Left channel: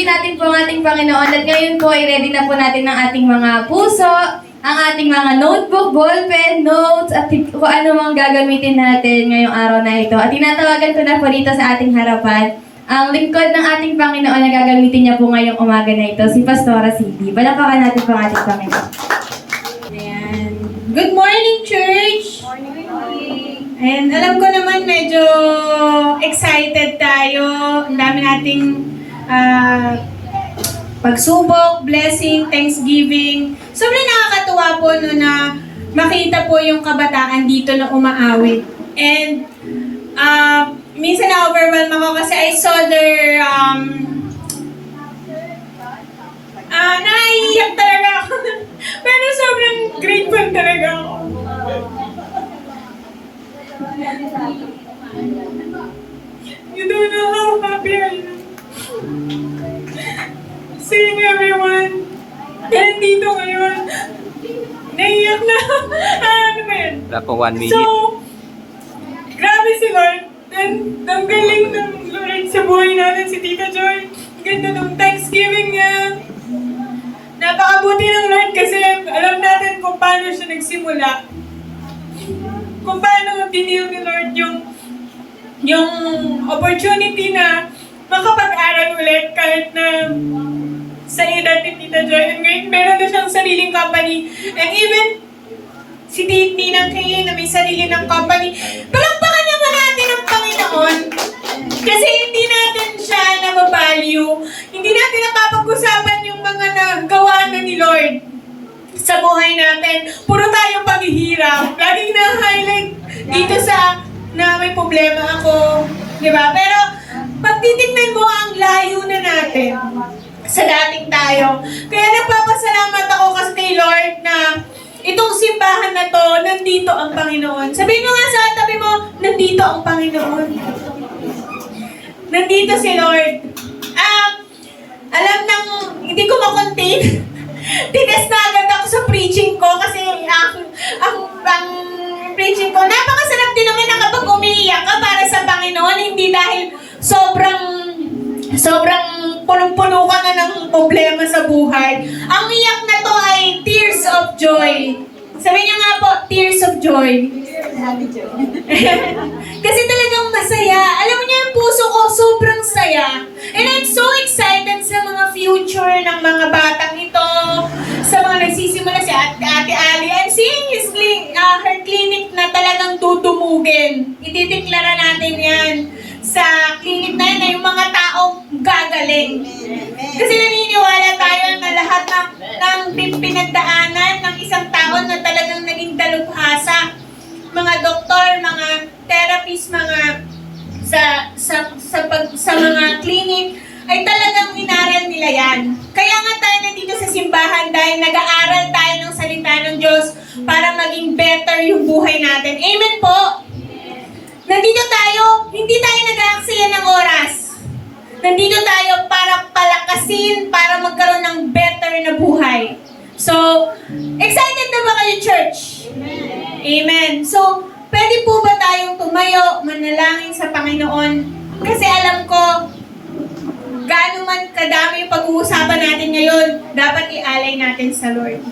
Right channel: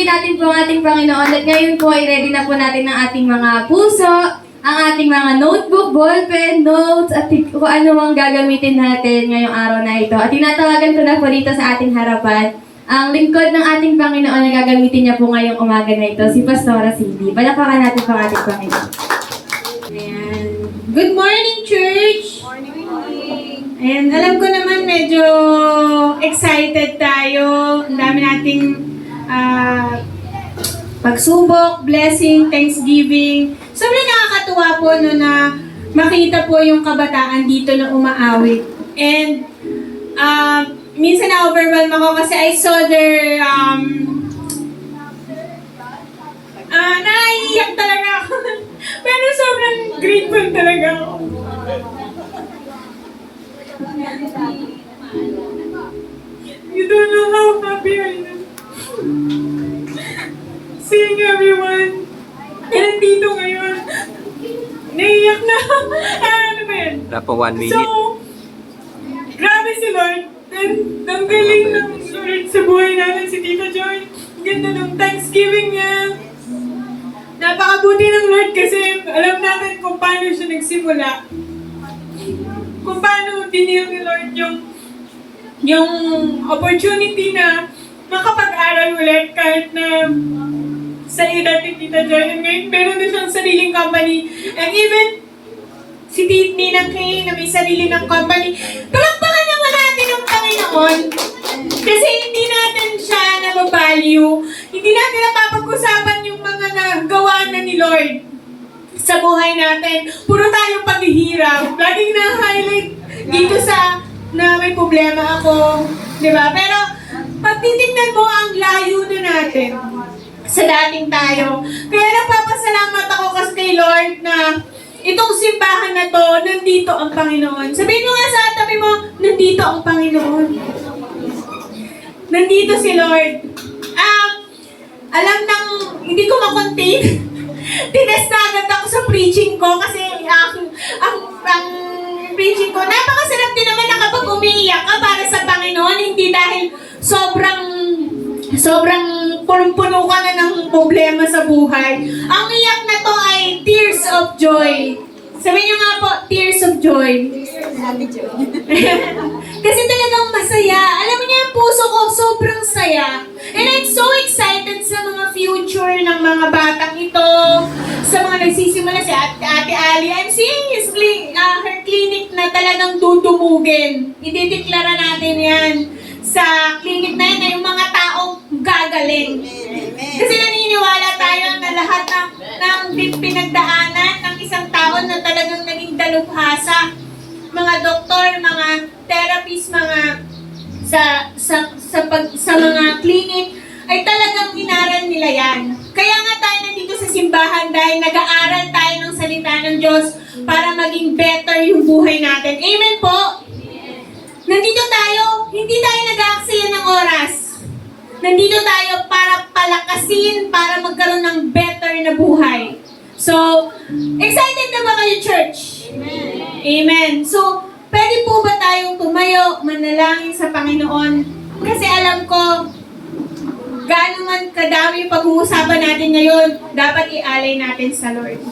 Papuri natin po ang ating Panginoon at ngayon po ay ready na po natin ang ating mga puso, ang ating mga notebook, ballpen, notes, at kung ano mang gagamitin natin ngayong araw na ito. At tinatawagan ko na po dito sa ating harapan ang lingkod ng ating Panginoon na gagamitin niya po ngayong umaga na ito, si Pastora Cindy. Palakpakan natin po ang ating Panginoon. Ayan. Good morning, church! Morning! Ayan, alam ko naman medyo excited tayo. Ang dami nating pagsubok, blessing, thanksgiving. Sobrang nakakatuwa po no na makita po yung kabataan dito na umaawit. And minsan na-overwhelm ako kasi I saw their naiiyak talaga ako. Pero sobrang grateful talaga ako. You don't know how happy I am. Seeing everyone. Nandito ngayon. Naiiyak na. Ano ba yun? Wala pa 1 minute. So, grabe si Lord. And ang galing ng Lord sa buhay natin si Tita Joy. Ganda ng Thanksgiving niya. Napakabuti ng Lord kasi alam natin kung paano siya nagsimula. Kung paano dinil ni Lord yung opportunity na makapag-aral ulit kahit na sa edad ni Tita Joy. And ngayon, meron na siyang sariling company. And even si Ninang Kay na may sarili ng company. Palakpakan naman natin ang Panginoon. Kasi hindi natin siya nababalue. Hindi natin napapag-usapan yung mga nagawa na ni Lord sa buhay natin. Puro tayo paghihirap. Laging na-highlight dito sa na may problema ako. Diba? Pero pag titignan mo ang layo na natin sa dating tayo. Kaya nagpapasalamat ako kasi kay Lord na itong simbahan na to, nandito ang Panginoon. Sabihin mo nga sa tabi mo, nandito ang Panginoon. Nandito si Lord. Alam nang hindi ko makontain. Tinest na agad ako sa preaching ko kasi ang preaching ko, napakasarap din naman na kapag umiiyak ka para sa Panginoon, hindi dahil sobrang punong-puno ka na ng problema sa buhay. Ang iyak na to ay tears of joy. Sabihin niyo nga po, tears of joy. Kasi talagang masaya. Alam niyo yung puso ko, sobrang saya. And I'm so excited sa mga future ng mga batang ito, sa mga nagsisimula si Ate Ali. I'm seeing her clinic na talagang dudumugin. Idideklara natin yan sa clinic na yun na yung mga taong gagaling. Kasi naniniwala tayo na lahat ng pinagdaanan ng isang taon na talagang naging dalubhasa, mga doktor, mga therapist, mga sa mga clinic, ay talagang inaral nila yan. Kaya nga tayo nandito sa simbahan dahil nag-aaral tayo ng salita ng Diyos para maging better yung buhay natin. Amen po? Nandito tayo, hindi tayo nag-aaksaya ng oras. Nandito tayo para palakasin, para magkaroon ng better na buhay. So, excited na ba kayo, church? Amen. So, pwede po ba tayong tumayo, manalangin sa Panginoon? Kasi alam ko, gaano man kadami yung pag-uusapan natin ngayon, dapat ialay natin sa Lord.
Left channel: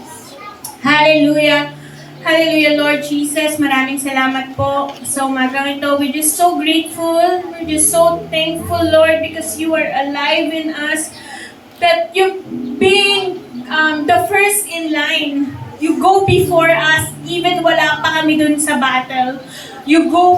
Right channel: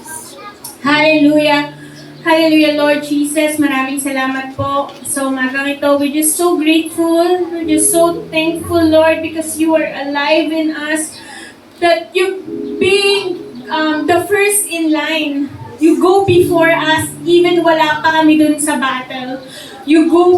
Hallelujah. Hallelujah, Lord Jesus. Maraming salamat po sa umagang ito. We're just so grateful. We're just so thankful, Lord, because you are alive in us. That you being the first in line. You go before us, even wala pa kami dun sa battle. You go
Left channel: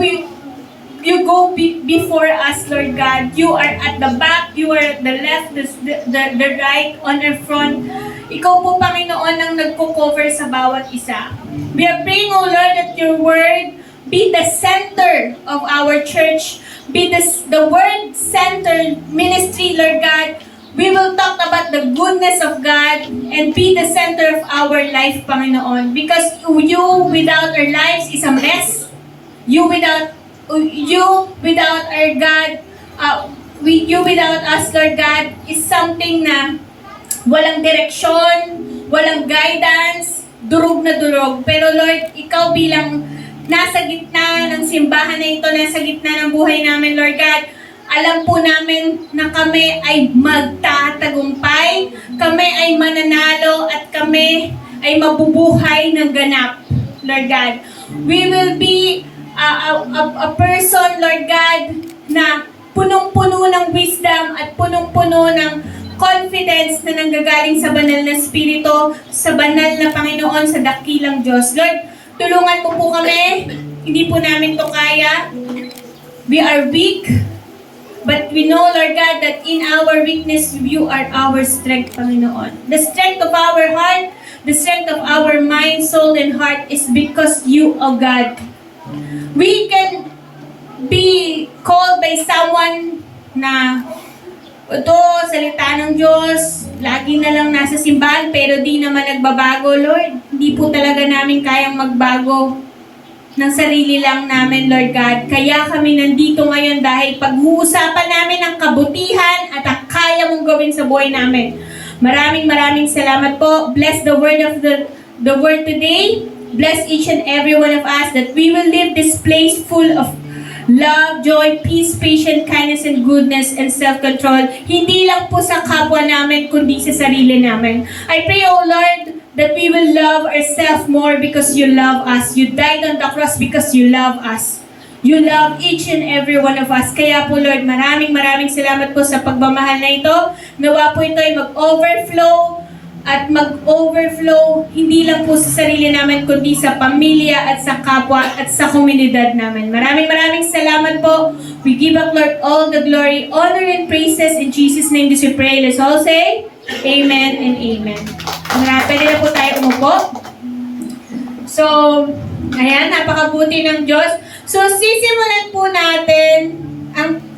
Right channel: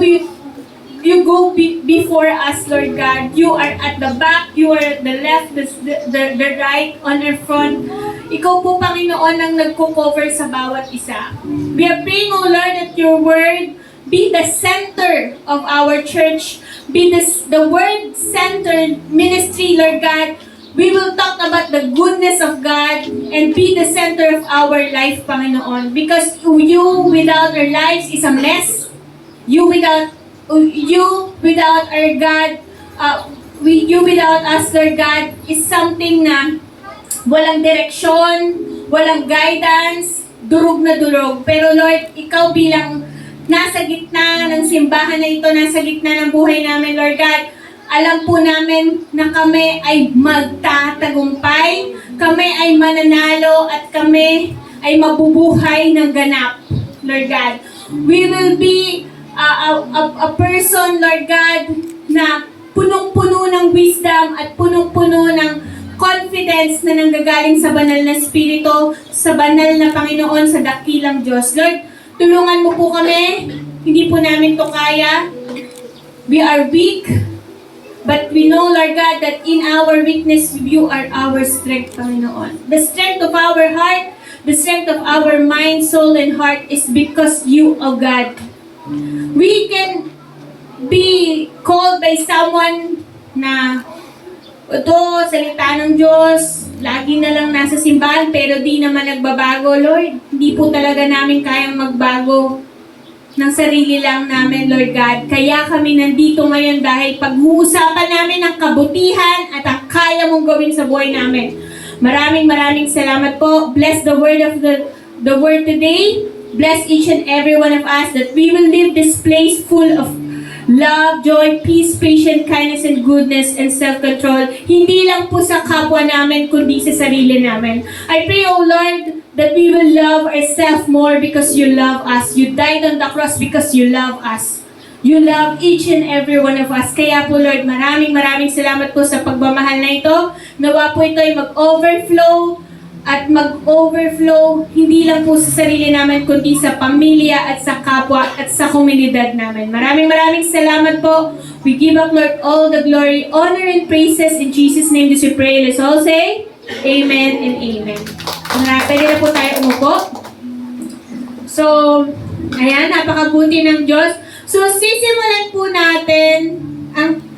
before us, Lord God. You are at the back, you are at the left, the right, on our front. Ikaw po, Panginoon, ang nagko-cover sa bawat isa. We are praying, O Lord, that your word be the center of our church. Be the word-centered ministry, Lord God. We will talk about the goodness of God and be the center of our life, Panginoon. Because you without our lives is a mess. You without our God, you without us, Lord God, is something na walang direksyon, walang guidance, durog na durog. Pero Lord, ikaw bilang nasa gitna ng simbahan na ito, nasa gitna ng buhay namin, Lord God, alam po namin na kami ay magtatagumpay. magtatagumpay, kami ay mananalo, at kami ay mabubuhay ng ganap, Lord God. We will be a person, Lord God, na punong-puno ng wisdom at punong-puno ng confidence na nanggagaling sa banal na Espiritu, sa banal na Panginoon, sa dakilang Diyos. Lord, tulungan mo po kami. Hindi po namin to kaya. We are weak. But we know, Lord God, that in our weakness, you are our strength, Panginoon. The strength of our heart, the strength of our mind, soul, and heart is because you, O God. We can be called by someone na ito, salita ng Diyos, lagi na lang nasa simbahan, pero di naman nagbabago, Lord. Hindi po talaga namin kayang magbago ng sarili lang namin, Lord God. Kaya kami nandito ngayon dahil pag-uusapan namin ang kabutihan at ang kaya mong gawin sa buhay namin. Maraming salamat po. Bless the word of the word today. Bless each and every one of us that we will leave this place full of love, joy, peace, patience, kindness, and goodness, and self-control. Hindi lang po sa kapwa namin, kundi sa sarili namin. I pray, O Lord, that we will love ourselves more because you love us. You died on the cross because you love us. You love each and every one of us. Kaya po, Lord, maraming salamat po sa pagmamahal na ito. Nawa po ito ay mag-overflow at mag-overflow hindi lang po sa sarili namin kundi sa pamilya at sa kapwa at sa komunidad namin. Maraming salamat po. We give up, Lord, all the glory, honor, and praises. In Jesus' name we pray. Let's all say, Amen and Amen. Pwede na po tayo umupo. So, ayan, napakabuti ng Diyos. So, sisimulan po natin,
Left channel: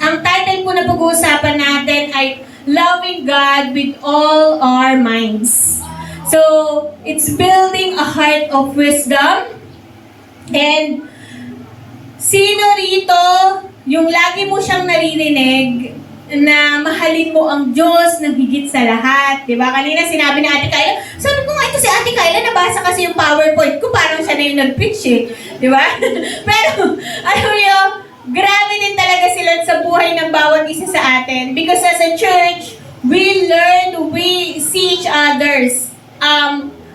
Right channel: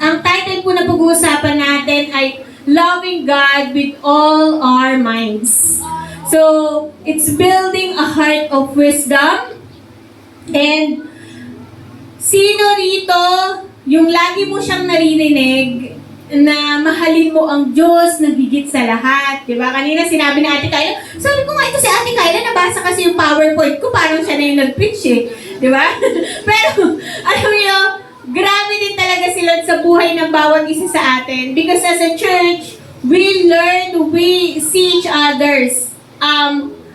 ang title po na pag-uusapan natin ay Loving God with All Our Minds. So, it's building a heart of wisdom. And, sino rito, yung lagi mo siyang naririnig, na mahalin mo ang Diyos ng higit sa lahat. Diba? Kanina sinabi ni Ate Kyla, sabi ko nga ito si Ate Kyla, nabasa kasi yung PowerPoint ko, parang siya na yung nag-preach eh. Diba? Pero, alam mo, grabe din talaga sila sa buhay ng bawat isa sa atin. Because as a church, we learn, we see each others.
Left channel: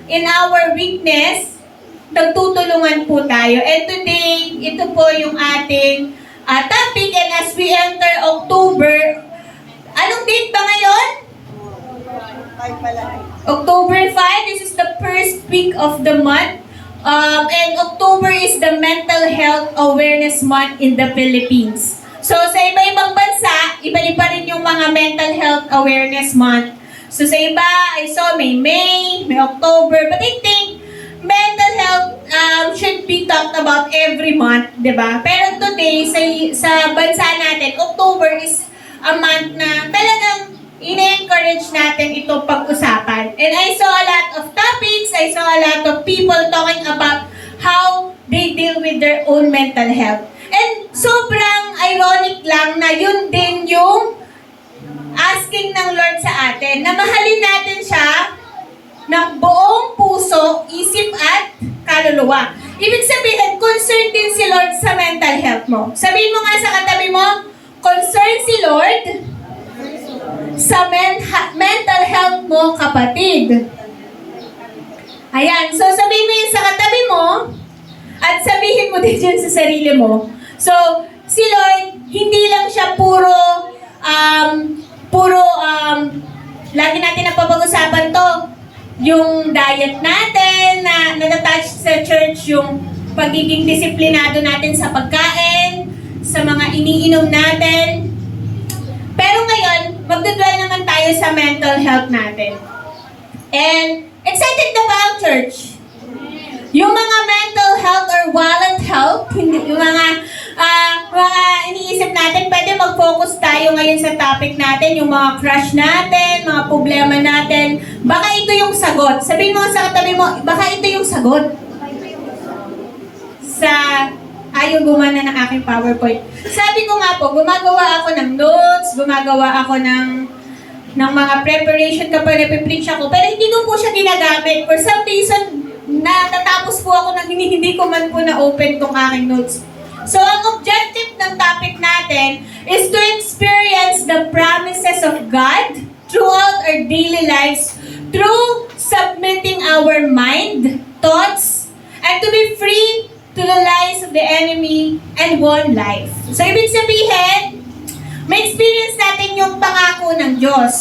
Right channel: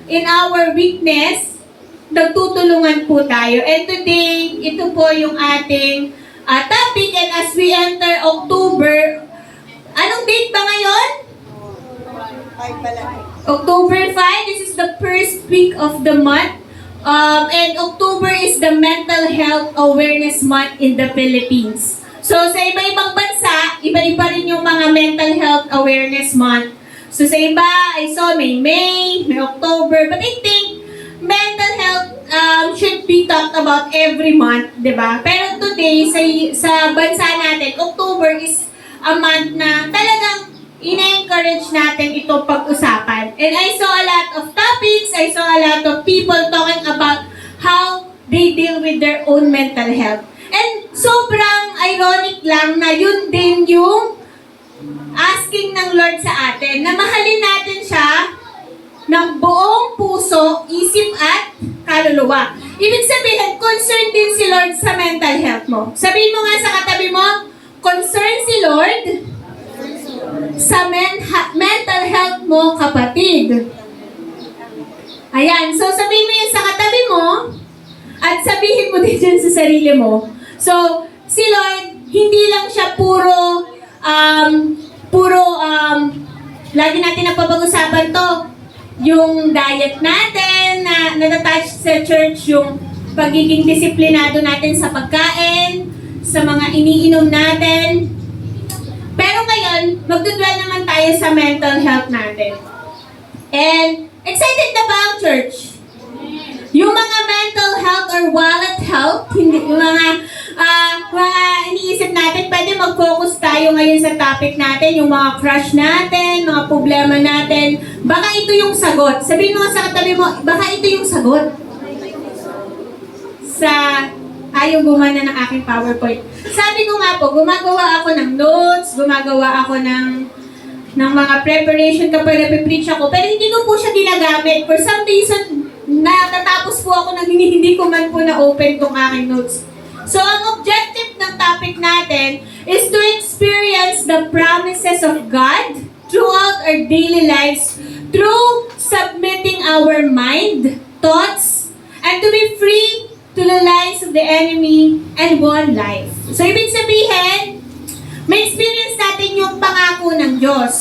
In our weakness, nagtutulungan po tayo. And today, ito po yung ating topic. And as we enter October, anong date ba ngayon? October 5. This is the first week of the month. And October is the Mental Health Awareness Month in the Philippines. So, sa iba-ibang bansa, iba-iba rin yung mga Mental Health Awareness Month. So, sa iba, I saw may October. But I think mental health should be talked about every month, di ba? Pero today, sa bansa natin, October is a month na talagang ina-encourage natin ito pag-usapan. And I saw a lot of topics, I saw a lot of people talking about how they deal with their own mental health. And sobrang ironic lang na yun din yung asking ng Lord sa atin, na mahalin natin siya ng buong puso, isip at kaluluwa. Ibig sabihin, concerned din si Lord sa mental health mo. Sabihin mo nga sa katabi mo, concerned si Lord sa mental health mo, kapatid. Ayan, so sabihin mo yun sa katabi mo, at sabihin mo din dyan sa sarili mo. So, si Lord, hindi lang siya puro, lagi natin napapag-usapan to, yung diet natin, na natatouch sa church, yung pagiging disiplinado natin sa pagkain, sa mga iniinom natin. Pero ngayon, magdudwell naman tayo sa mental health natin. And, excited na ba ang church? Yung mga mental health or wallet health, hindi, yung mga iniisip natin, pwede mag-focus tayo ngayon sa topic natin, yung mga crush natin, mga problema natin. Baka ito yung sagot. Sabihin mo sa katabi mo, baka ito yung sagot. Sa ayaw gumana ng aking PowerPoint. Sabi ko nga po, gumagawa ako ng notes, gumagawa ako ng mga preparation kapag napipreach ako, pero hindi ko po siya ginagamit. For some reason, natatapos po ako nang hindi ko man po na-open tong aking notes. So, ang objective ng topic natin is to experience the promises of God throughout our daily lives through submitting our mind, thoughts, and to be free to the lies of the enemy and one life. So, ibig sabihin, may experience natin yung pangako ng Diyos.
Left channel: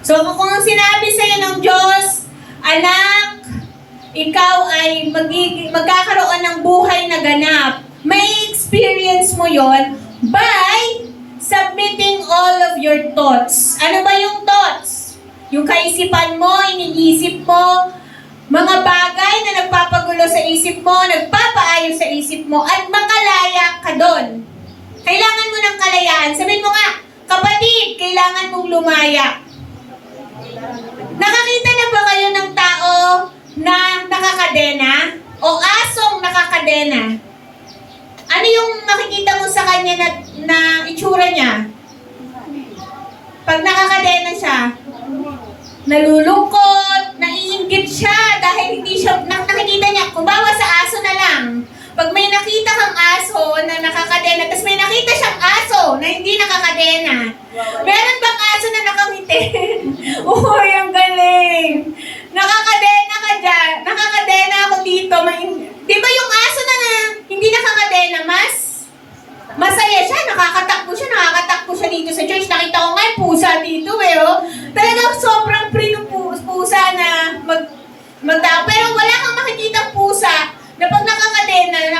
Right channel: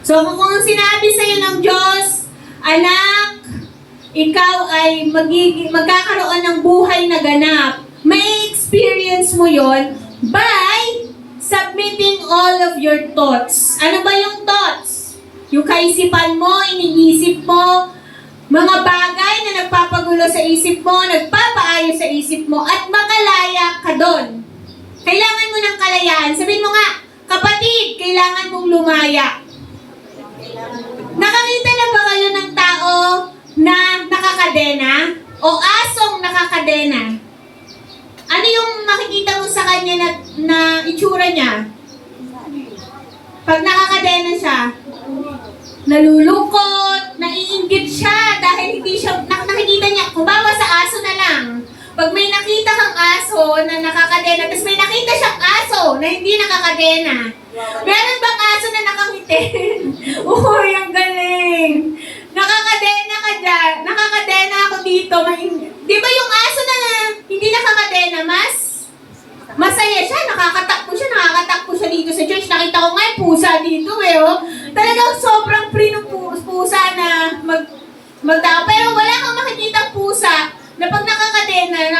So, kung sinabi sa'yo ng Diyos, anak, ikaw ay magkakaroon ng buhay na ganap, may experience mo yon by submitting all of your thoughts. Ano ba yung thoughts? Yung kaisipan mo, iniisip mo, mga bagay na nagpapagulo sa isip mo, nagpapaayos sa isip mo, at makalaya ka doon. Kailangan mo ng kalayaan. Sabihin mo nga, kapatid, kailangan mong lumaya. Nakakita na ba kayo ng tao na nakakadena? O asong nakakadena? Ano yung makikita mo sa kanya na itsura niya? Pag nakakadena siya, nalulungkot, naiinggit siya dahil hindi siya, nakikita niya, kumbawa sa aso na lang. Pag may nakita kang aso na nakakadena, tapos may nakita siyang aso na hindi nakakadena, meron bang aso na nakangiti? Uy, ang galing! Nakakadena ka dyan. Nakakadena ako dito. Di ba yung aso na hindi nakakadena, masaya siya, nakakatakbo siya dito sa church. Nakita ko nga, pusa dito oh. Talagang sobrang free ng pusa na magtao. Pero wala kang makikita pusa na pag nakakadena,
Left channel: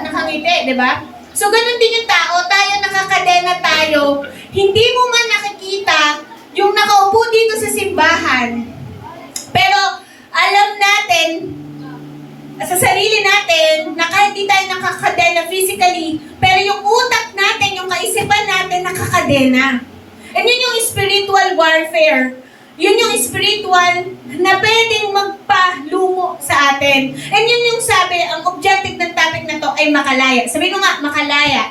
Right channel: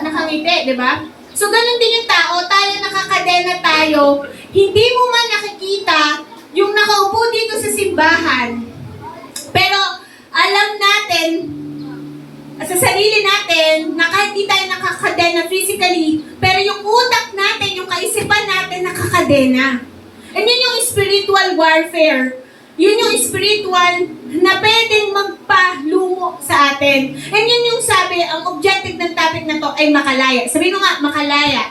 nakangiti, di ba? So, ganun din yung tao. Tayo nakakadena tayo. Hindi mo man nakikita yung nakaupo dito sa simbahan. Pero, alam natin, sa sarili natin, na kahit di tayo nakakadena physically, pero yung utak natin, yung kaisipan natin, nakakadena. And yun yung spiritual warfare. Yun yung spiritual na pwedeng magpalumo sa atin. And yun yung sabi, ang objective ng topic na to ay makalaya. Sabi ko nga, makalaya.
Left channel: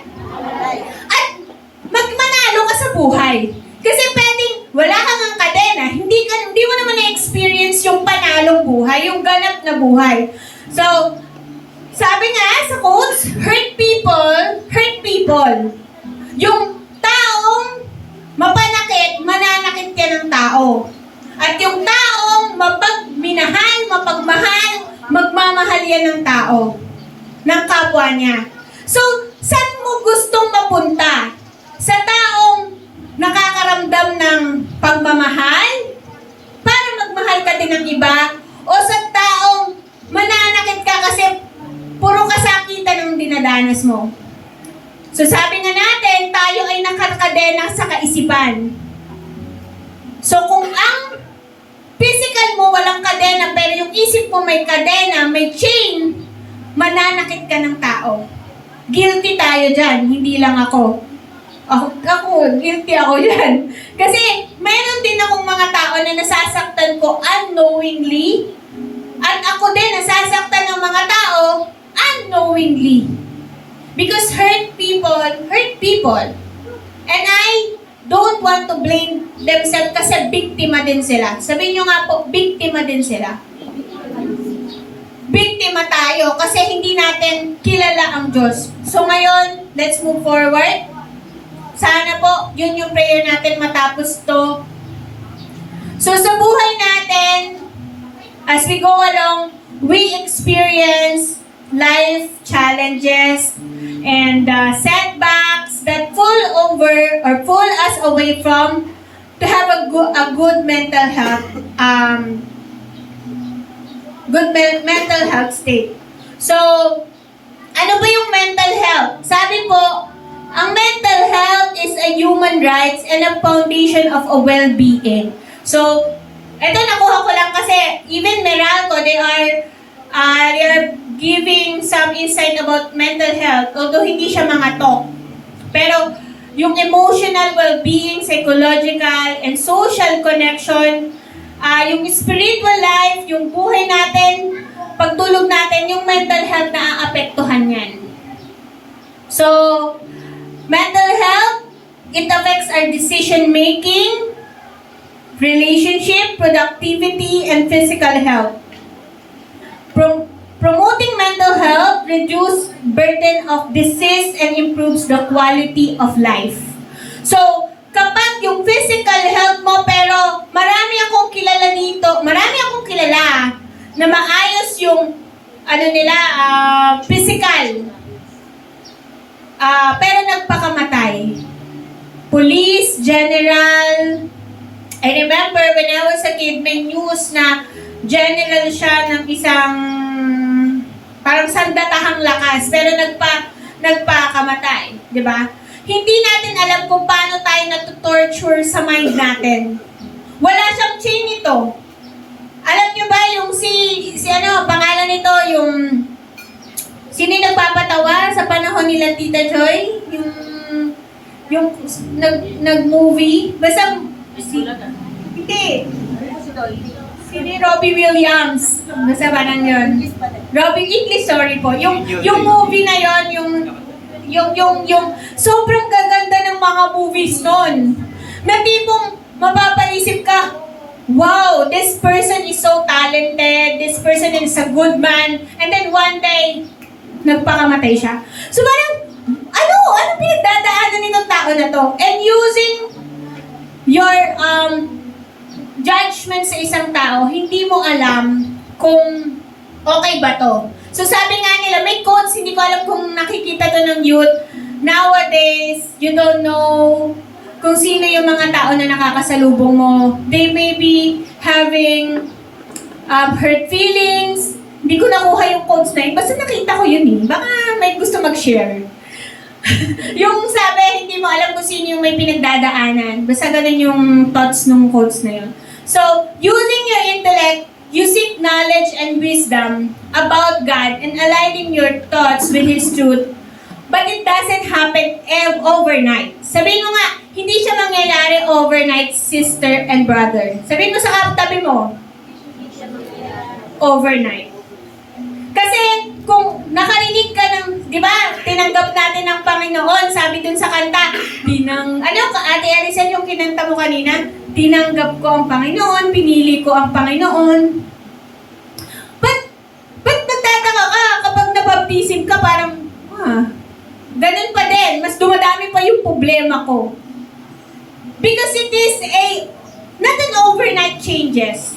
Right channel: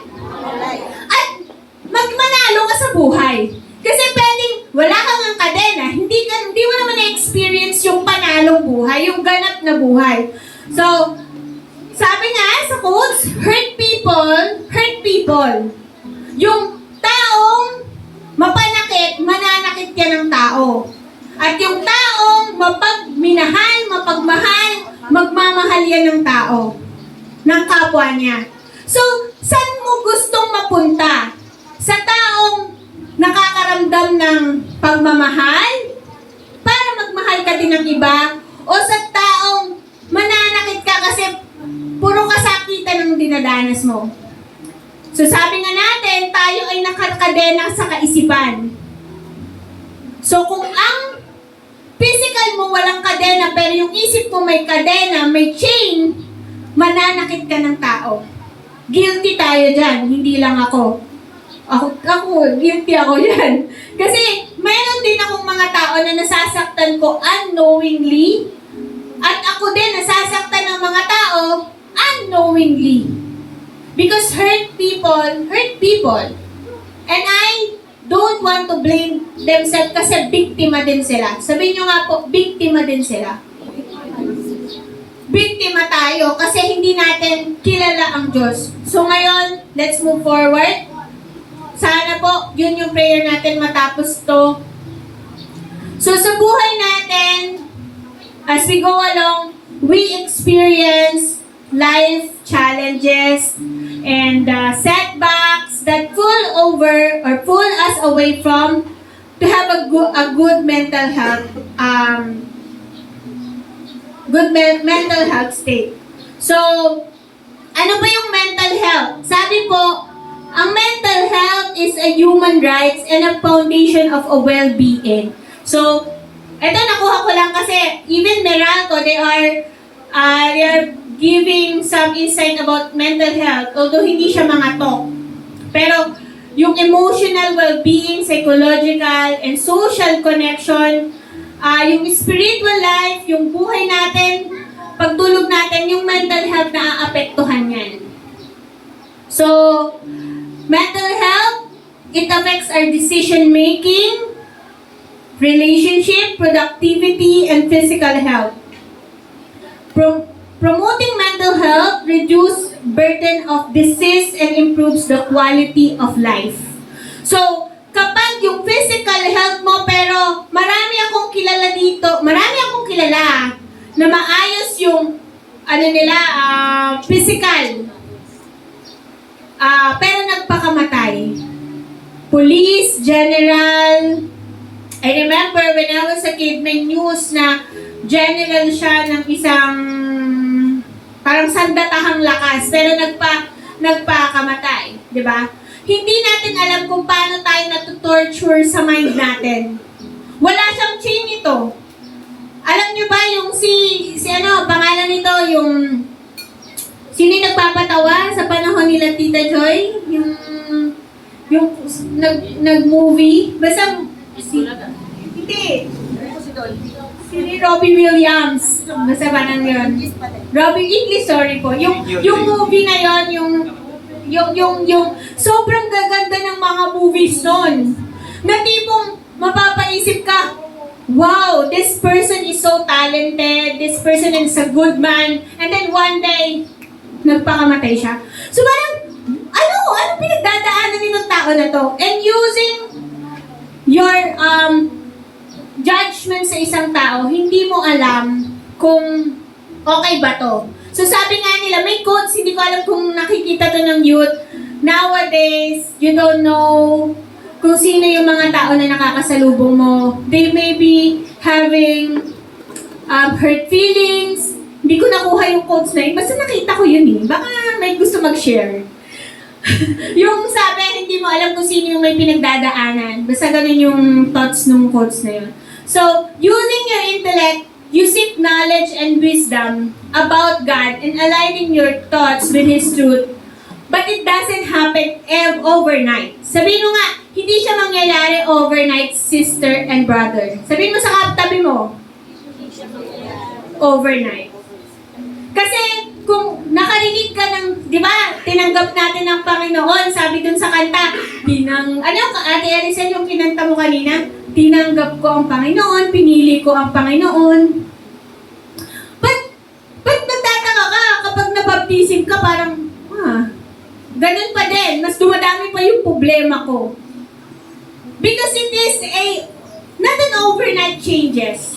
At magmanalo ka sa buhay. Kasi pwedeng wala kang ang kadena, hindi mo naman na-experience yung panalong buhay, yung ganap na buhay. So, sabi nga sa quotes, hurt people. Yung taong mapanakit, mananakit ka ng tao. At yung taong mapagmahal, magmamahal yan ng tao, ng kapwa niya. So, saan mo gustong mapunta? Sa taong nakakaramdam ng pagmamahal para magmahal ka din ng iba, o sa taong mananakit ka kasi puro kasakitan ang dinadanas mo. So sabi nga natin, tayo ay nakakadena sa kaisipan. So kung ang physical mo walang kadena pero yung isip mo may kadena, may chain, mananakit ka ng tao. Guilty tayo dyan, hindi lang ako. Guilty ako yan. Kasi meron din akong mga tao na nasasaktan ko unknowingly. At ako din nasasaktan ng mga tao unknowingly. Because hurt people. And I don't want to blame themselves kasi biktima din sila. Sabihin nyo nga po, biktima din sila. Biktima tayo kasi hindi natin kilala ang Diyos. So ngayon, let's move forward. Sana po, yun yung prayer natin matapos to. So sa buhay natin, as we go along, we experience life challenges and setbacks that pull us away from to have a good mental health mental health state. So, ano ba yung mental health? Sabi po, ang mental health is a human rights and a foundation of a well-being. So, ito nakuha ko lang kasi even Meralco, they are giving some insight about mental health, although hindi siya mga talk. Pero yung emotional well-being, psychological, and social connection, yung spiritual life, yung buhay natin, pagtulog natin, yung mental health na aapektuhan yan. So, mental health, it affects our decision-making, relationship, productivity, and physical health. Promoting mental health reduces burden of disease and improves the quality of life. So, kapag yung physical health mo pero na maayos yung physical. Pero nagpakamatay. Police, general. I remember when I was a kid, may news na general siya ng isang parang sandatahang lakas, pero nagpakamatay, di ba? Hindi natin alam kung paano tayo natutorture sa mind natin. Wala siyang chain nito. Alam niyo ba yung pangalan nito, sino yung nagpapatawa sa panahon nila Tita Joy? Yung nag-movie? Basta, hindi. Si Robbie Williams. Basta parang yun. Robbie, English, sorry po. Yung movie na yun, yung sobrang gaganda ng mga movies nun. Na tipong mapapaisip ka, wow, this person is so talented, this person is a good man, and then one day, nagpakamatay siya. So parang, ano pinagdadaanan nitong tao na to? And using your judgment sa isang tao, hindi mo alam kung okay ba to. So sabi nga nila, may quotes, hindi ko alam kung nakikita to ng youth. Nowadays, you don't know kung sino yung mga tao na nakakasalubong mo. They may be having hurt feelings. Hindi ko nakuha yung quotes na yun. Basta nakita ko yun eh. Baka may gusto mag-share. Yung sabi, hindi mo alam kung sino yung may pinagdadaanan. Basta ganun yung thoughts ng quotes na yun. So, using your intellect, you seek knowledge and wisdom about God and aligning your thoughts with His truth. But it doesn't happen overnight. Sabihin mo nga, hindi siya mangyayari overnight, sister and brother. Sabihin mo sa katabi mo, overnight. Kasi kung nakarinig ka ng, di ba, tinanggap natin ng Panginoon, sabi dun sa kanta, Ate Arisen yung kinanta mo kanina, tinanggap ko ang Panginoon, pinili ko ang Panginoon. Ba't nagtataka ka kapag nabaptism ka, parang, ganun pa din, mas dumadami pa yung problema ko. Because it is not an overnight changes.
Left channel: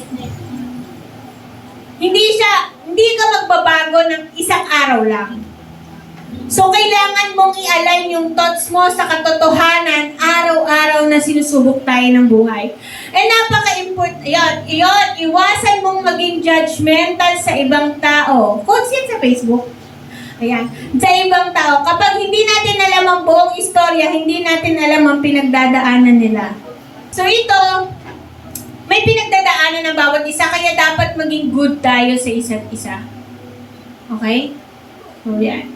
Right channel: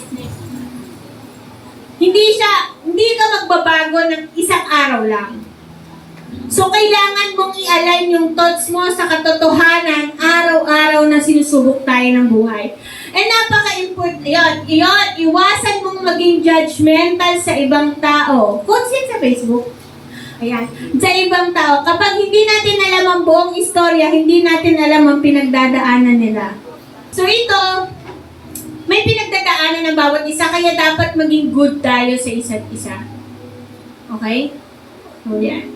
Hindi ka magbabago ng isang araw lang. So, kailangan mong i-align yung thoughts mo sa katotohanan araw-araw na sinusubok tayo ng buhay. And napaka-important, yun, iwasan mong maging judgmental sa ibang tao. Quotes yan sa Facebook. Ayan, sa ibang tao. Kapag hindi natin alam ang buong istorya, hindi natin alam ang pinagdadaanan nila. So, ito, may pinagdadaanan ng bawat isa, kaya dapat maging good tayo sa isa't isa. Okay? So, yan.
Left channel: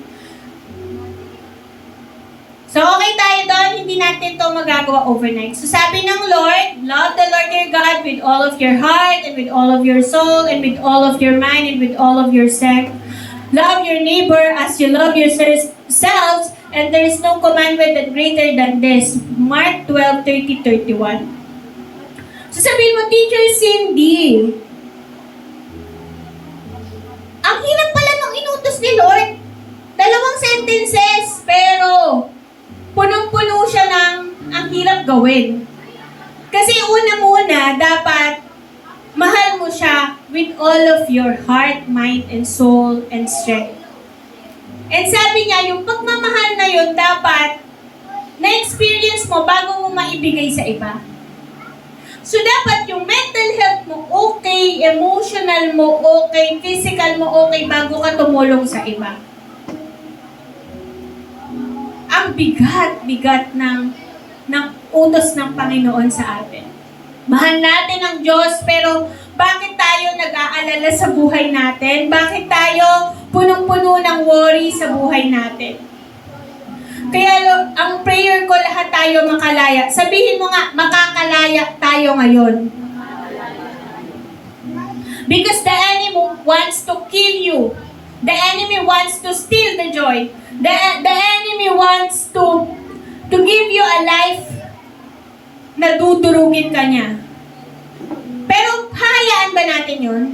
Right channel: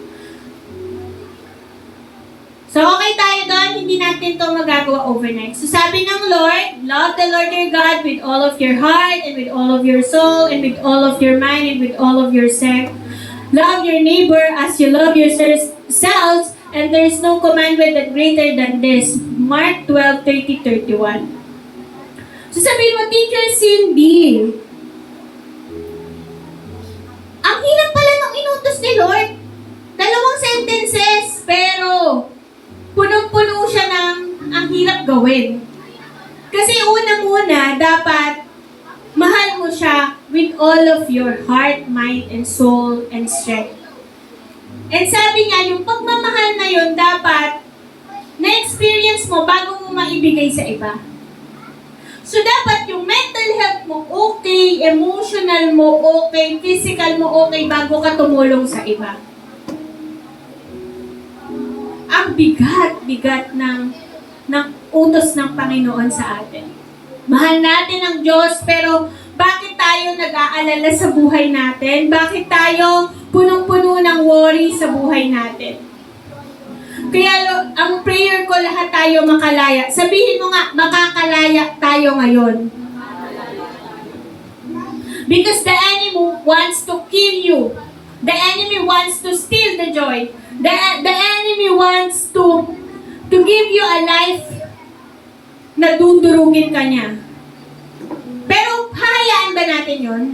So, okay tayo doon, hindi natin ito magagawa overnight. So, sabi ng Lord, love the Lord your God with all of your heart, and with all of your soul, and with all of your mind, and with all of your strength. Love your neighbor as you love yourselves, and there is no commandment that greater than this. Mark 12:30-31. So sabihin mo, Teacher Cindy, ang hirap pala nung inutos ni Lord. 2 sentences, pero punong-puno siya ng ang hirap gawin. Kasi una-muna, dapat mahal mo siya with all of your heart, mind, and soul, and strength. And sabi niya, yung pagmamahal na yun, dapat na-experience mo bago mo maibigay sa iba. So, dapat yung mental health mo okay, emotional mo okay, physical mo okay bago ka tumulong sa iba. Ang bigat ng utos ng Panginoon sa atin. Mahal natin ang Diyos, pero bakit tayo nag-aalala sa buhay natin? Bakit tayo punong-puno ng worry sa buhay natin? Kaya ang prayer ko, lahat tayo makalaya. Sabihin mo nga, makakalaya tayo ngayon. Because the enemy wants to kill you. The enemy wants to steal the joy. The enemy wants to give you a life na dudurugin ka niya. Pero hahayaan ba natin yun?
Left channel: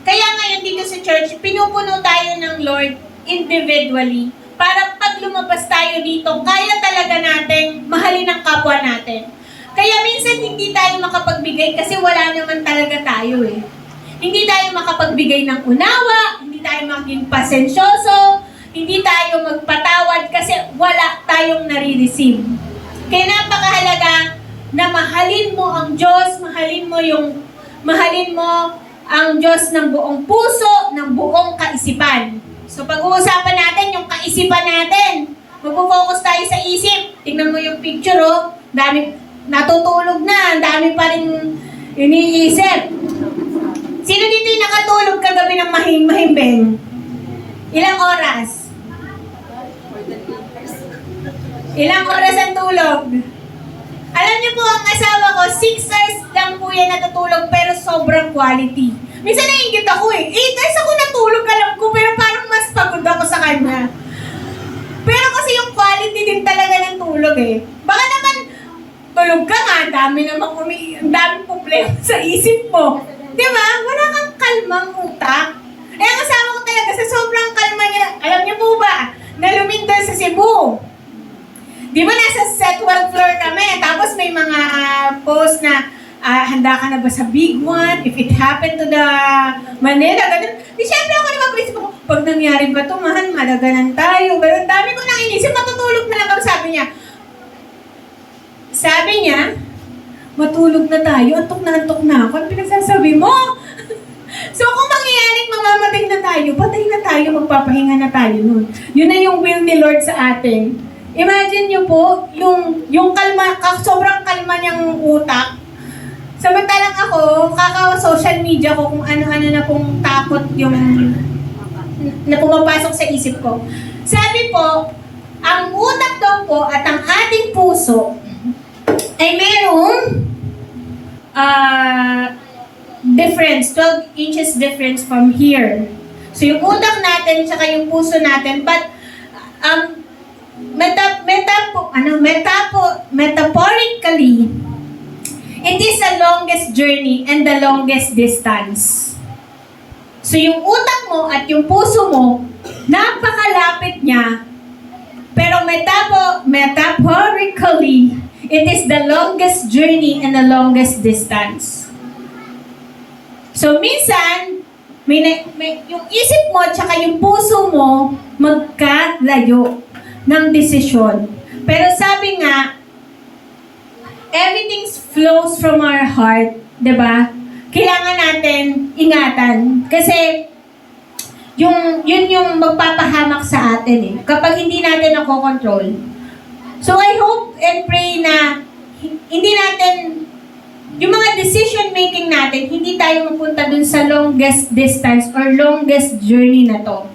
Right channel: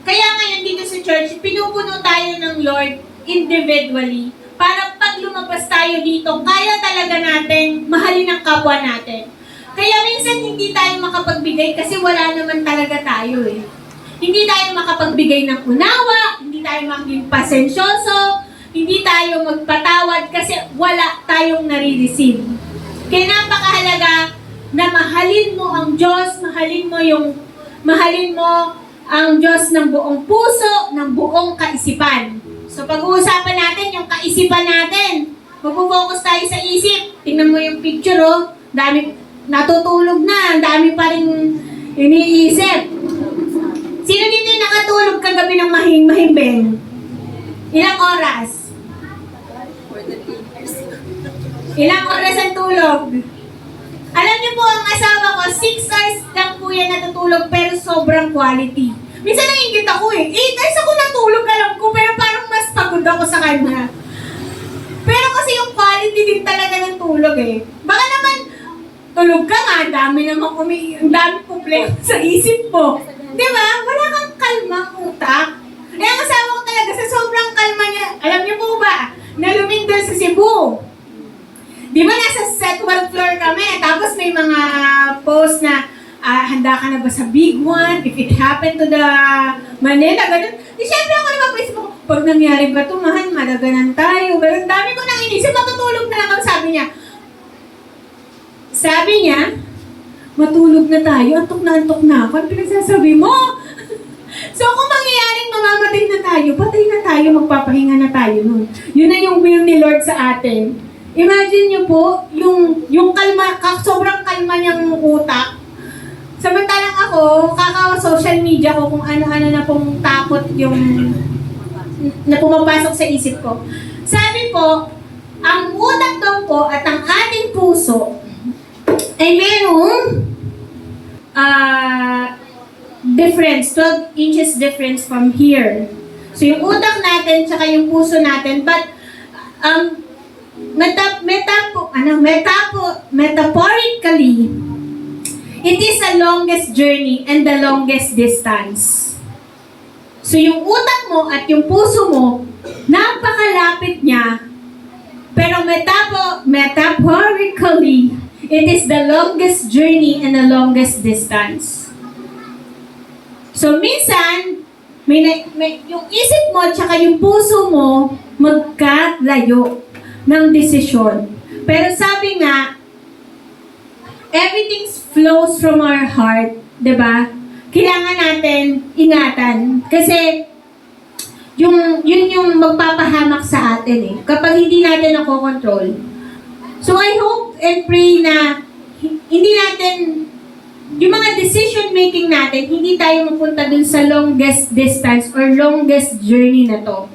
Kaya ngayon dito sa church, pinupuno tayo ng Lord individually para pag lumabas tayo dito, kaya talaga natin mahalin ang kapwa natin. Kaya minsan hindi tayo makapagbigay kasi wala naman talaga tayo eh. Hindi tayo makapagbigay ng unawa, hindi tayo maging pasensyoso, hindi tayo magpatawad kasi wala tayong nare-receive. Kaya napakahalaga na mahalin mo ang Diyos, mahalin mo ang Diyos ng buong puso, ng buong kaisipan. So pag-uusapan natin yung kaisipan natin. Magpo-focus tayo sa isip. Tingnan mo yung picture, oh. Dami, natutulog na, ang dami pa rin iniisip. Sino dito yung nakatulog kagabi ng mahimbing? Ilang oras? Ilang oras ang tulog? Alam niyo po, ang asawa ko, 6 hours lang po yan natutulog, pero sobrang quality. Minsan naiingit ako 8 hours ako natulog, alam ko, pero parang mas pagod ako sa kanya. Pero kasi yung quality din talaga ng tulog Baka naman, tulog ka nga, ang dami problema sa isip mo. Diba? Wala kang kalmang utak. Ang asawa ko talaga, sa sobrang kalma niya, alam niyo po ba, na lumindol sa Cebu. Di ba nasa 12th floor kami, tapos may mga post na, handa ka na ba sa big one? If it happened to the Manila, ganun. Di syempre ako naman ko, pag nangyari ba ito, mahal, madaganan tayo. Pero ang dami ko nang inisip, matutulog na lang ako, sabi niya, matulog na tayo, antok na ako. Ano pinagsasabi mo? So kung mangyayaring mamamatay na tayo, patay na tayo, magpapahinga na tayo nun. Yun na yung will ni Lord sa atin. Imagine nyo po, yung kalma, sobrang kalma niyang utak. Samantalang ako, social media ko kung ano-ano na pong takot yung na pumapasok sa isip ko. Sabi po, ang utak daw po at ang ating puso ay merong difference, 12 inches difference from here. So yung utak natin tsaka yung puso natin, but metaphorically, it is the longest journey and the longest distance. So yung utak mo at yung puso mo, napakalapit niya, pero metaphorically, it is the longest journey and the longest distance. So minsan, yung isip mo at yung puso mo magkalayo ng desisyon. Pero sabi nga, everything flows from our heart, 'di ba? Kailangan natin ingatan kasi yun yung magpapahamak sa atin kapag hindi natin nakokontrol. So I hope and pray na hindi natin, yung mga decision making natin, hindi tayo mapunta dun sa longest distance or longest journey na to.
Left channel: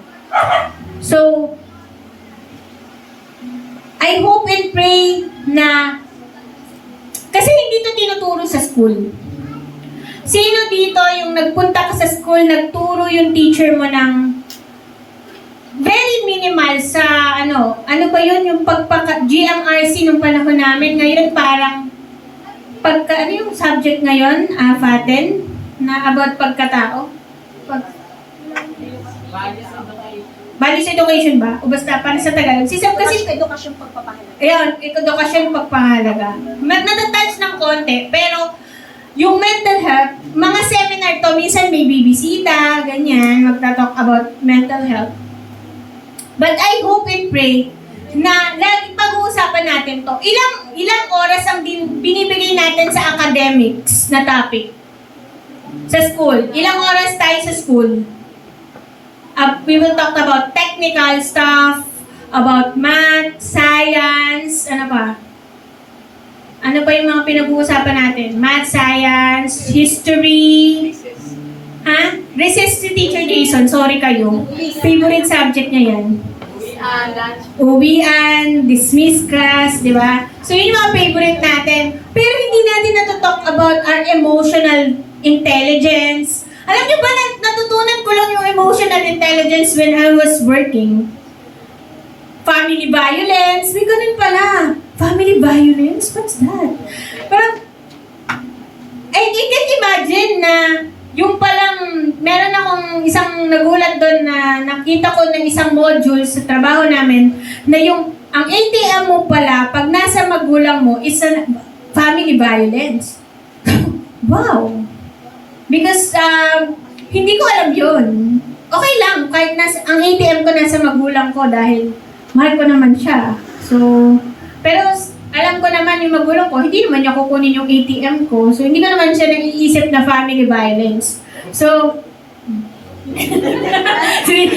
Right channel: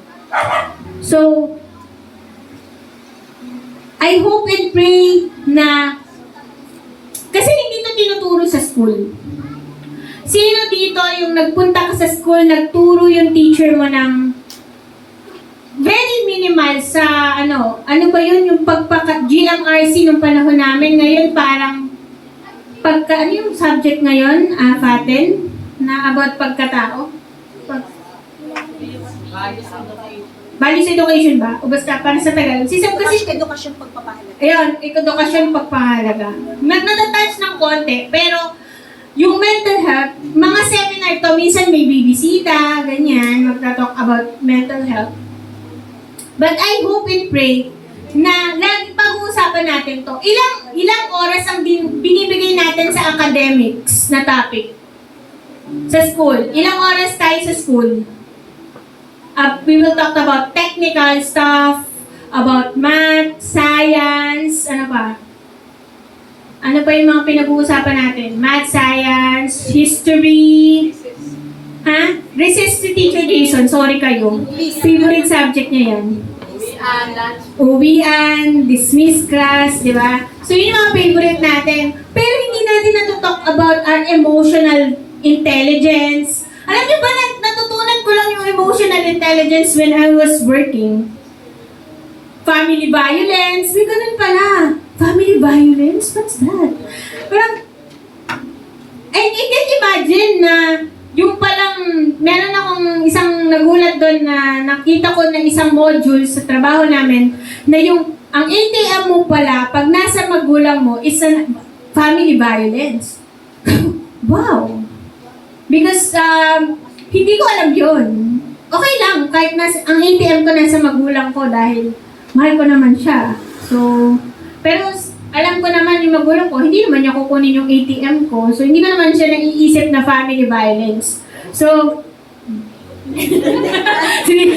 So, I hope and pray na, kasi hindi to tinuturo sa school. Sino dito yung nagpunta ka sa school, nagturo yung teacher mo ng very minimal sa ano ba yun, yung GMRC nung panahon namin, ngayon parang ano yung subject ngayon, Faten, na about pagkatao? Values education ba? O basta, para sa Tagalog. Sisab kasi... Edukasyon pagpapahalaga. Ayun, edukasyon pagpapahalaga. Natatouch ng konti, pero yung mental health, mga seminar to, minsan may bibisita, ganyan, magta-talk about mental health. But I hope and pray na lagi pag-uusapan natin to. Ilang oras ang binibigay natin sa academics na topic sa school? Ilang oras tayo sa school? We will talk about technical stuff, about math, science, ano pa? Ano pa yung mga pinag-uusapan natin? Math, science, history. Recess to Teacher Jason, sorry kayo. Favorite subject niya yan. Uwian, dismiss class, di ba? So yun yung mga favorite natin. Pero hindi natin natutalk about our emotional intelligence. Alam niyo ba, natutunan ko lang yung emotional intelligence when I was working. Family violence, may ganun pala. Family violence? What's that? Parang, I can imagine na yung palang, meron akong isang nagulat doon na nakita ko ng isang module sa trabaho namin na yung, ang ATM mo pala, pag nasa magulang mo, is a family violence. Wow! Because hindi ko alam yun. Okay lang, kahit ang ATM ko nasa magulang ko dahil mahal ko naman siya. So, pero alam ko naman yung magulang ko, hindi naman niya kukunin yung ATM ko. So, hindi ko naman siya naiisip na family violence. So,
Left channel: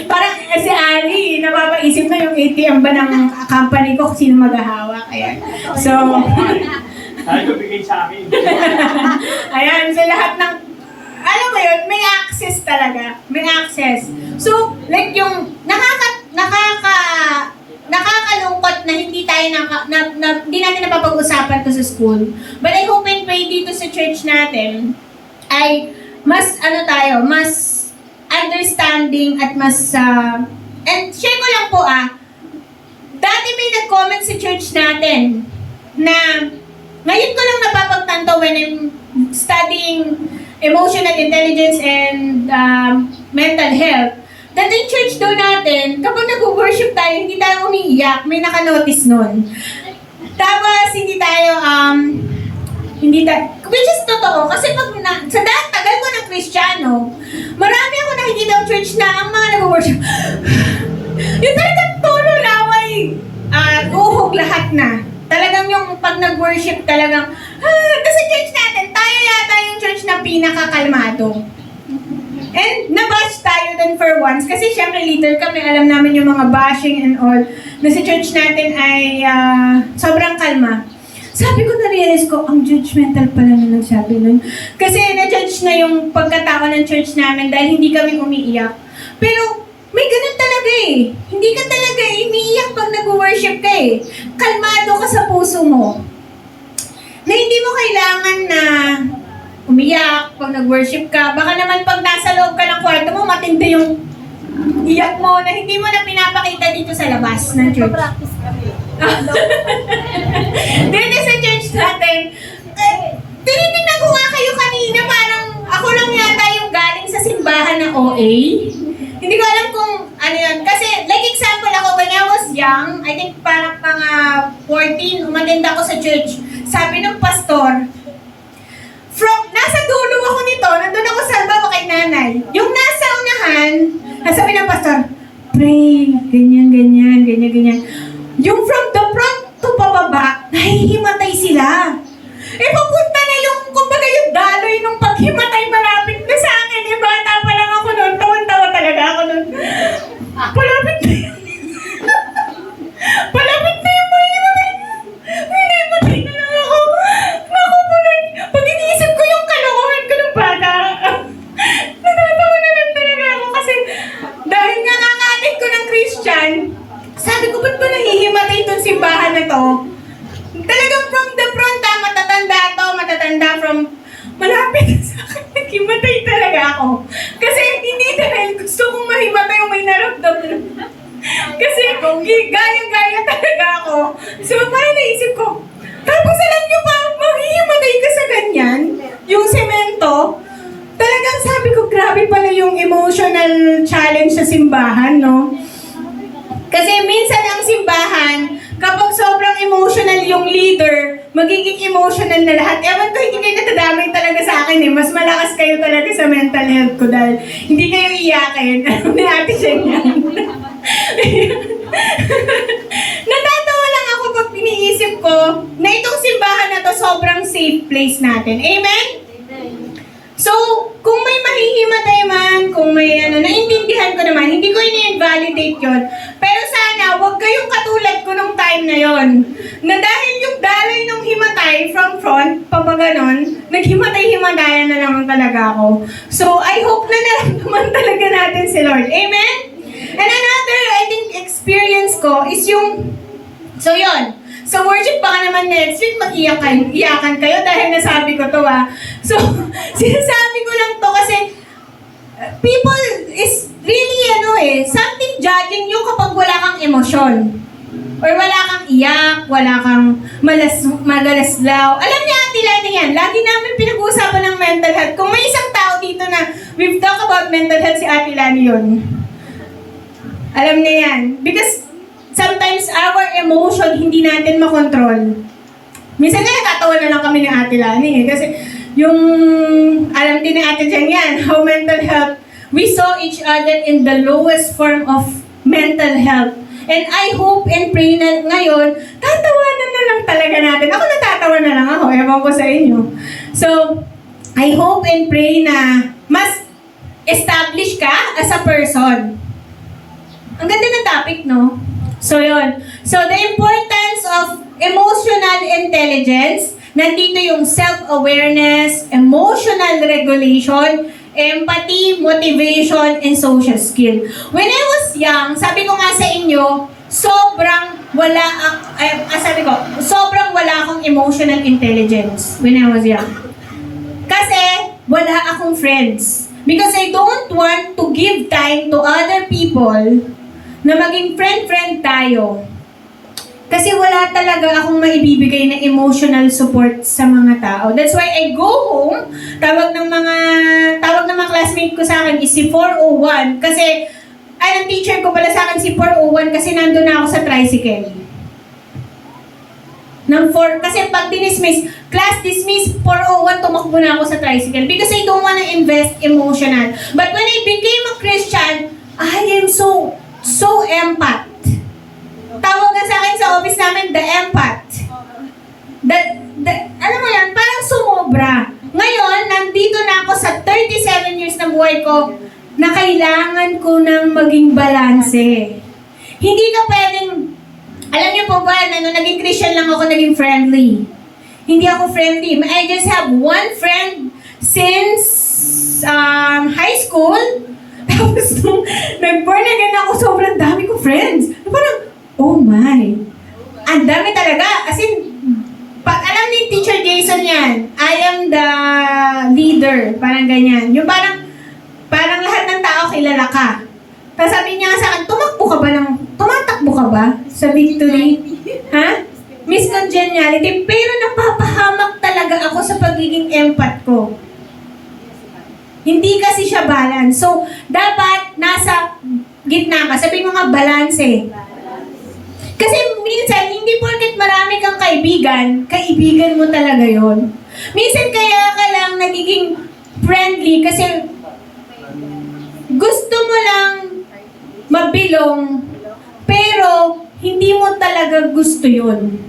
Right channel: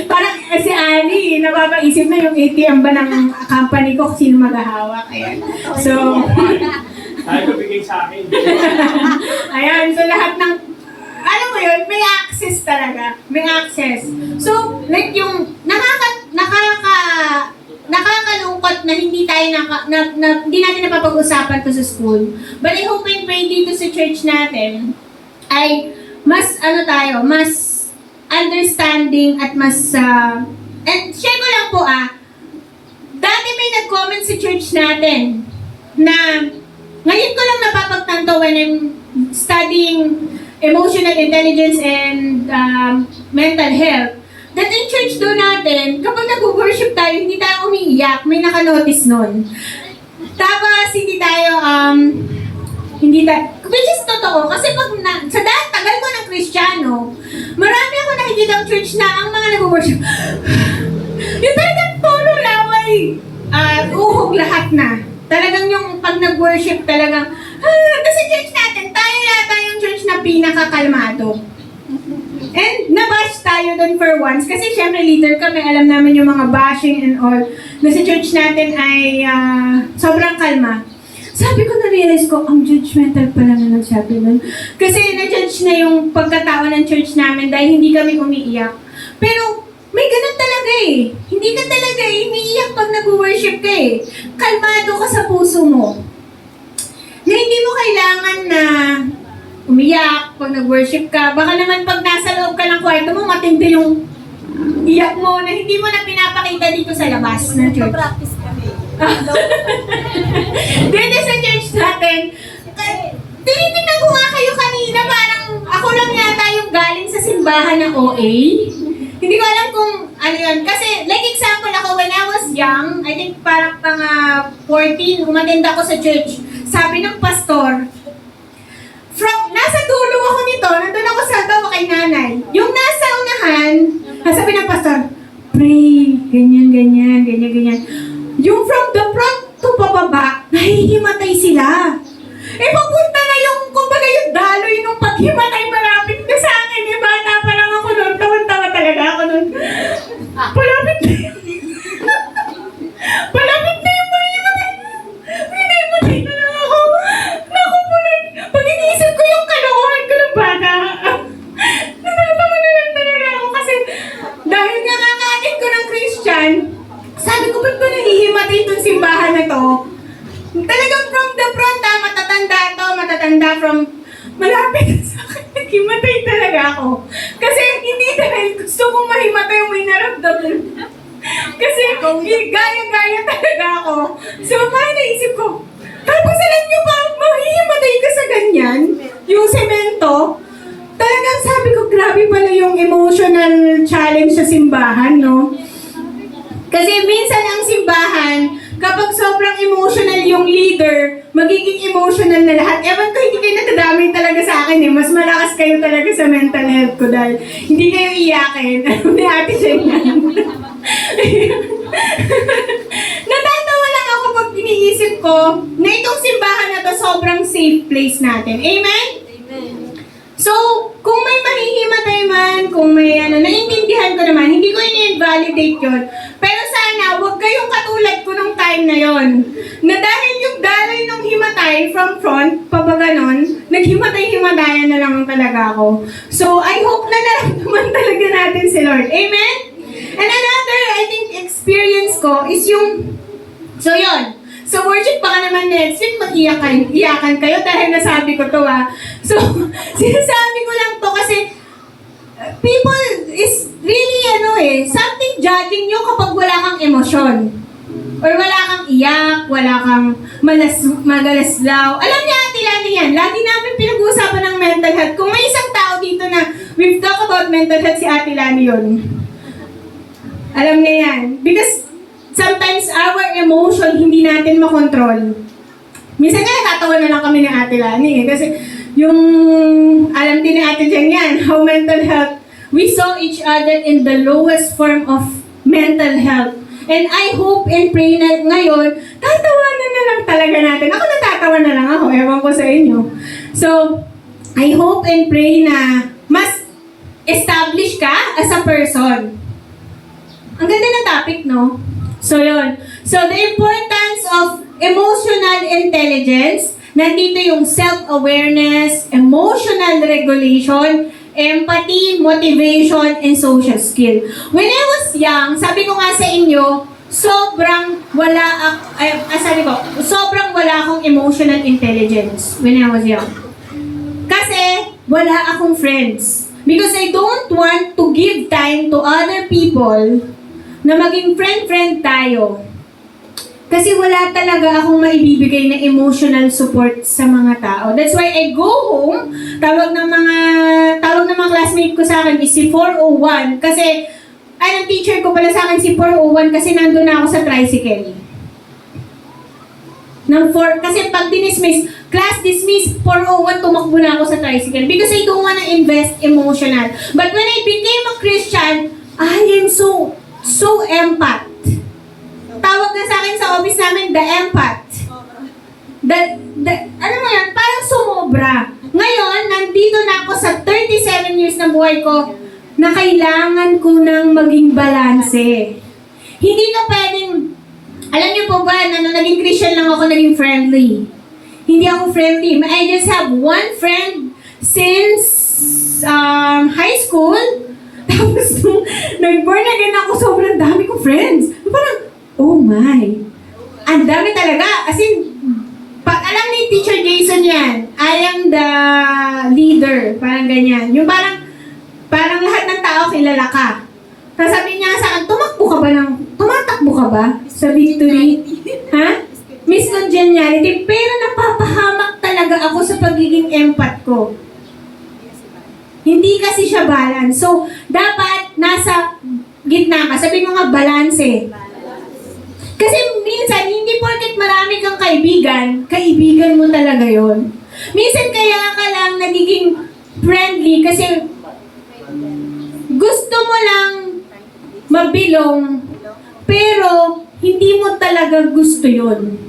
parang si Ali, napapaisip na yung ATM ba ng company ko kung sino maghahawak. Ayan. So, Ay, ko bigay sa akin. ayan, so lahat ng, alam mo yun, may access talaga. May access. So, like yung, nakakalungkot na hindi tayo hindi natin napapag-usapan to sa school. But I hope and pray dito sa church natin ay mas, mas understanding at mas, and share ko lang po dati may nag-comment sa church natin na ngayon ko lang napapagtanto when I'm studying emotional intelligence and mental health, that in church daw natin, kapag nag-worship tayo, hindi tayo umiiyak, may naka-notice nun. Tapos, which is totoo, kasi sa tagal ko ng Kristiyano, marami ako nakikita ng church na ang mga nag-worship, yung talagang tono na may uhog lahat na. Talagang yung pag nag-worship talagang, kasi church natin, tayo yata yung church na pinakakalmado. And nabash tayo dun for once, kasi syempre leader kami, alam namin yung mga bashing and all, na sa church natin ay sobrang kalma. Sabi ko, na-realize ko, ang judgmental pala na nagsabi nun. Kasi na-judge na yung pagkatao ng church namin dahil hindi kami umiiyak. Pero, may ganun talaga eh. Hindi ka talaga umiiyak pag nag-worship ka eh. Kalmado ka sa puso mo. Na hindi mo kailangan na umiyak pag nag-worship ka. Baka naman pag nasa loob ka ng kwarto mo, matindi yung iyak mo na hindi mo na pinapakita dito sa labas ng church. Dito sa church natin, tinitingnan ko nga kayo kanina, parang ako lang yata yung galing sa simbahan ng OA. Hindi ko alam kung ano yun. Kasi, like example ako, when I was young, I think parang 14, umattend ako sa church. Sabi ng pastor, nasa dulo ako nito, nandun ako sa bawa kay nanay. Yung nasa unahan, nasabi ng pastor, pray, ganyan, ganyan, ganyan, ganyan. Yung from the front to pababa, nahihimatay sila. Eh, papunta na yung, kumbaga yung daloy nung paghimatay malapit na sa akin. Eh, bata pa lang ako noon, tawan-tawa talaga ako noon. Palapit na yun. Palapit na yung mahihimatay. Hinihimatay na lang ako. Naku po lang. Pag iniisip ko yung kalokohan ko ng bata, natatawa na lang talaga ako kasi dahil nga kakatin ko ng Christian, sabi ko, ba't ba nahihimatay itong simbahan na to? Talagang from the front, matatanda from malapit sa akin, naghimatay talaga ako. Kasi hindi dahil gusto kong mahimatay yung may naramdaman. Kasi gaya-gaya talaga ako. So parang naisip ko, tapos alam nyo ba, mahihimatay ka sa ganyan, yung semento, talagang sabi ko, grabe pala yung emotional challenge sa simbahan, no? Kasi minsan ang simbahan, kapag sobrang emotional yung leader, magiging emotional na lahat. Ewan ko, hindi kayo natadamay talaga sa akin eh. Mas malakas kayo talaga sa mental health ko dahil hindi kayo iyakin. May ate siya yan. Natatawa lang ako pag iniisip ko na itong simbahan na to sobrang safe place natin. Amen? So, kung may mahihimatay man, kung may naiintindihan ko naman, hindi ko ini-invalidate yun. Pero sana, huwag kayong katulad ko nung time na yon. Na dahil yung daloy nung himatay from front, pabaganon, naghimatay-himatayan na naman talaga ako. So, I hope na naramdaman talaga natin si Lord. Amen? And another, I think, experience ko is yung, so yon. So, worship baka naman next week, mag-iyakan kayo dahil nasabi ko to So, sinasabi ko lang to kasi people is really something judging you kapag wala kang emosyon. Or wala kang iyak, wala kang magalaslaw. Alam niya, Ate Lani yan. Lagi namin pinag-uusapan ng mental health. Kung may isang tao dito na we've talked about mental health, si Ate Lani yun. Alam niya yan. Because sometimes our emotion hindi natin makontrol. Minsan nga natatawa na lang kami ng Ate Lani kasi yung alam din ni Ate Jen yan, how mental health we saw each other in the lowest form of mental health. And I hope and pray na ngayon, tatawanan na lang talaga natin. Ako natatawa na lang ako, ewan ko sa inyo. So, I hope and pray na mas establish ka as a person. Ang ganda ng topic, no? So, yun. So, the importance of emotional intelligence, nandito yung self-awareness, emotional regulation, empathy, motivation, and social skill. When I was young, sabi ko nga sa inyo, sobrang wala akong emotional intelligence when I was young. Kasi, wala akong friends. Because I don't want to give time to other people na maging friend-friend tayo. Kasi wala talaga akong maibibigay na emotional support sa mga tao. That's why I go home, tawag ng mga classmate ko sa akin is si 401. Kasi, ang teacher ko pala sa akin si 401 kasi nandun na ako sa tricycle. Kasi pag dismiss, class dismiss, 401, tumakbo na ako sa tricycle because I don't wanna invest emotional. But when I became a Christian, I am so empath. Tawag na sa akin sa office namin, the empath. Ano mo yan? Parang sumobra. Ngayon, nandito na ako sa 37 years na buhay ko na kailangan ko ng maging balanse. Hindi ka pwedeng, alam niyo po ba, naging Christian lang ako, naging friendly. Hindi ako friendly. I just have one friend since high school. Tapos nung nag-born again ako, sobrang dami ko friends. Parang, oh my. Ang dami talaga. As in, pag alam ni Teacher Jason yan, I am the leader. Parang ganyan. Yung parang lahat ng tao kilala ka. Tapos sabi niya sa akin, tumatakbo ka ba sa victory? Ha? Miss Congeniality. Pero napapahamak talaga ako sa pagiging empath ko. Hindi kasi siya balance. So, dapat nasa gitna ka. Sabi mo nga, balance. Kasi minsan, hindi porket marami kang kaibigan mo talaga yon. Minsan kaya ka lang nagiging friendly kasi gusto mo lang mabilong, pero hindi mo talaga gusto yon.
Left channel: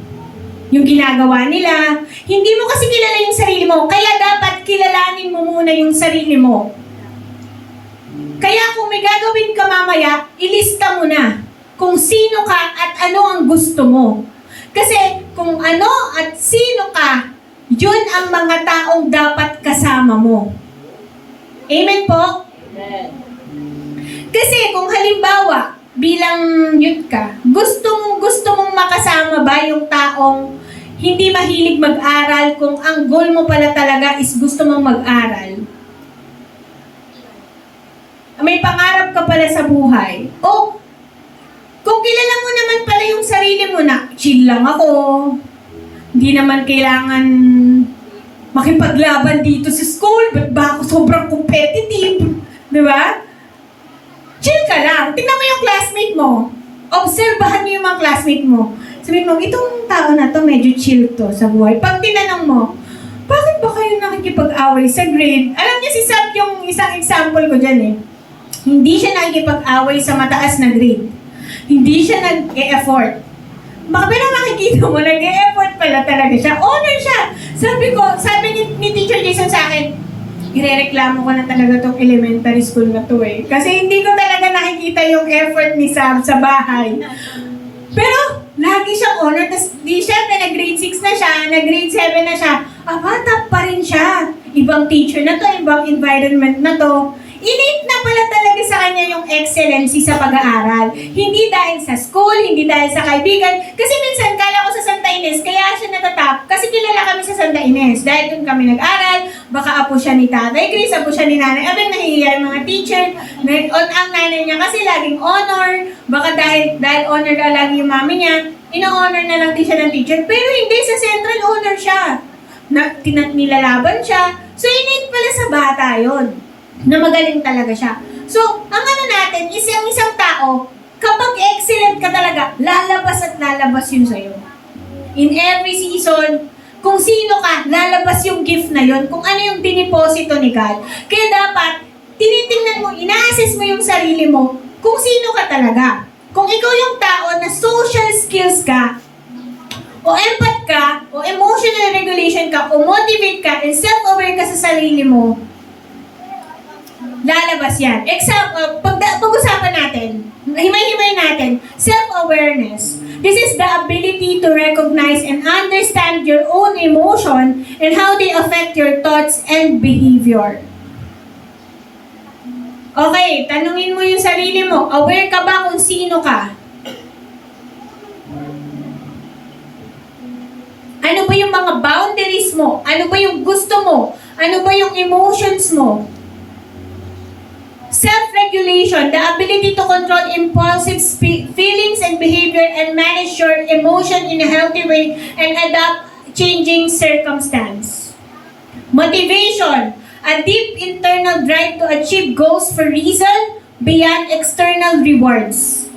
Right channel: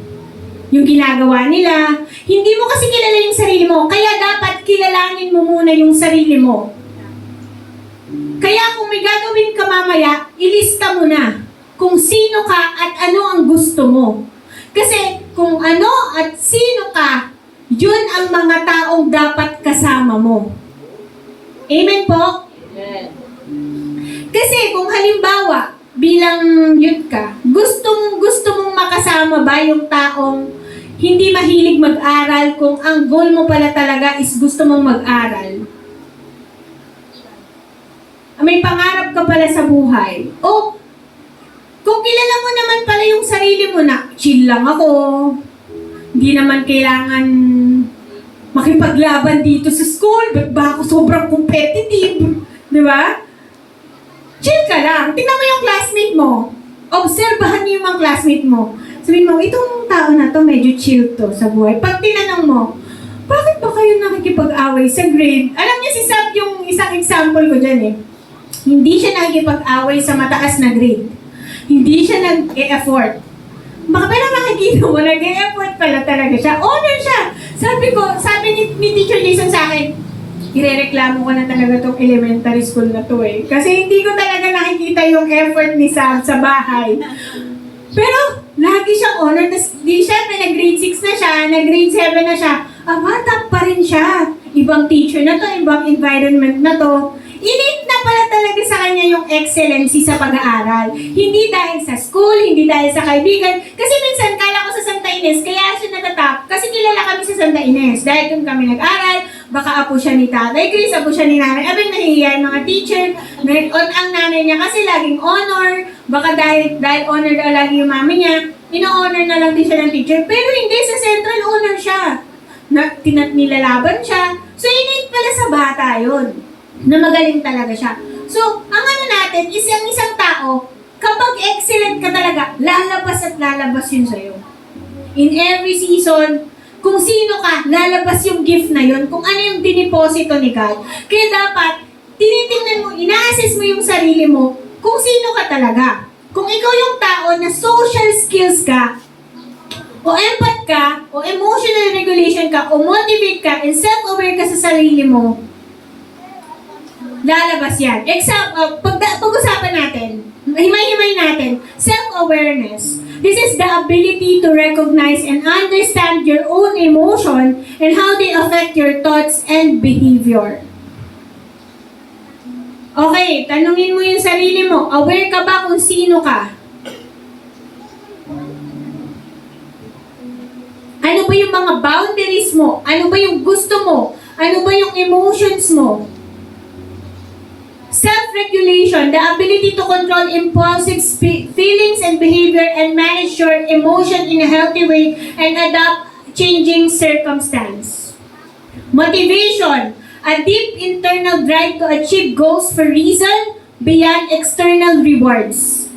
Yung ginagawa nila, hindi mo kasi kilala yung sarili mo, kaya dapat kilalanin mo muna yung sarili mo. Kaya kung may gagawin ka mamaya, ilista mo na kung sino ka at ano ang gusto mo. Kasi kung ano at sino ka, yun ang mga taong dapat kasama mo. Amen po? Kasi kung halimbawa, bilang youth ka, gusto mong makasama ba yung taong hindi mahilig mag-aral kung ang goal mo pala talaga is gusto mong mag-aral? May pangarap ka pala sa buhay. O, kung kilala mo naman pala yung sarili mo na, chill lang ako, hindi naman kailangan makipaglaban dito sa school, ba't ba ako sobrang competitive? Di ba? Chill ka lang. Tingnan mo yung classmate mo. Obserbahan mo yung mga classmate mo. Sabihin mo, itong tao na to medyo chill to sa buhay. Pag tinanong mo, bakit ba kayo nakikipag-away sa grade? Alam niyo si Sab yung isang example ko dyan eh. Hindi siya nakikipag-away sa mataas na grade. Hindi siya nag-e-effort. Pero nakikita mo, nag-e-effort pala talaga siya. Honor siya. Sabi ni Teacher Jason sa akin, irereklamo ko na talaga tong elementary school na to eh. Kasi hindi ko talaga nakikita yung effort ni Sam sa bahay. Pero, lagi siyang honor. Tapos, syempre, nag-grade 6 na siya, nag-grade 7 na siya. Top pa rin siya. Ibang teacher na to, ibang environment na to. Innate na pala talaga sa kanya yung excellency sa pag-aaral. Hindi dahil sa school, hindi dahil sa kaibigan. Kasi minsan, kala ko sa Santa Ines, kaya siya natatap. Kasi kilala kami sa Santa Ines. Dahil doon kami nag-aral, baka apo siya ni Tatay Chris, apo siya ni Nanay Abel, nahihiya yung mga teacher. Ang nanay niya kasi laging honor. Baka dahil honored lagi yung mami niya, ino-honor na lang din siya ng teacher. Pero hindi, sa Central honor siya. Nilalaban siya. So, innate pala sa bata yun. Na magaling talaga siya. So, ang ano natin is yung isang tao, kapag excellent ka talaga, lalabas at lalabas yun sa'yo. In every season, kung sino ka, lalabas yung gift na yun, kung ano yung diniposito ni God. Kaya dapat, tinitingnan mo, ina-assess mo yung sarili mo kung sino ka talaga. Kung ikaw yung tao na social skills ka, o empath ka, o emotional regulation ka, o motivate ka, and self-aware ka sa sarili mo, lalabas yan. Pag-usapan natin, himay-himay natin, self-awareness. This is the ability to recognize and understand your own emotion and how they affect your thoughts and behavior. Okay, tanungin mo yung sarili mo. Aware ka ba kung sino ka? Ano ba yung mga boundaries mo? Ano ba yung gusto mo? Ano ba yung emotions mo? Self-regulation, the ability to control impulsive feelings and behavior and manage your emotion in a healthy way and adapt changing circumstance. Motivation, a deep internal drive to achieve goals for reason beyond external rewards.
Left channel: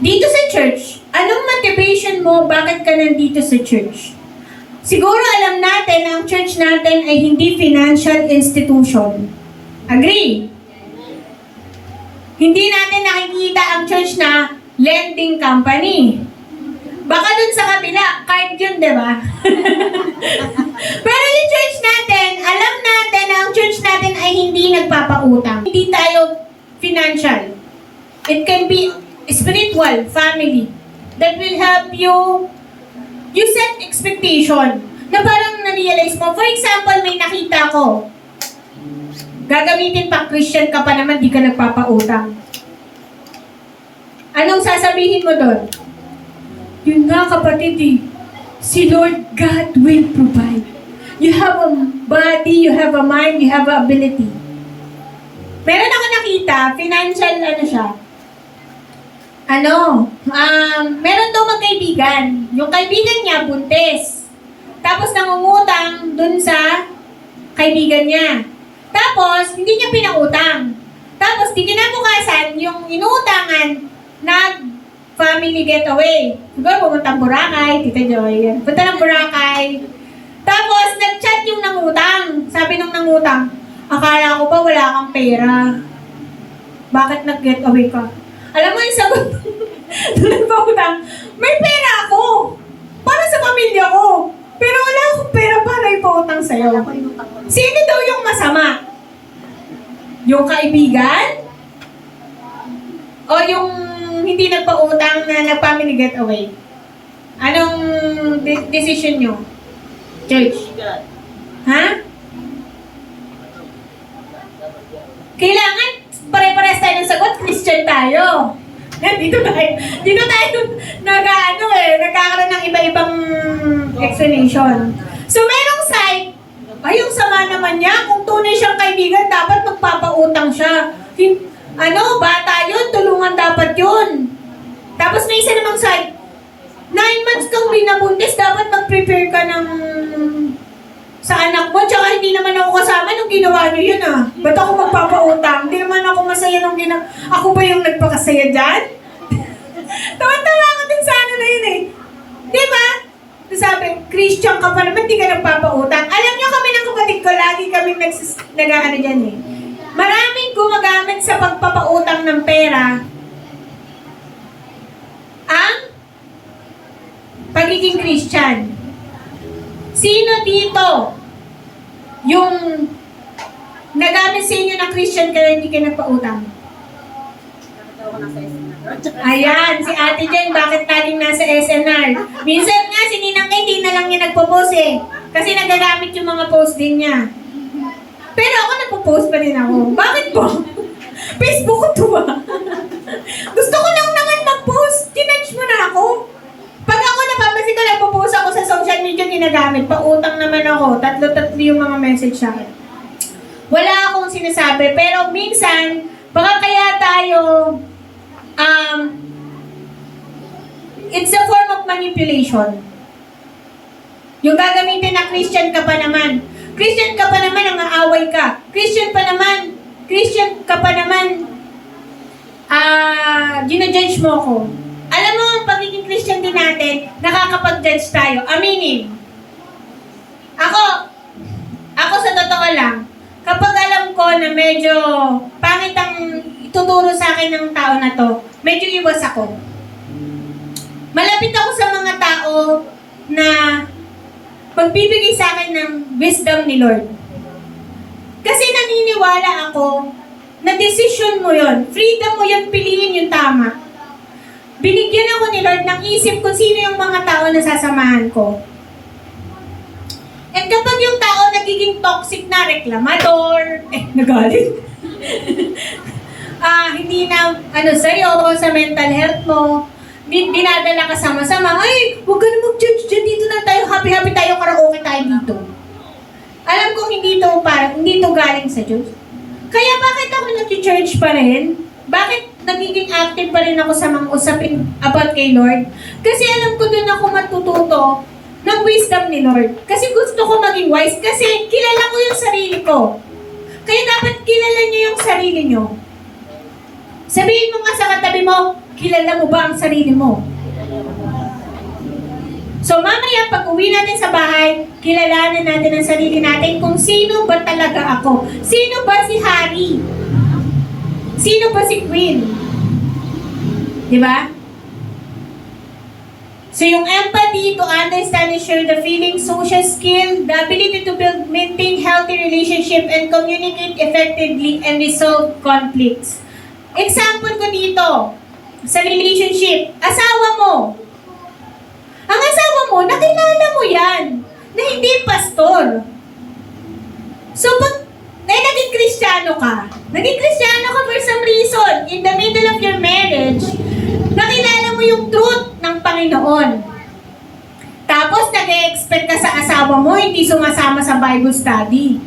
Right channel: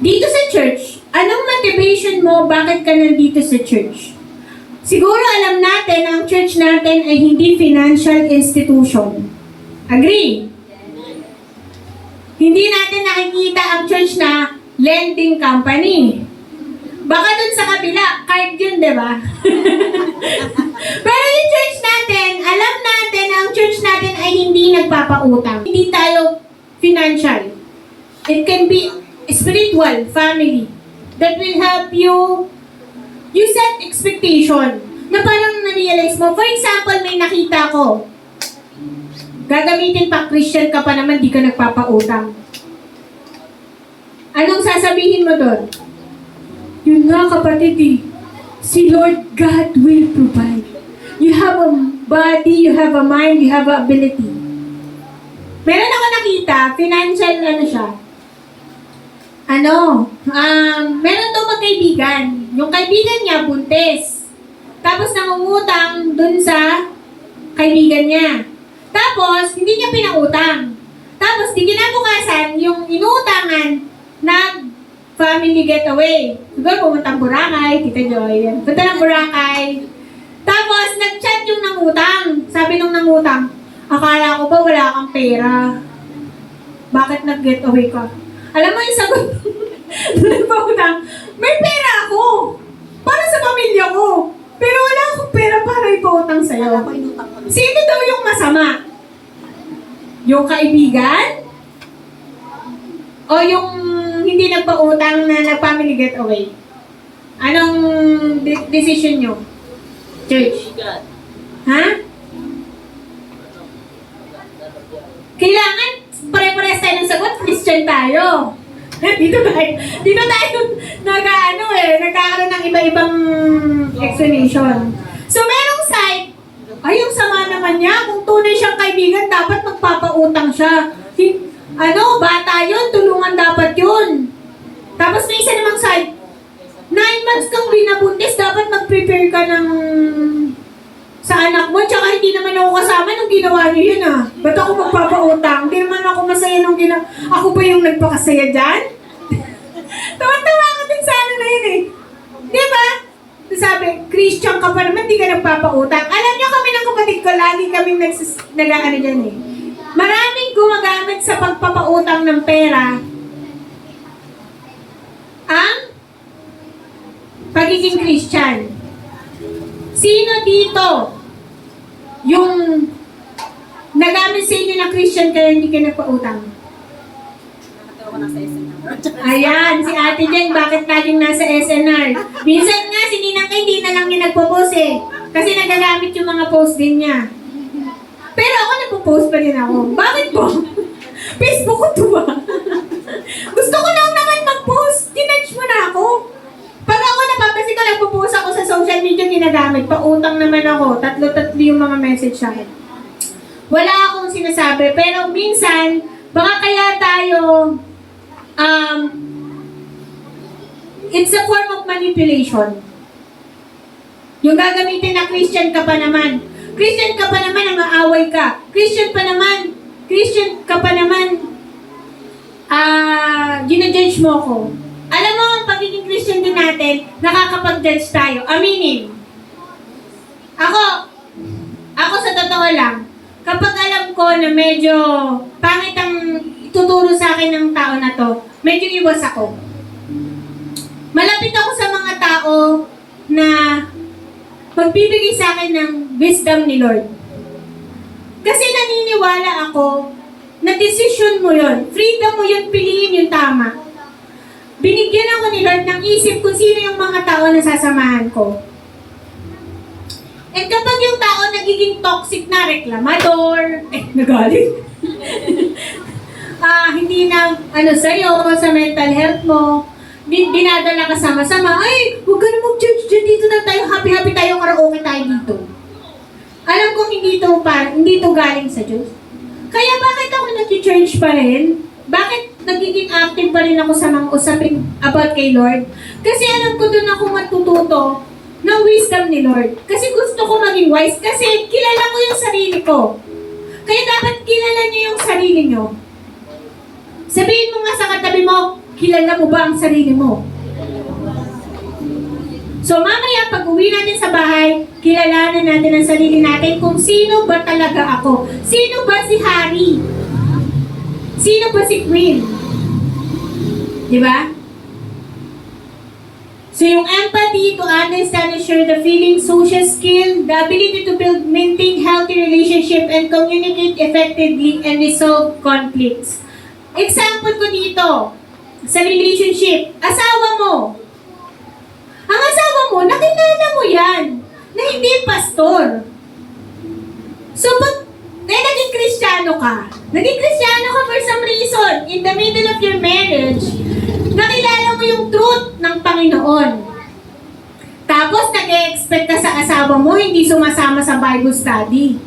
Dito sa church, anong motivation mo? Bakit ka nandito sa church? Siguro alam natin na ang church natin ay hindi financial institution. Agree? Hindi natin nakikita ang church na lending company. Baka dun sa kabila, card yun, di ba? Pero yung church natin, alam natin na ang church natin ay hindi nagpapautang. Hindi tayo financial. It can be spiritual, family, that will help you set expectation na parang na-realize mo. For example, may nakita ko, gagamitin pa Christian ka pa naman, di ka nagpapautang. Anong sasabihin mo doon? Yun nga kapatid si Lord God will provide. You have a body, you have a mind, you have a ability. Meron ako nakita, financial siya. Meron daw magkaibigan. Yung kaibigan niya, buntis. Tapos nangungutang dun sa kaibigan niya. Tapos, hindi niya pinautang. Tapos, di kinabukasan, yung inuutangan, family getaway. Siguro pumunta ng Boracay, Tita Joy. Punta ng Boracay. Tapos, nag-chat yung nangutang. Sabi nung nangutang, akala ko pa wala kang pera. Bakit nag-getaway ka? Alam mo yung sagot nung nagpautang, may pera ako. Para sa pamilya ko. Pero wala akong pera para ipautang sa'yo. Sino daw yung masama? Yung kaibigan? O yung hindi nagpautang na nag-family getaway? Anong decision nyo? Church? Ha? Kailangan pare-pares tayo ng sagot, Christian tayo. Dito tayo nagkakaroon ng iba-ibang explanation. So, merong side, ay, yung sama naman niya, kung tunay siyang kaibigan, dapat magpapautang siya. Bata yun, tulungan dapat yun. Tapos may isa namang side, 9 months kang binabuntis, dapat mag-prepare ka ng sa anak mo, tsaka hindi naman ako kasama nung ginawa niyo yun Ba't ako magpapautang? Hindi naman ako masaya nung ginawa. Ako ba yung nagpakasaya dyan? Tawa-tawa ako din sa na yun Di ba? Sabi, Christian ka pa naman, di ka nagpapautang. Alam niyo kami ng kapatid ko, lagi kami nag-ano dyan Maraming gumagamit sa pagpapautang ng pera ang pagiging Christian. Sino dito yung nagamit sa inyo na Christian kaya hindi ka nagpautang? Ayan, si Ate Jen, bakit laging nasa SNR? Minsan nga, si Ninang Kay, hindi na lang niya nagpo-post Kasi nagagamit yung mga post din niya. Pero ako nagpo-post pa din ako. Bakit po? Facebook ko to Gusto ko lang naman mag-post. Tinudge mo na ako. Pag ako napapansin ko, nagpo-post ako sa social media, ginagamit. Pautang naman ako. Tatlo-tatlo yung mga message sa akin. Wala akong sinasabi. Pero minsan, baka kaya tayo, it's a form of manipulation. Yung gagamitin na Christian ka pa naman. Christian ka pa naman, ang aaway ka. Christian ka pa naman, ginajudge mo ako. Alam mo, ang pagiging Christian din natin, nakakapag-judge tayo. Aminin. Ako sa totoo lang, kapag alam ko ko na medyo pangit ang tuturo sa akin ng tao na to, medyo iwas ako. Malapit ako sa mga tao na magbibigay sa akin ng wisdom ni Lord. Kasi naniniwala ako na decision mo yon, freedom mo yon, piliin yung tama. Binigyan ako ni Lord ng isip kung sino yung mga tao na sasamahan ko. At kapag yung tao nagiging toxic na reklamador, nagalit. Hindi na, sa'yo, sa mental health mo, dinadala ka sama-sama, ay, huwag ka na mag-judge dyan, dito na tayo, happy-happy tayo, karaoke tayo dito. Alam ko hindi to galing sa Diyos. Kaya bakit ako nag-church pa rin? Bakit nagiging active pa rin ako sa mga usapin about kay Lord? Kasi alam ko doon ako matututo ng wisdom ni Lord. Kasi gusto ko maging wise kasi kilala ko yung sarili ko. Kaya dapat kilala niyo yung sarili niyo. Sabihin mo nga sa katabi mo, kilala mo ba ang sarili mo? So mamaya pag uwi natin sa bahay, kilalanin natin ang sarili natin kung sino ba talaga ako. Sino ba si Harry? Sino ba si Queen? Diba? So yung empathy, to understand and share the feelings, social skill, the ability to build, maintain healthy relationship, and communicate effectively and resolve conflicts. Example ko dito, sa relationship, asawa mo. Ang asawa mo, nakilala mo yan, na hindi pastor. So pag naging Kristiyano ka for some reason, in the middle of your marriage, nakilala mo yung truth ng Panginoon. Tapos nag-expect ka sa asawa mo, hindi sumasama sa Bible study.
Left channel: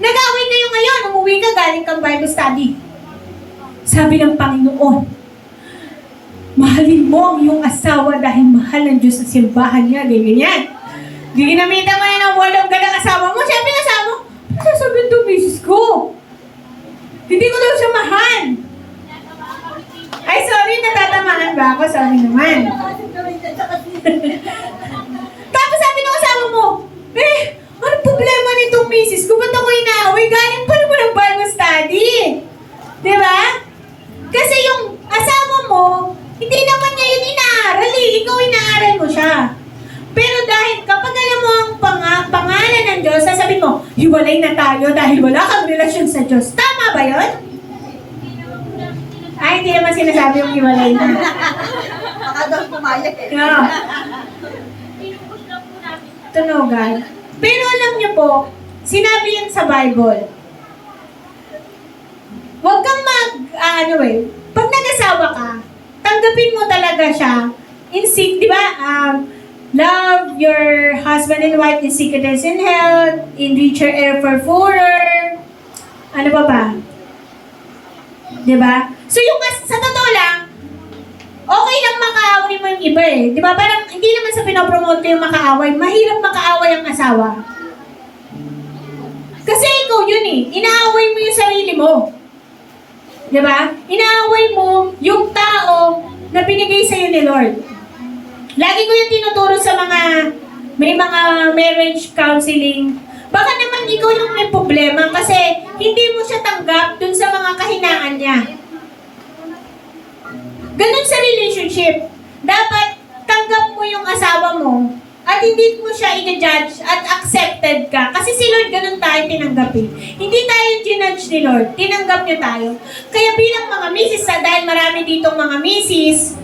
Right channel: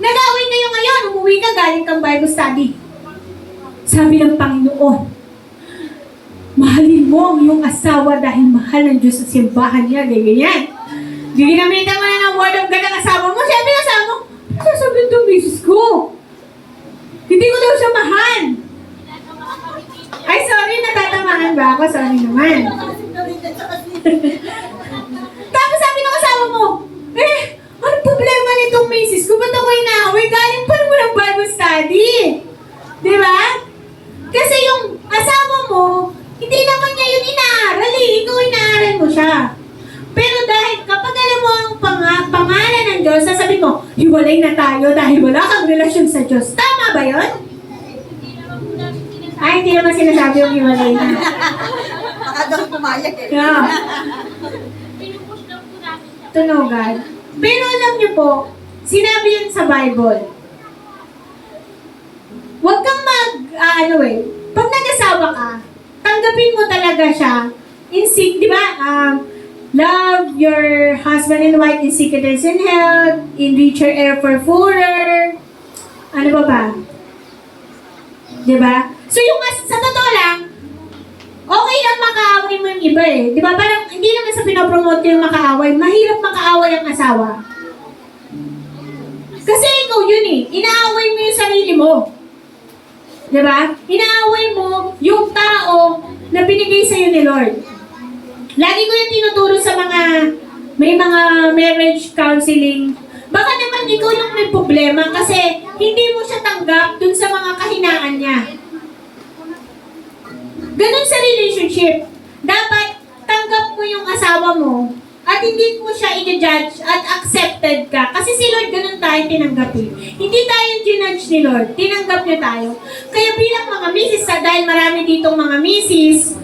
Nag-away kayo ngayon, umuwi ka galing kang Bible study. Sabi ng Panginoon, mahalin mo ang iyong asawa dahil mahal ng Diyos sa simbahan niya, ganyan. Ginamitan mo na ng word of God ang asawa mo, siyempre ang asawa mo, sabi ito, misis ko. Hindi ko daw siya mahal. Ay, sorry, natatamaan ba ako? Sorry naman. Tapos sabi ng asawa mo, ano problema nitong misis ko? Ba't ako inaaway? Galing pa naman ng Bible study. Di ba? Kasi yung asawa mo, hindi naman niya yun inaaral eh. Ikaw inaaral mo siya. Pero dahil kapag alam mo ang pangalan ng Diyos, sasabihin mo, hiwalay na tayo dahil wala kang relasyon sa Diyos. Tama ba yun? Ay, hindi naman sinasabi yung hiwalay na. Baka daw pumayag eh. Yeah. Tunugan. Pero alam niyo po, sinabi yan sa Bible. Huwag kang pag nag-asawa ka, tanggapin mo talaga siya. Di ba? Love your husband and wife in sickness and health, in richer air for poorer. Ano ba? Di ba? So yung sa totoo lang, okay lang makaaway mo yung iba eh. Di ba? Parang hindi naman sa pinopromote ko yung makaaway. Mahirap makaaway ang asawa. Kasi ikaw yun eh. Inaaway mo yung sarili mo. Di ba? Inaaway mo yung tao na binigay sa'yo ni Lord. Lagi ko yung tinuturo sa may mga marriage counseling. Baka naman ikaw yung may problema kasi hindi mo siya tanggap dun sa mga kahinaan niya. Ganun sa relationship. Dapat tanggap mo yung asawa mo at hindi mo siya i-judge at accepted ka. Kasi si Lord ganun tayo tinanggapin. Hindi tayo ginudge ni Lord. Tinanggap niya tayo. Kaya bilang mga misis, dahil marami ditong mga misis,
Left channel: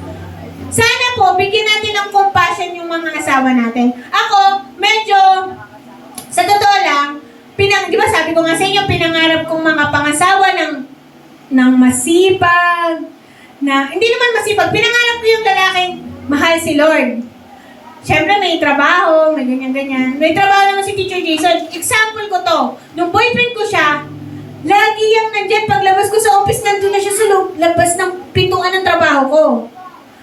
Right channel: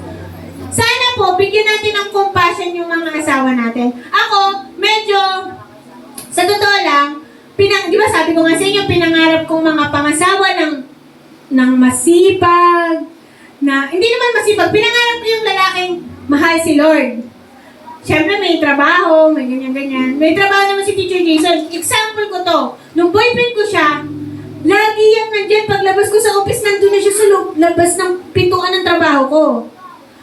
sana po, bigyan natin ng compassion yung mga asawa natin. Ako, medyo, sa totoo lang, di ba sabi ko nga sa inyo, pinangarap kong mga pangasawa ng masipag, hindi naman masipag, pinangarap ko yung lalaking mahal si Lord. Siyempre may trabaho, may ganyan-ganyan. May trabaho naman si Teacher Jason. Example ko to, nung boyfriend ko siya, lagi yung nandyan, paglabas ko sa office, nandun na siya sa labas ng pintuan ng trabaho ko.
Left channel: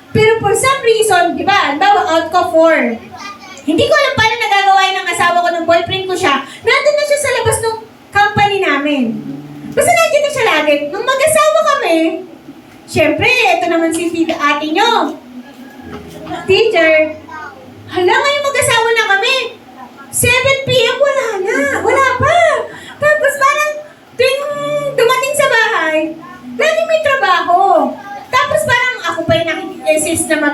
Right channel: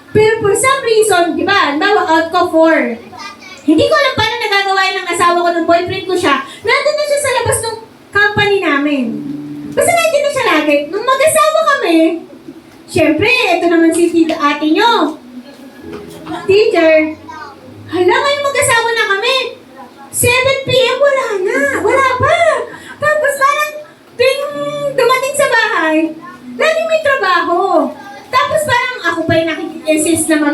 Pero for some reason, di ba, out ko 4. Hindi ko alam paano nagagawa yun ng asawa ko ng boyfriend ko siya. Nandun na siya sa labas ng company namin. Basta nandun na siya lagi. Nung mag-asawa kami, syempre, ito naman si ate nyo. Teacher, hala ngayon mag-asawa na kami. 7 p.m. wala na. Wala pa. Tapos parang, tuwing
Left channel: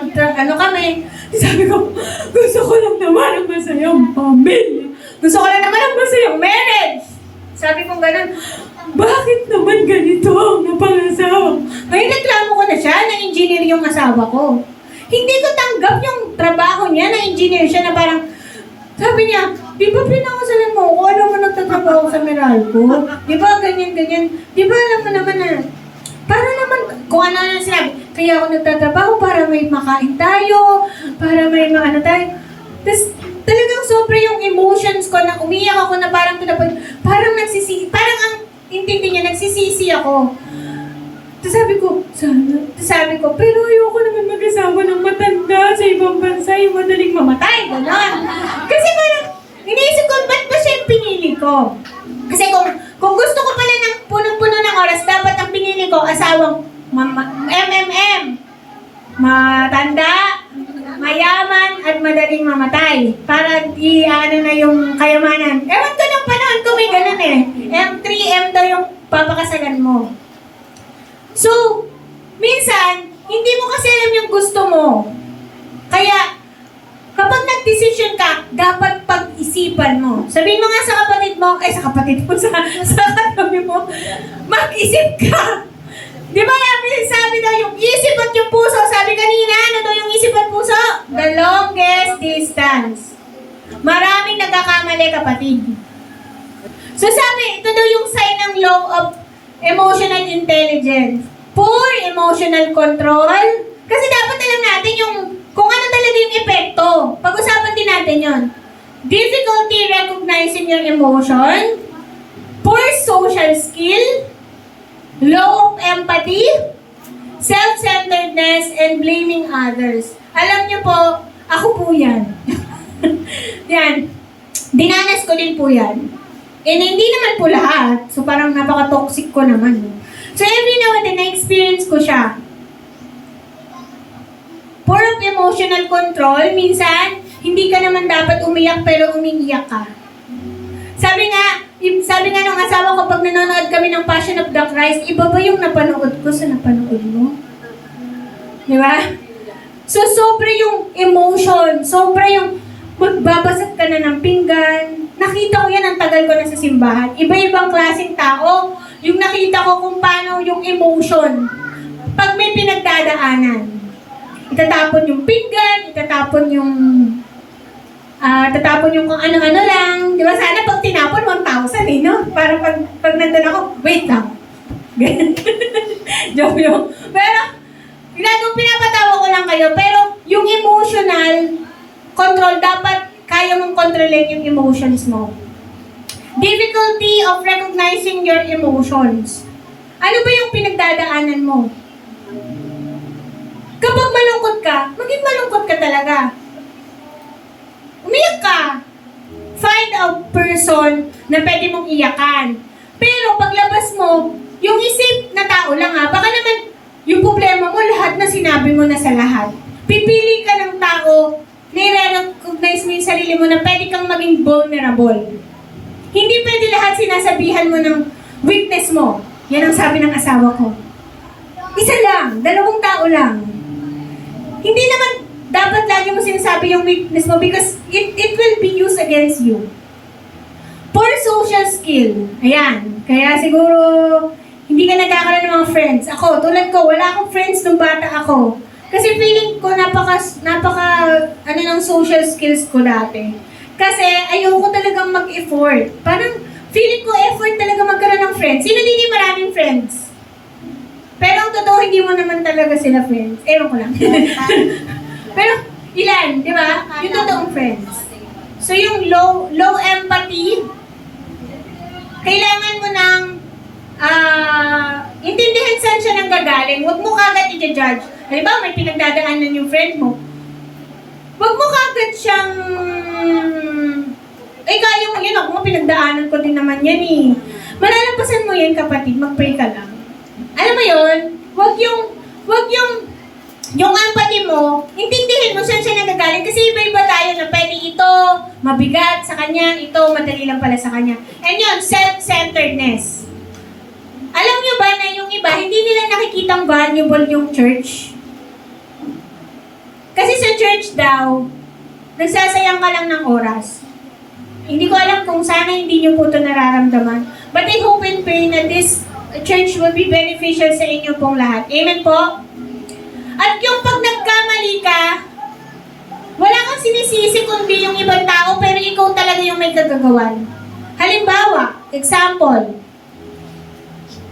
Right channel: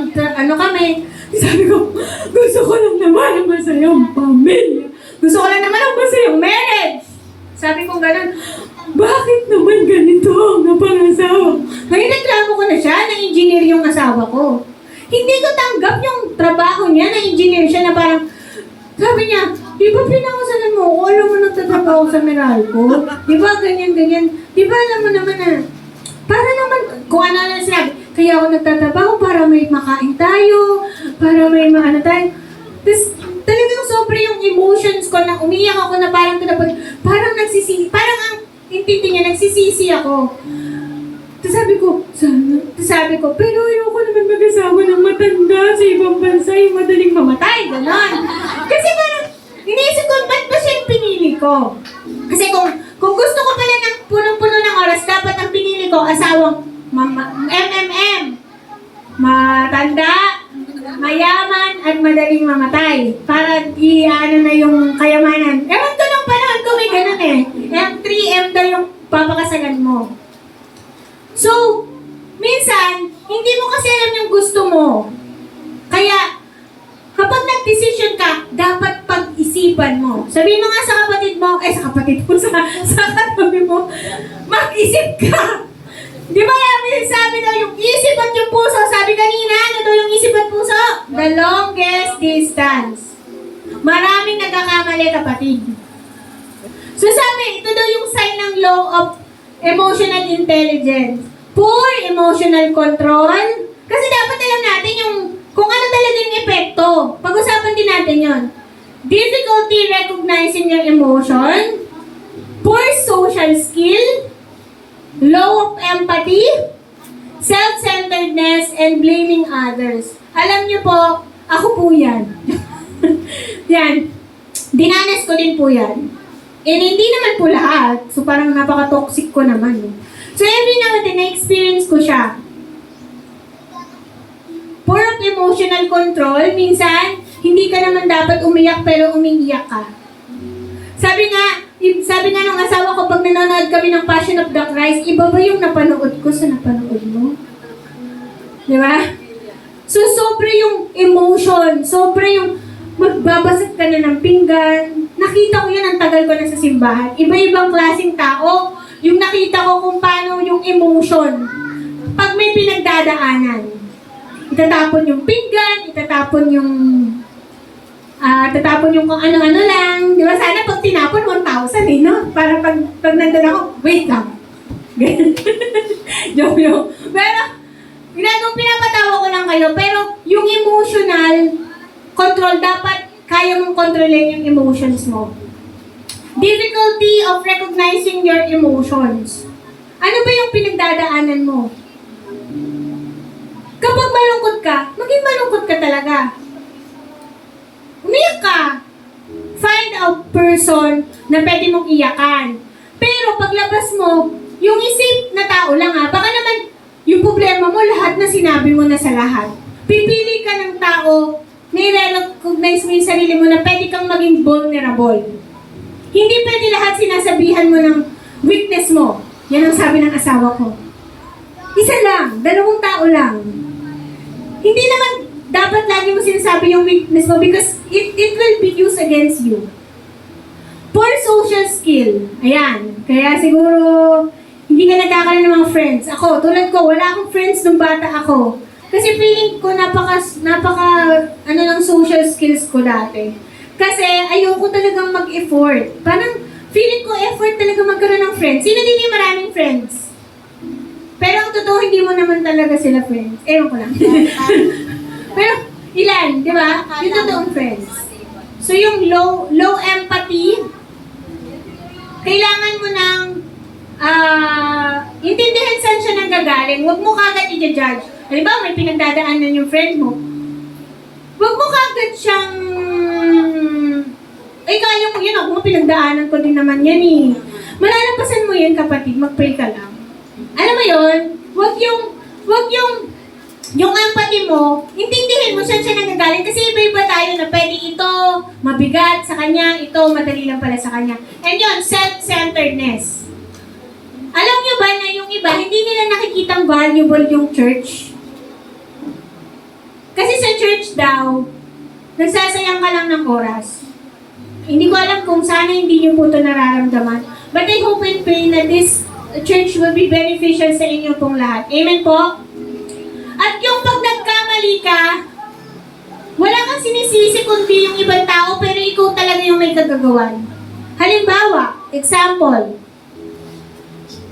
ano kami. Sabi ko, gusto ko lang naman ang masayang pamilya. Gusto ko lang naman ang masayang marriage. Sabi ko ganun, bakit naman ganito ang napangasawa? Ngayon reklamo ko na siya, na engineer yung asawa ko. Hindi ko tanggap yung trabaho niya, na engineer siya na parang, sabi niya, di ba pinakasalan mo ako? Alam mo nagtatrabaho sa Meralco? Di ba ganyan-ganyan? Di ba alam mo naman na, para naman, kung ano na sinabi, kaya ako nagtatrabaho para may makain tayo, para may maano tayo. Tapos, talagang sobra yung emotions ko na umiyak ako na parang parang nagsisisi, parang ang intindi niya, nagsisisi ako. Tapos sabi ko, pero ayoko naman mag-asawa ng matanda sa ibang bansa, yung madaling mamatay, gano'n. Kasi parang, iniisip ko, ba't ba siya yung pinili ko? Kasi kung gusto ko pala ng punong-puno ng oras, dapat ang pinili ko, asawang MMM. Matanda, mayaman, at madaling mamatay. Para i-ano na yung kayamanan. Ewan ko ng panahon ko may ganun eh. M3, M daw yung papakasalan mo. So, minsan, hindi mo kasi alam yung gusto mo. Kaya, kapag nag-decision ka, dapat pag-isipan mo. Sabihin mo nga sa kapatid mo, sa katabi mo, mag-isip ka. Di ba sabi daw yung isip at yung puso, sabi kanina, ano daw yung isip at puso? The longest distance. Maraming nagkakamali, kapatid. So sabi, ito daw yung sign ng low of emotional intelligence. Poor emotional control. Kasi dapat alam natin yung kung ano talaga yung epekto. Pag-usapan din natin yon. Difficulty recognizing your emotion. Poor social skill. Low of empathy. Self-centeredness and blaming others. Alam niyo po, ako po yan. Yan. Dinanas ko din po yan. And hindi naman po lahat. So parang napaka-toxic ko naman. So every now and then, na-experience ko siya. Poor of emotional control, minsan, hindi ka naman dapat umiyak pero umiiyak ka. Sabi nga nung asawa ko, pag nanonood kami ng Passion of the Christ, iba ba yung napanood ko sa napanood mo? Di ba? So, sobra yung emotion, sobra yung magbabasag ka na ng pinggan. Nakita ko yan, ang tagal ko na sa simbahan. Iba-ibang klaseng tao, yung nakita ko kung paano yung emotion. Pag may pinagdadaanan, itatapon yung pinggan, itatapon yung kung ano-ano lang. Di ba? Sana pag tinapon, 1,000 eh, no? Para pag nandun ako, wait lang. Joke yun. Pero, pinapatawa ko lang kayo, pero yung emotional control, dapat kaya mong kontrolin yung emotions mo. Difficulty of recognizing your emotions. Ano ba yung pinagdadaanan mo? Kapag malungkot ka, maging malungkot ka talaga. Umiyak ka. Find a person na pwede mong iyakan. Pero paglabas mo, yung isip na tao lang ha, baka naman yung problema mo, lahat na sinabi mo na sa lahat. Pipili ka ng tao na i-recognize mo yung sarili mo na pwede kang maging vulnerable. Hindi pwede lahat sinasabihan mo ng weakness mo. Yan ang sabi ng asawa ko. Isa lang, 2 tao lang. Hindi naman dapat lagi mo sinasabi yung weakness mo because it will be used against you. Poor social skill. Ayan. Kaya siguro, hindi ka nagkakaroon ng mga friends. Ako, tulad ko, wala akong friends nung bata ako. Kasi feeling ko ng social skills ko dati. Kasi ayoko talagang mag-effort. Parang feeling ko effort talaga magkaroon ng friends. Sino din yung maraming friends? Pero ang totoo, hindi mo naman talaga sila friends. Ewan ko lang. Pero ilan, di ba? Yung totoong friends. So yung low empathy, kailangan mo ng intindihan saan siya nang gagaling. Huwag mo kagad i-judge. Halimbawa, may pinagdadaanan yung friend mo. Huwag mo kagad siyang kaya mo yun, ako pinagdaanan ko din naman yan eh. Malalampasan mo yan, kapatid, mag-pray ka lang. Alam mo yun, wag yung empathy mo, intindihin mo saan siya nagagaling kasi iba-iba tayo na pwede ito mabigat sa kanya, ito madali lang pala sa kanya. And yun, self-centeredness. Alam nyo ba na yung iba, hindi nila nakikitang valuable yung church? sa church daw, nagsasayang ka lang ng oras. Hindi ko alam kung sana hindi nyo po ito nararamdaman. But I hope and pray na this church will be beneficial sa inyo pong lahat. Amen po? At yung pag nagkamali ka, wala kang sinisisi kundi yung ibang tao, pero ikaw talaga yung may kagagawan. Halimbawa, example,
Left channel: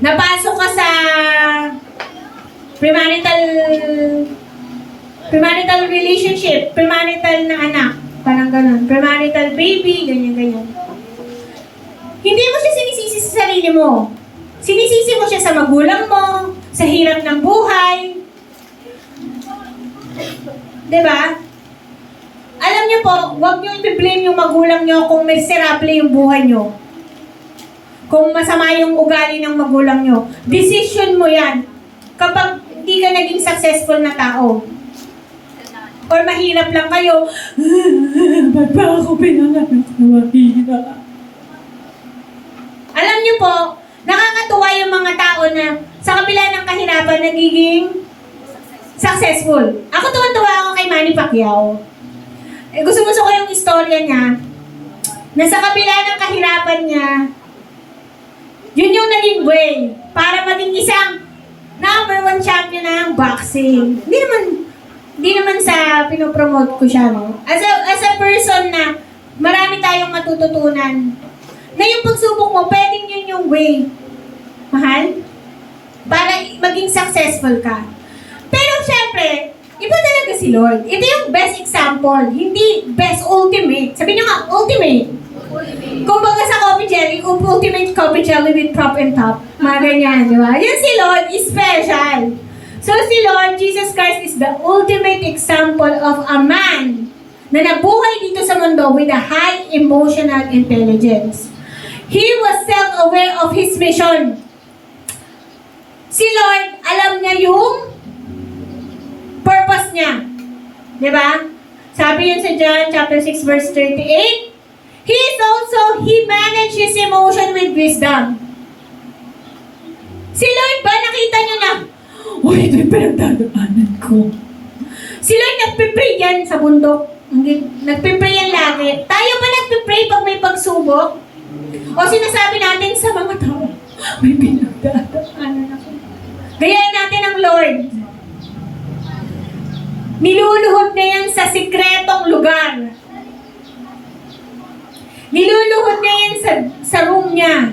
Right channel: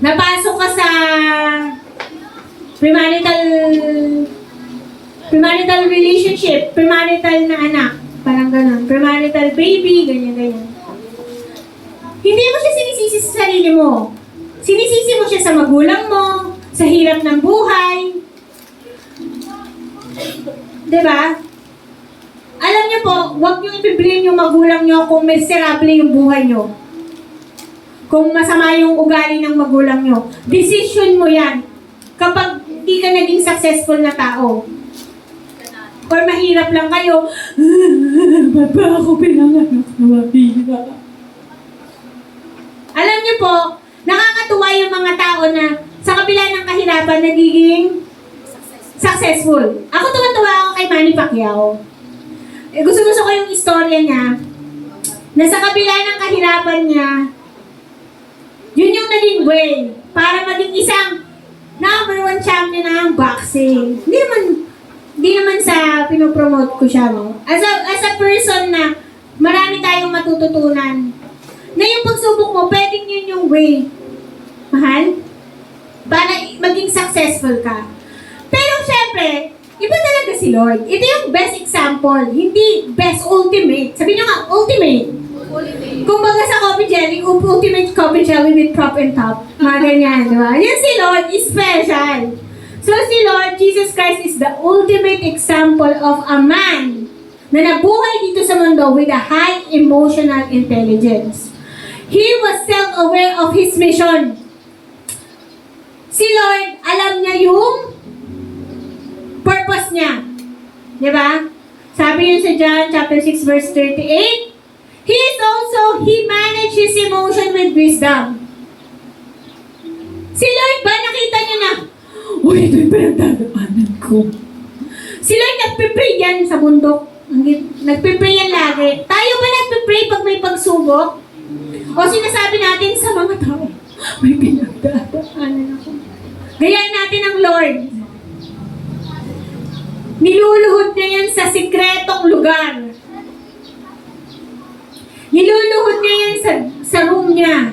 napasok ka sa premarital relationship, premarital na anak, parang ganun, premarital baby, ganyan. Hindi mo siya sinisisi sa sarili mo. Sinisisi mo siya sa magulang mo, sa hirap ng buhay. Diba? Alam niyo po, huwag niyo i-blame yung magulang niyo kung miserable yung buhay niyo. Kung masama yung ugali ng magulang niyo. Decision mo yan. Kapag hindi ka naging successful na tao. Or mahirap lang kayo, ba't ba ako pinanganak na mahirap? Alam niyo po, nakakatuwa yung mga tao na sa kabila ng kahirapan nagiging successful. Ako tuwan-tuwa ako kay Manny Pacquiao. Gusto ko yung istorya niya na sa kabila ng kahirapan niya, yun yung naging way para maging isang #1 champion ng boxing. Hindi naman sa pinopromote ko siya, no? As a person na marami tayong matututunan. Na yung pagsubok mo, pwedeng yun yung way. Mahal? Para maging successful ka. Pero syempre, iba talaga si Lord. Ito yung best example, hindi best ultimate. Sabi nyo nga, ultimate. Kung baga sa coffee jelly, ultimate coffee jelly with prop and top. Mga ganyan, di ba? Yan si Lord is special. So si Lord Jesus Christ is the ultimate example of a man na nabuhay dito sa mundo with a high emotional intelligence. He was self-aware of his mission. Si Lord, alam niya yung purpose niya. Di ba? Sabi yun sa John chapter 6 verse 38, He managed his emotion with wisdom. Si Lord ba, nakita niya na, uy, ito yung pinagdadaanan ko. Si Lord nagpipray yan sa bundok. Nagpipray yan lagi. Tayo ba nagpipray pag may pagsubok? O sinasabi natin sa mga tao, may pinagdadaanan ako. Gayahin natin ang Lord. Niluluhod na yan sa sikretong lugar. Niluluhod niya yan sa room niya.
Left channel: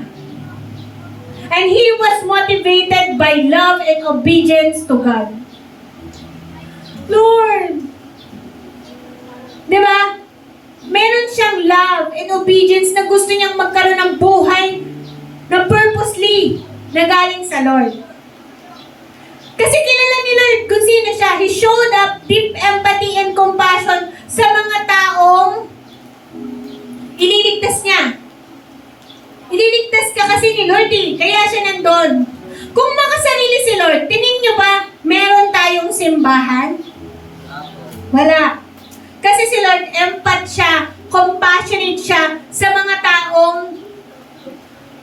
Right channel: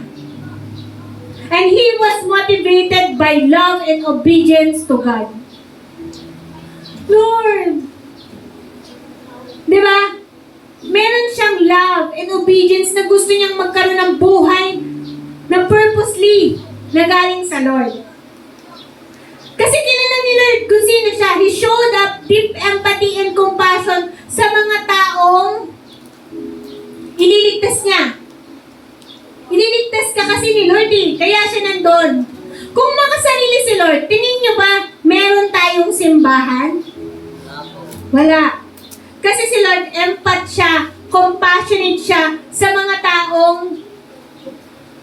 And he was motivated by love and obedience to God. Lord! Diba? Meron siyang love and obedience na gusto niyang magkaroon ng buhay na purposely na galing sa Lord. Kasi kilala ni Lord kung sino siya. He showed up deep empathy and compassion sa mga taong ililigtas niya. Ililigtas ka kasi ni Lord eh. Kaya siya nandun. Kung makasarili si Lord, tingin niyo ba meron tayong simbahan? Wala. Kasi si Lord, empath siya, compassionate siya sa mga taong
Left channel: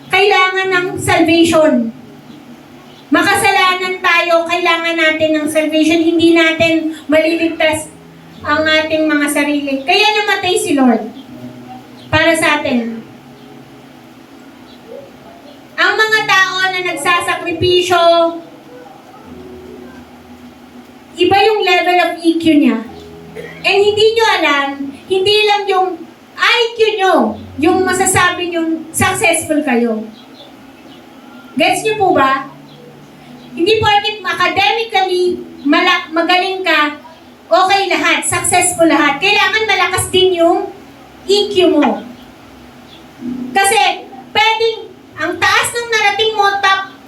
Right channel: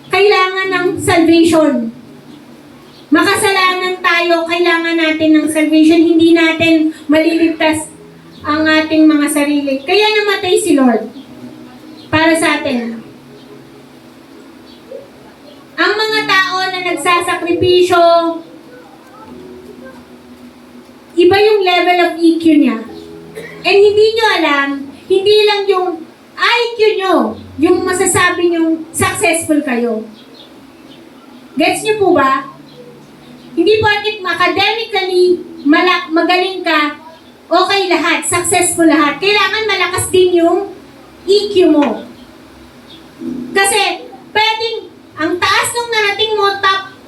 kailangan ng salvation. Makasalanan tayo, kailangan natin ng salvation. Hindi natin maliligtas ang ating mga sarili. Kaya namatay si Lord para sa atin. Ang mga tao na nagsasakripisyo, iba yung level of EQ niya. And hindi nyo alam, hindi lang yung IQ nyo, yung masasabi nyo successful kayo. Gets nyo po ba? Hindi porket academically magaling ka, okay lahat, successful lahat. Kailangan malakas din yung EQ mo. Kasi, pwedeng, ang taas nung narating mo,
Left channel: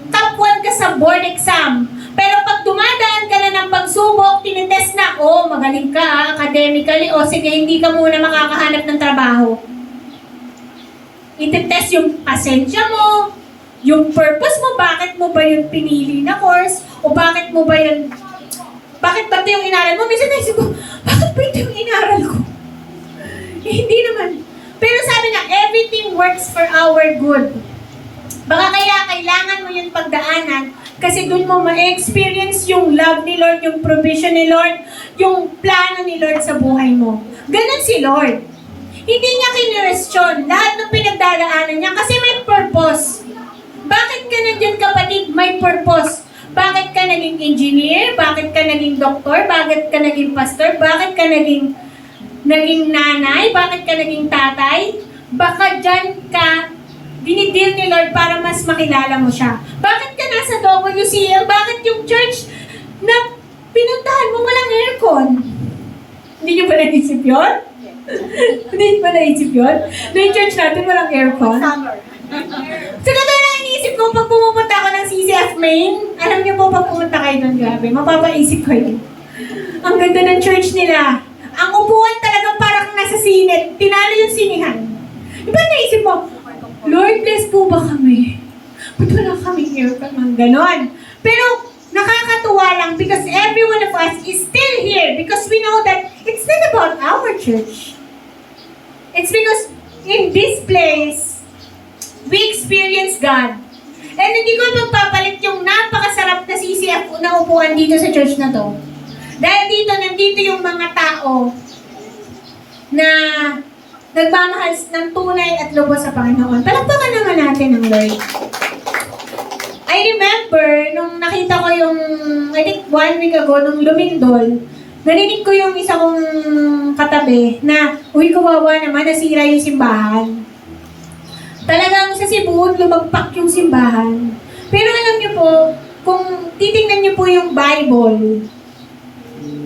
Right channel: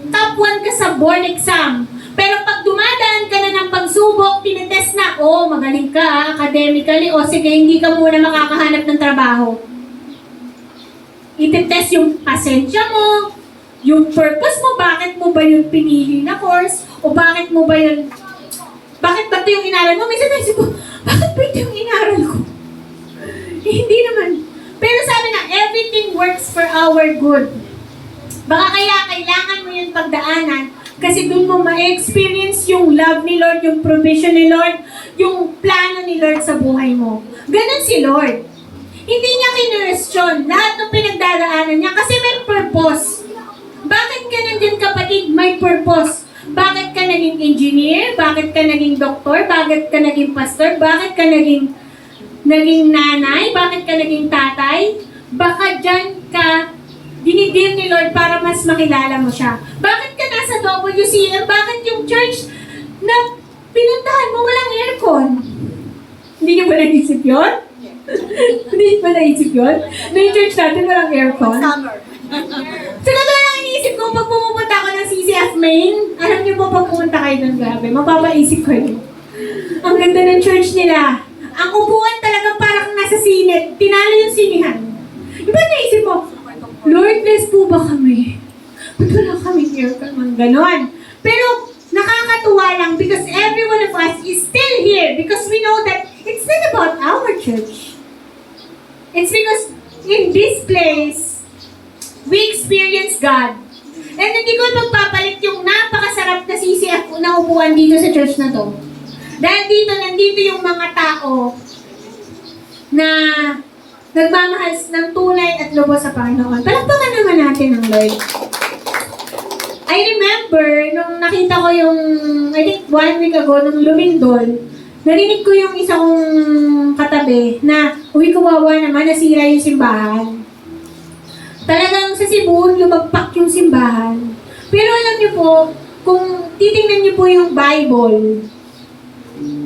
top 1 ka sa board exam. Pero pag dumadaan ka na ng pagsubok, tinitest na, magaling ka academically, sige, hindi ka muna makakahanap ng trabaho. Ititest yung pasensya mo, yung purpose mo, bakit mo ba yung pinili na course, o bakit mo ba yung, bakit ba ito yung inaral mo? Minsan naisip ko, bakit ba ito yung inaral ko? Hindi naman. Pero sabi na, everything works for our good. Baka kaya kailangan mo yung pagdaanan Kasi doon mo ma-experience yung love ni Lord, yung provision ni Lord, yung plano ni Lord sa buhay mo. Ganon si Lord. Hindi niya kinwestiyon lahat ng pinagdadaanan niya kasi may purpose. Bakit ka nandyan, kapatid? May purpose. Bakit ka naging engineer? Bakit ka naging doktor? Bakit ka naging pastor? Bakit ka naging nanay? Bakit ka naging tatay? Baka dyan ka dinideal ni Lord para mas makilala mo siya. Bakit ka nasa WCM? Bakit yung church na pinuntahan mo walang aircon? Hindi niyo ba naisip yun? Hindi niyo ba naisip yun? Na yung church natin walang aircon? Summer. Siguro na iniisip ko pag pumupunta ako ng CCF Main, alam niyo po pag pumunta kayo doon, grabe, mapapaisip kayo. Ang ganda ng church nila. Ang upuan talaga parang nasa sinet. Tinalo yung sinihan. Iba naisip mo, Lord, bless po ba kami? Ba't wala kaming aircon? Ang ganon. Pero nakakatuwa lang because every one of us is still here because we know that it's not about our church. It's because in this place, we experience God. And hindi ko magpapalit yung napakasarap na CCF na upuan dito sa church na to. Dahil dito, nandito yung mga tao na nagmamahal ng tunay at lubos sa Panginoon. Palakpakan naman natin ang Lord. I remember, nung nakita ko yung, I think 1 week ago, nung lumindol, narinig ko yung isa kong katabi na, uy, kawawa naman, nasira yung simbahan. Talagang sa Cebu, lumagpak yung simbahan. Pero alam niyo po, kung titingnan niyo po yung Bible,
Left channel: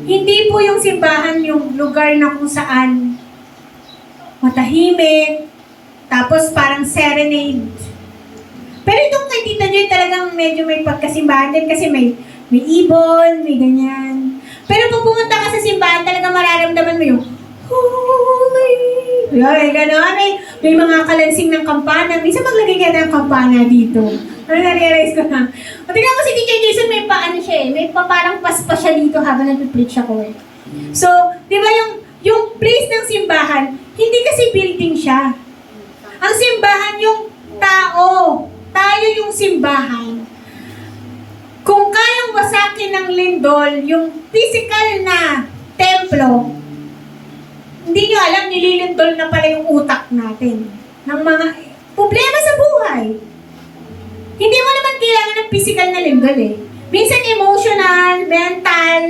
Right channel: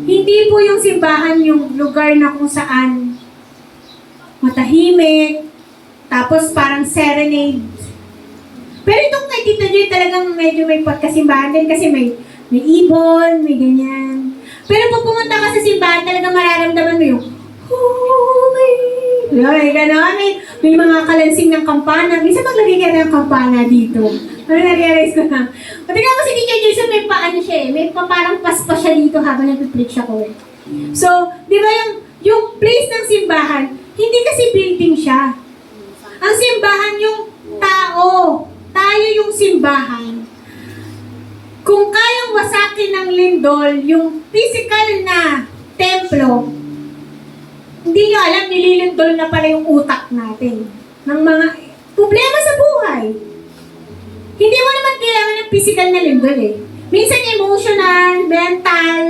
hindi po yung simbahan yung lugar na kung saan matahimik, tapos parang serenade. Pero itong kay Tita Joy talagang medyo may pagkasimbahan din kasi may ibon, may ganyan. Pero pag pumunta ka sa simbahan, talagang mararamdaman mo yung holy. Ay, gano'n. May mga kalansing ng kampana. Minsan maglagay ka ng kampana dito. Ano na-realize ko na? O tingnan mo si DJ Jason, may paano siya eh. May parang paspas siya dito habang nag-preach ako eh. So, di ba yung place ng simbahan, hindi kasi building siya. Ang simbahan yung tao. Tayo yung simbahan. Kung kayang wasakin ng lindol, yung physical na templo, hindi nyo alam, nililindol na pala yung utak natin ng mga problema sa buhay. Hindi mo naman kailangan ng physical na lindol eh. Minsan emotional, mental,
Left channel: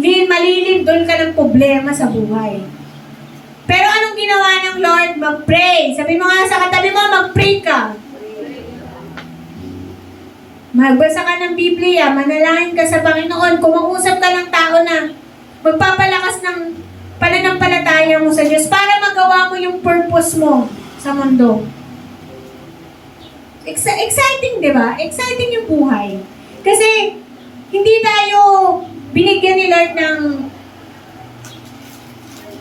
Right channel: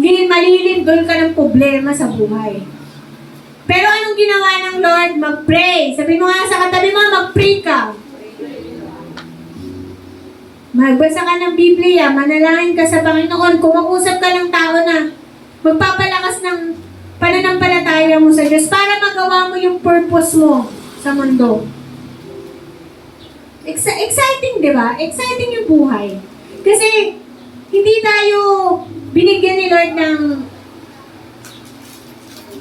malilindol ka ng problema sa buhay. Pero anong ginawa ng Lord? Mag-pray. Sabi mo nga sa katabi mo, mag-pray ka. Magbasa ka ng Biblia, manalangin ka sa Panginoon, kumausap ka ng tao na magpapalakas ng pananampalataya mo sa Diyos para magawa mo yung purpose mo sa mundo. Exciting, di ba? Exciting yung buhay. Kasi hindi tayo binigyan ni Lord ng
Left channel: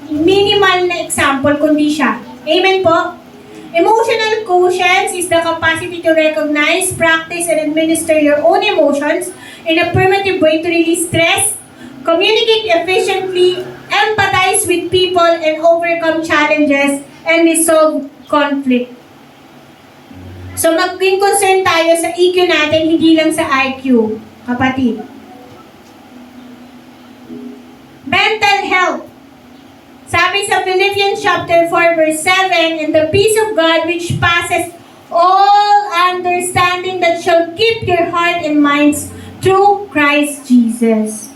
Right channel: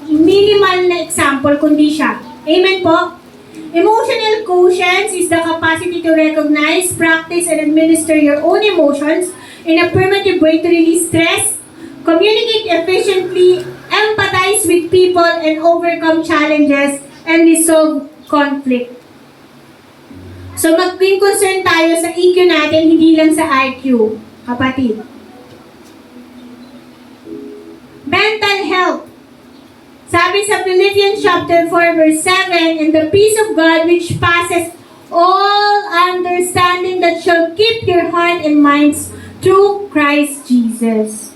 minimal na example, kundi siya. Amen po? Emotional quotient is the capacity to recognize, practice, and administer your own emotions in a primitive way to release stress, communicate efficiently, empathize with people, and overcome challenges and resolve conflict. So maging concern tayo sa EQ natin, hindi lang sa IQ, kapatid. Mental health. Sabi sa Philippians chapter 4 verse 7, "And the peace of God which passes all understanding that shall keep your heart and minds through Christ Jesus."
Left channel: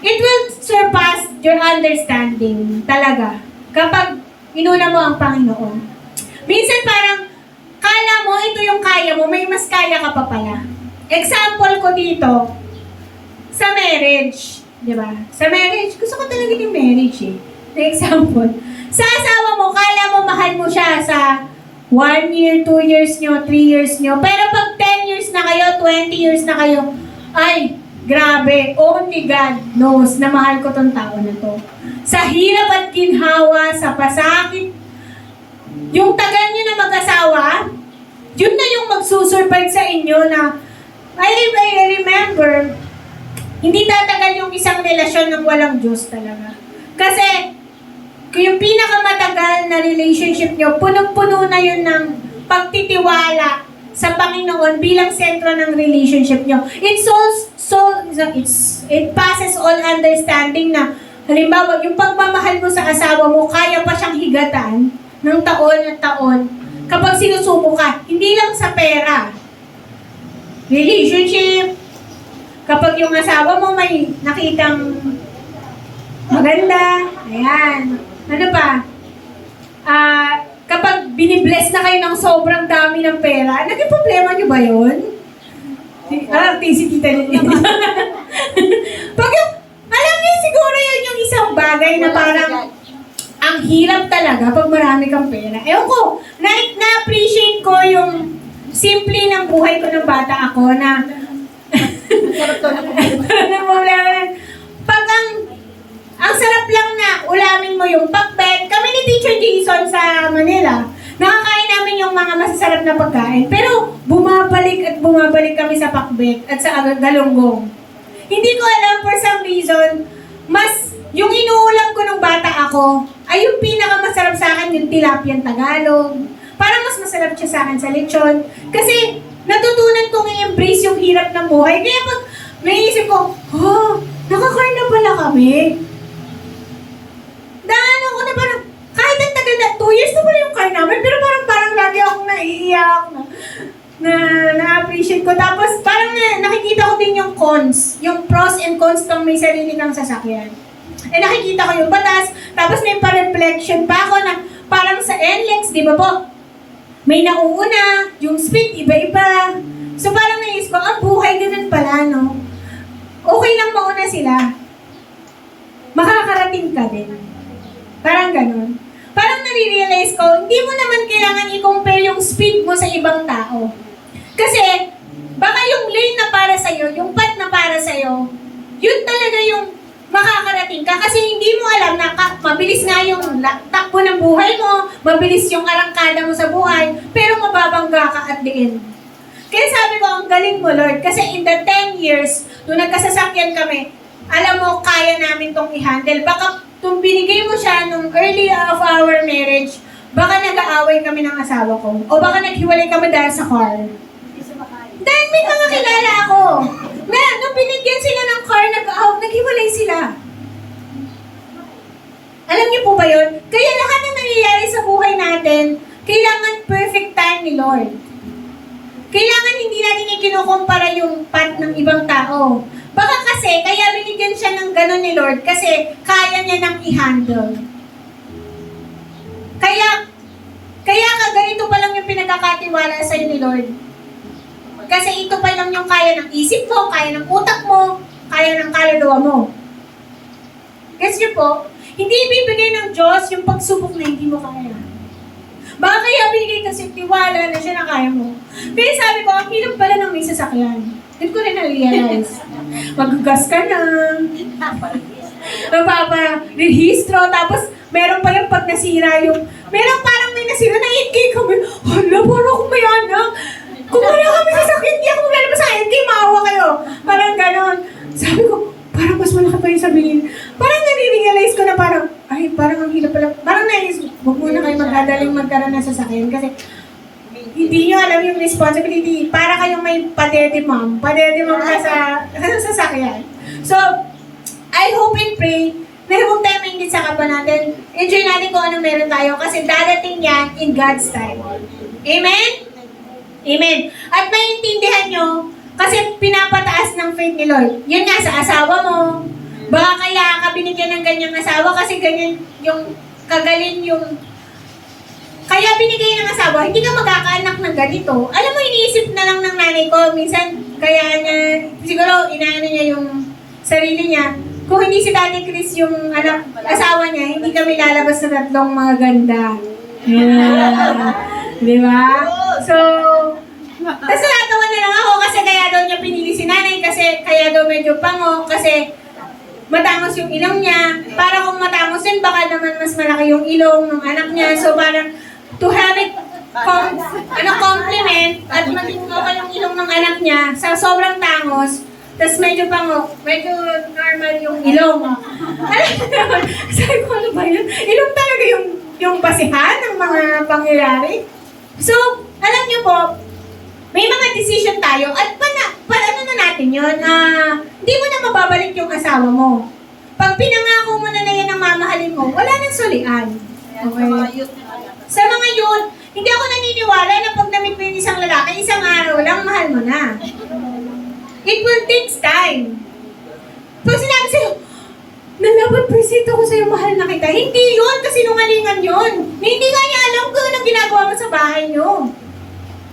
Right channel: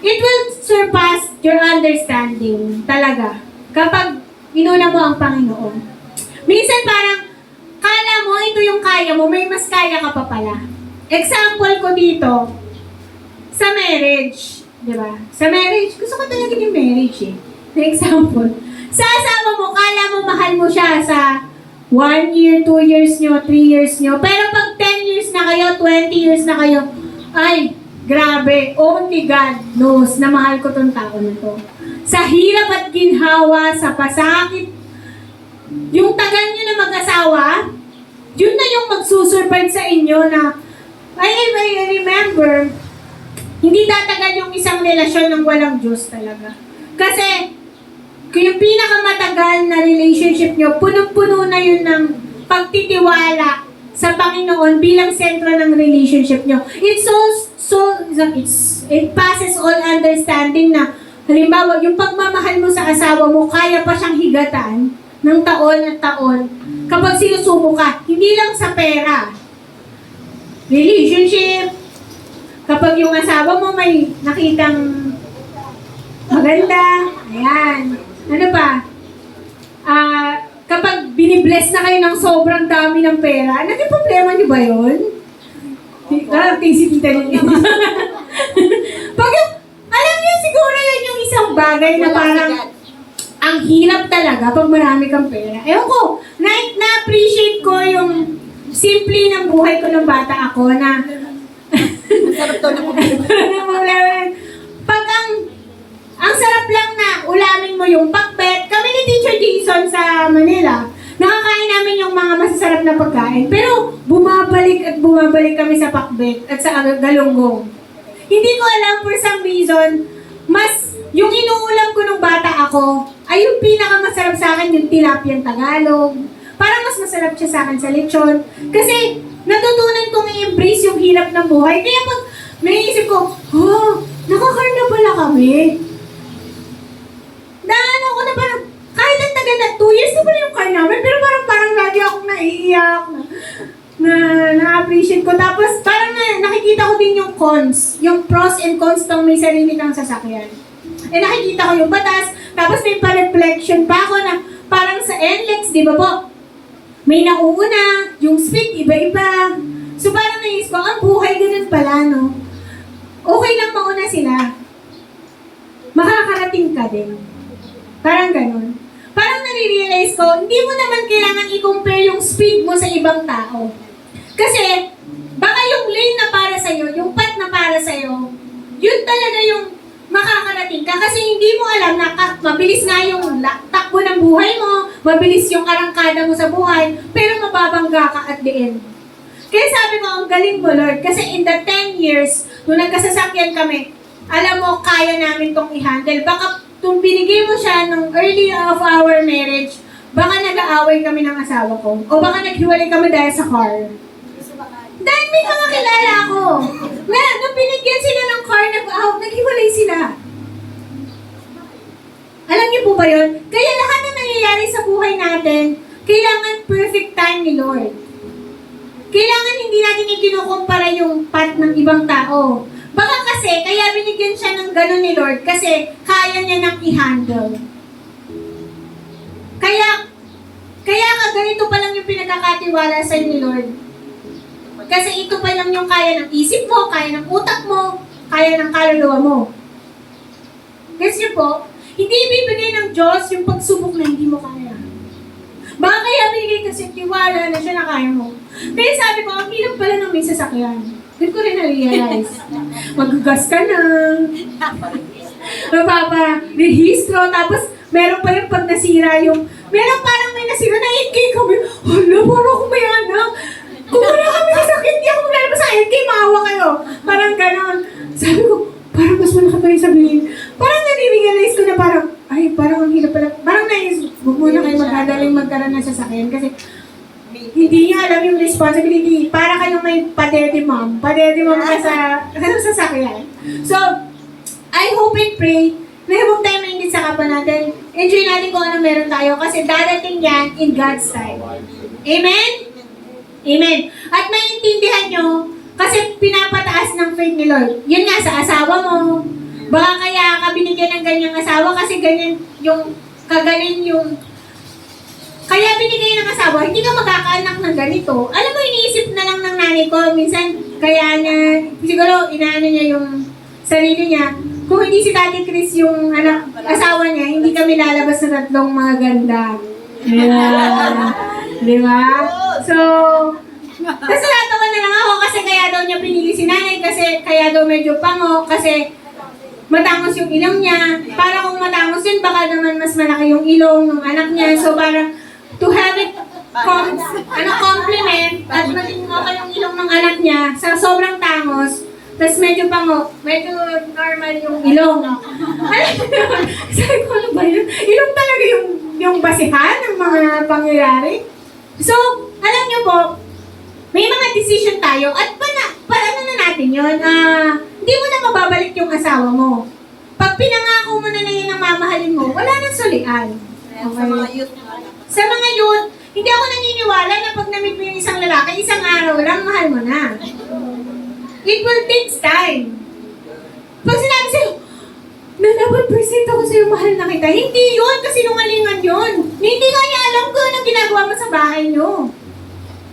It will surpass your understanding talaga kapag inuna mo ang Panginoon. Minsan parang kala mo ito yung kaya mo, may mas kaya ka pa pala. Example ko dito, sa marriage, di ba? Sa marriage, gusto ko talaga yung marriage eh. The example, sa asawa mo, kala mo mahal mo siya sa 1 year, 2 years nyo, 3 years nyo. Pero pag 10 years na kayo, 20 years na kayo, ay, grabe, only God knows na mahal ko tong tao na to. Sa hirap at ginhawa, sa pasakit, yung tagal nyo na mag-asawa, yun na yung magsusurvive sa inyo na, I remember, hindi tatagal yung isang relasyon ng walang Diyos talaga. Kasi, yung pinakamatagal na relationship nyo, punong-puno na yun ng pagtitiwala sa Panginoon bilang sentro ng relationship nyo. It passes all understanding na, halimbawa, yung pagmamahal mo sa asawa mo, kaya pa siyang higatan ng taon at taon kapag sinusubo ka. Hindi lang sa pera. Relationship, kapag yung asawa mo may nakitang maganda, ayan. Ano pa? Kapag binibless na kayo ng sobrang dami ng pera, naging problema nyo ba yun? Si tita niyo. Pag yung, alam niyo siguro yun yung isang bagay na parang ang hirap talaga pag marami kang pera. Ewan ko, na-appreciate ko yung simple ng buhay ko ng bata ako na pag ang sarap lang na ulamin mo yung pakbet. Kami ni Teacher Jason sa Manila, nakakain namin yung mga masasarap na pagkain. Pero bumabalik at bumabalik kami sa pakbet at sa galunggong. Hindi ko alam for some reason, yung inuulam ko nung bata ako, ay yung pinakamasarap sa akin yung tilapiyang Tagalog. Parang mas masarap siya sa akin sa lechon. Kasi natutunan kong i-embrace yung hirap ng buhay. Kaya pag naisip ko, nakakarna pala kami. Ano ko na parang, kahit ang tagal na, 2 years na pala yung car namin, pero parang lagi akong naiiyak na-appreciate ko. Tapos parang nakikita ko din yung cons, yung pros and cons ng may sarili kang sasakyan. Nakikita ko yung batas, tapos may pa-reflection pa ako na parang sa NLEX, di ba po? May nauuna, yung speed, iba-iba. So parang naisip ko, ang buhay ganun pala, no? Okay lang mauna sila. Makakarating ka din. Parang ganun. Parang nare-realize ko, hindi mo naman kailangan i-compare yung speed mo sa ibang tao. Kasi, baka yung lane na para sa'yo, yung path na para sa'yo, yun talaga yung makakarating ka. Kasi hindi mo alam na mabilis nga yung takbo ng buhay mo, mabilis yung arangkada mo sa buhay, pero mababangga ka at the end. Kaya sabi ko, ang galing mo, Lord. Kasi in the 10 years, nung nagkasasakyan kami, alam mo, kaya namin tong i-handle. Baka kung binigay mo siya nung early of our marriage, baka nag-aaway kami ng asawa ko. O baka naghiwalay kami dahil sa car. Dahil may mga kilala ako na nung binigyan sila ng car, naghiwalay sila. Alam niyo po ba yun? Kaya lahat ng nangyayari sa buhay natin, kailangan perfect time ni Lord. Kailangan hindi natin ikinukumpara yung path ng ibang tao. Baka kasi, kaya binigyan siya ng ganun ni Lord kasi kaya niya nang i-handle. Kaya ganito pa lang yung pinagkakatiwala sa'yo ni Lord. Kasi ito pa lang yung kaya ng isip mo, kaya ng utak mo, kaya ng kaluluwa mo. Guess niyo po, hindi ibibigay ng Diyos yung pagsubok na hindi mo kaya. Baka kaya binigay kasi tiwala na siya na kaya mo. Pero sabi ko, ang hirap pala ng may sasakyan. Doon ko rin na-realize. Magugas ka na. Mapapa-rehistro. Tapos, meron pa yung pag nasira yung... Meron parang may nasira na 8K kami. Hala, parang akong may anak. Kung wala kami sasakyan, hindi ako meron sa 8K, maawa kayo. Parang ganon. Sabi ko, parang mas malaki pa yung sabihin. Parang nare-realize ko na parang, ay, parang ang hirap pala. Parang naisip, huwag muna kayo magdadaling magkaroon ng sasakyan. Kasi, hindi nyo alam yung responsibility. Para kayong may padede mom ka sa sasakyan. So, I hope and pray na huwag tayo mainit sa kapwa natin. Enjoy natin kung ano meron tayo kasi dadating yan in God's time. Amen? Amen. At maintindihan nyo, kasi pinapataas ng faith ni Lord. Yun nga, sa asawa mo. Baka kaya ka binigyan ng ganyang asawa kasi ganyan yung kagaling yung kaya binigay ng asawa, hindi ka magkakaanak ng ganito. Alam mo, iniisip na lang ng nanay ko. Minsan, kaya niya, siguro, inaano niya yung sarili niya. Kung hindi si Tati Chris yung asawa niya, hindi kami lalabas na tatlong mga ganda. Yeah. Di ba? So, tapos natawa na lang ako kasi kaya daw niya pinili si nanay kasi kaya daw medyo pango kasi matangos yung ilong niya. Para kung matangos yun, baka naman mas malaki yung ilong ng anak niya. So, parang to have it compliment at maging okay yung ilong ng anak niya sa sobrang tangos, tapos medyo medyo normal yung ilong. Sabi ko, ano ba yun? Ilong talaga yung basihan ng mga pangyayari. So, alam niyo po, mga decision tayo at ano na natin yun, hindi mo na mababalik yung asawa mo. Pag pinangako mo na yan ang mamahalin mo, wala nang sulian. Sa mga youth na Sa mga yun, hindi ako naniniwala na pag namit mo yung isang lalaki, isang araw lang, mahal mo na. It will take time. Pag sinabi sa'yo, nalaban percent ako sa'yo, mahal na kita. Hindi yun, kasi nungalingan yun. Hindi nga niya alam kung anong ginagawa mo sa bahay niyo.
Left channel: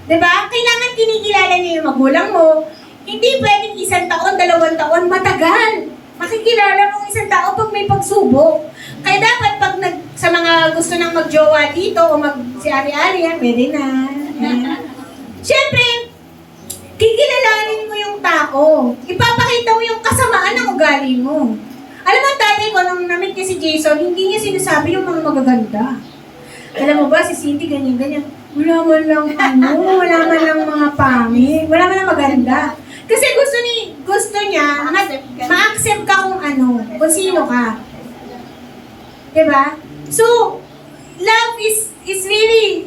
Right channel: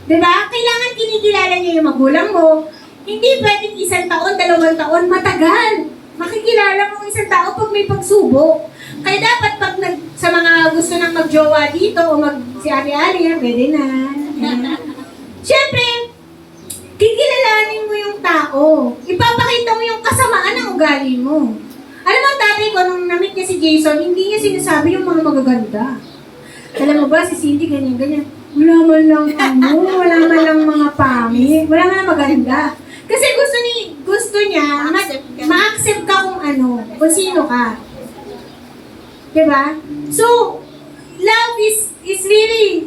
Diba? Kailangan kinikilala niya yung magulang mo. Hindi pwedeng 1 taon, 2 taon, matagal. Makikilala mo 1 tao pag may pagsubok. Kaya dapat pag sa mga gusto nang magjowa dito o si Ari-Ari, pwede na. Siyempre, kikilalanin mo yung tao. Ipapakita mo yung kasamaan ng ugali mo. Alam mo, tatay ko, nung na-meet niya si Jason, hindi niya sinasabi yung mga magaganda. Alam mo ba, si Cindy, ganyan-ganyan. Wala man lang wala man lang mga pangit, wala man lang maganda. Kasi gusto niya, ma-accept ka kung sino ka. Diba? So, love is really,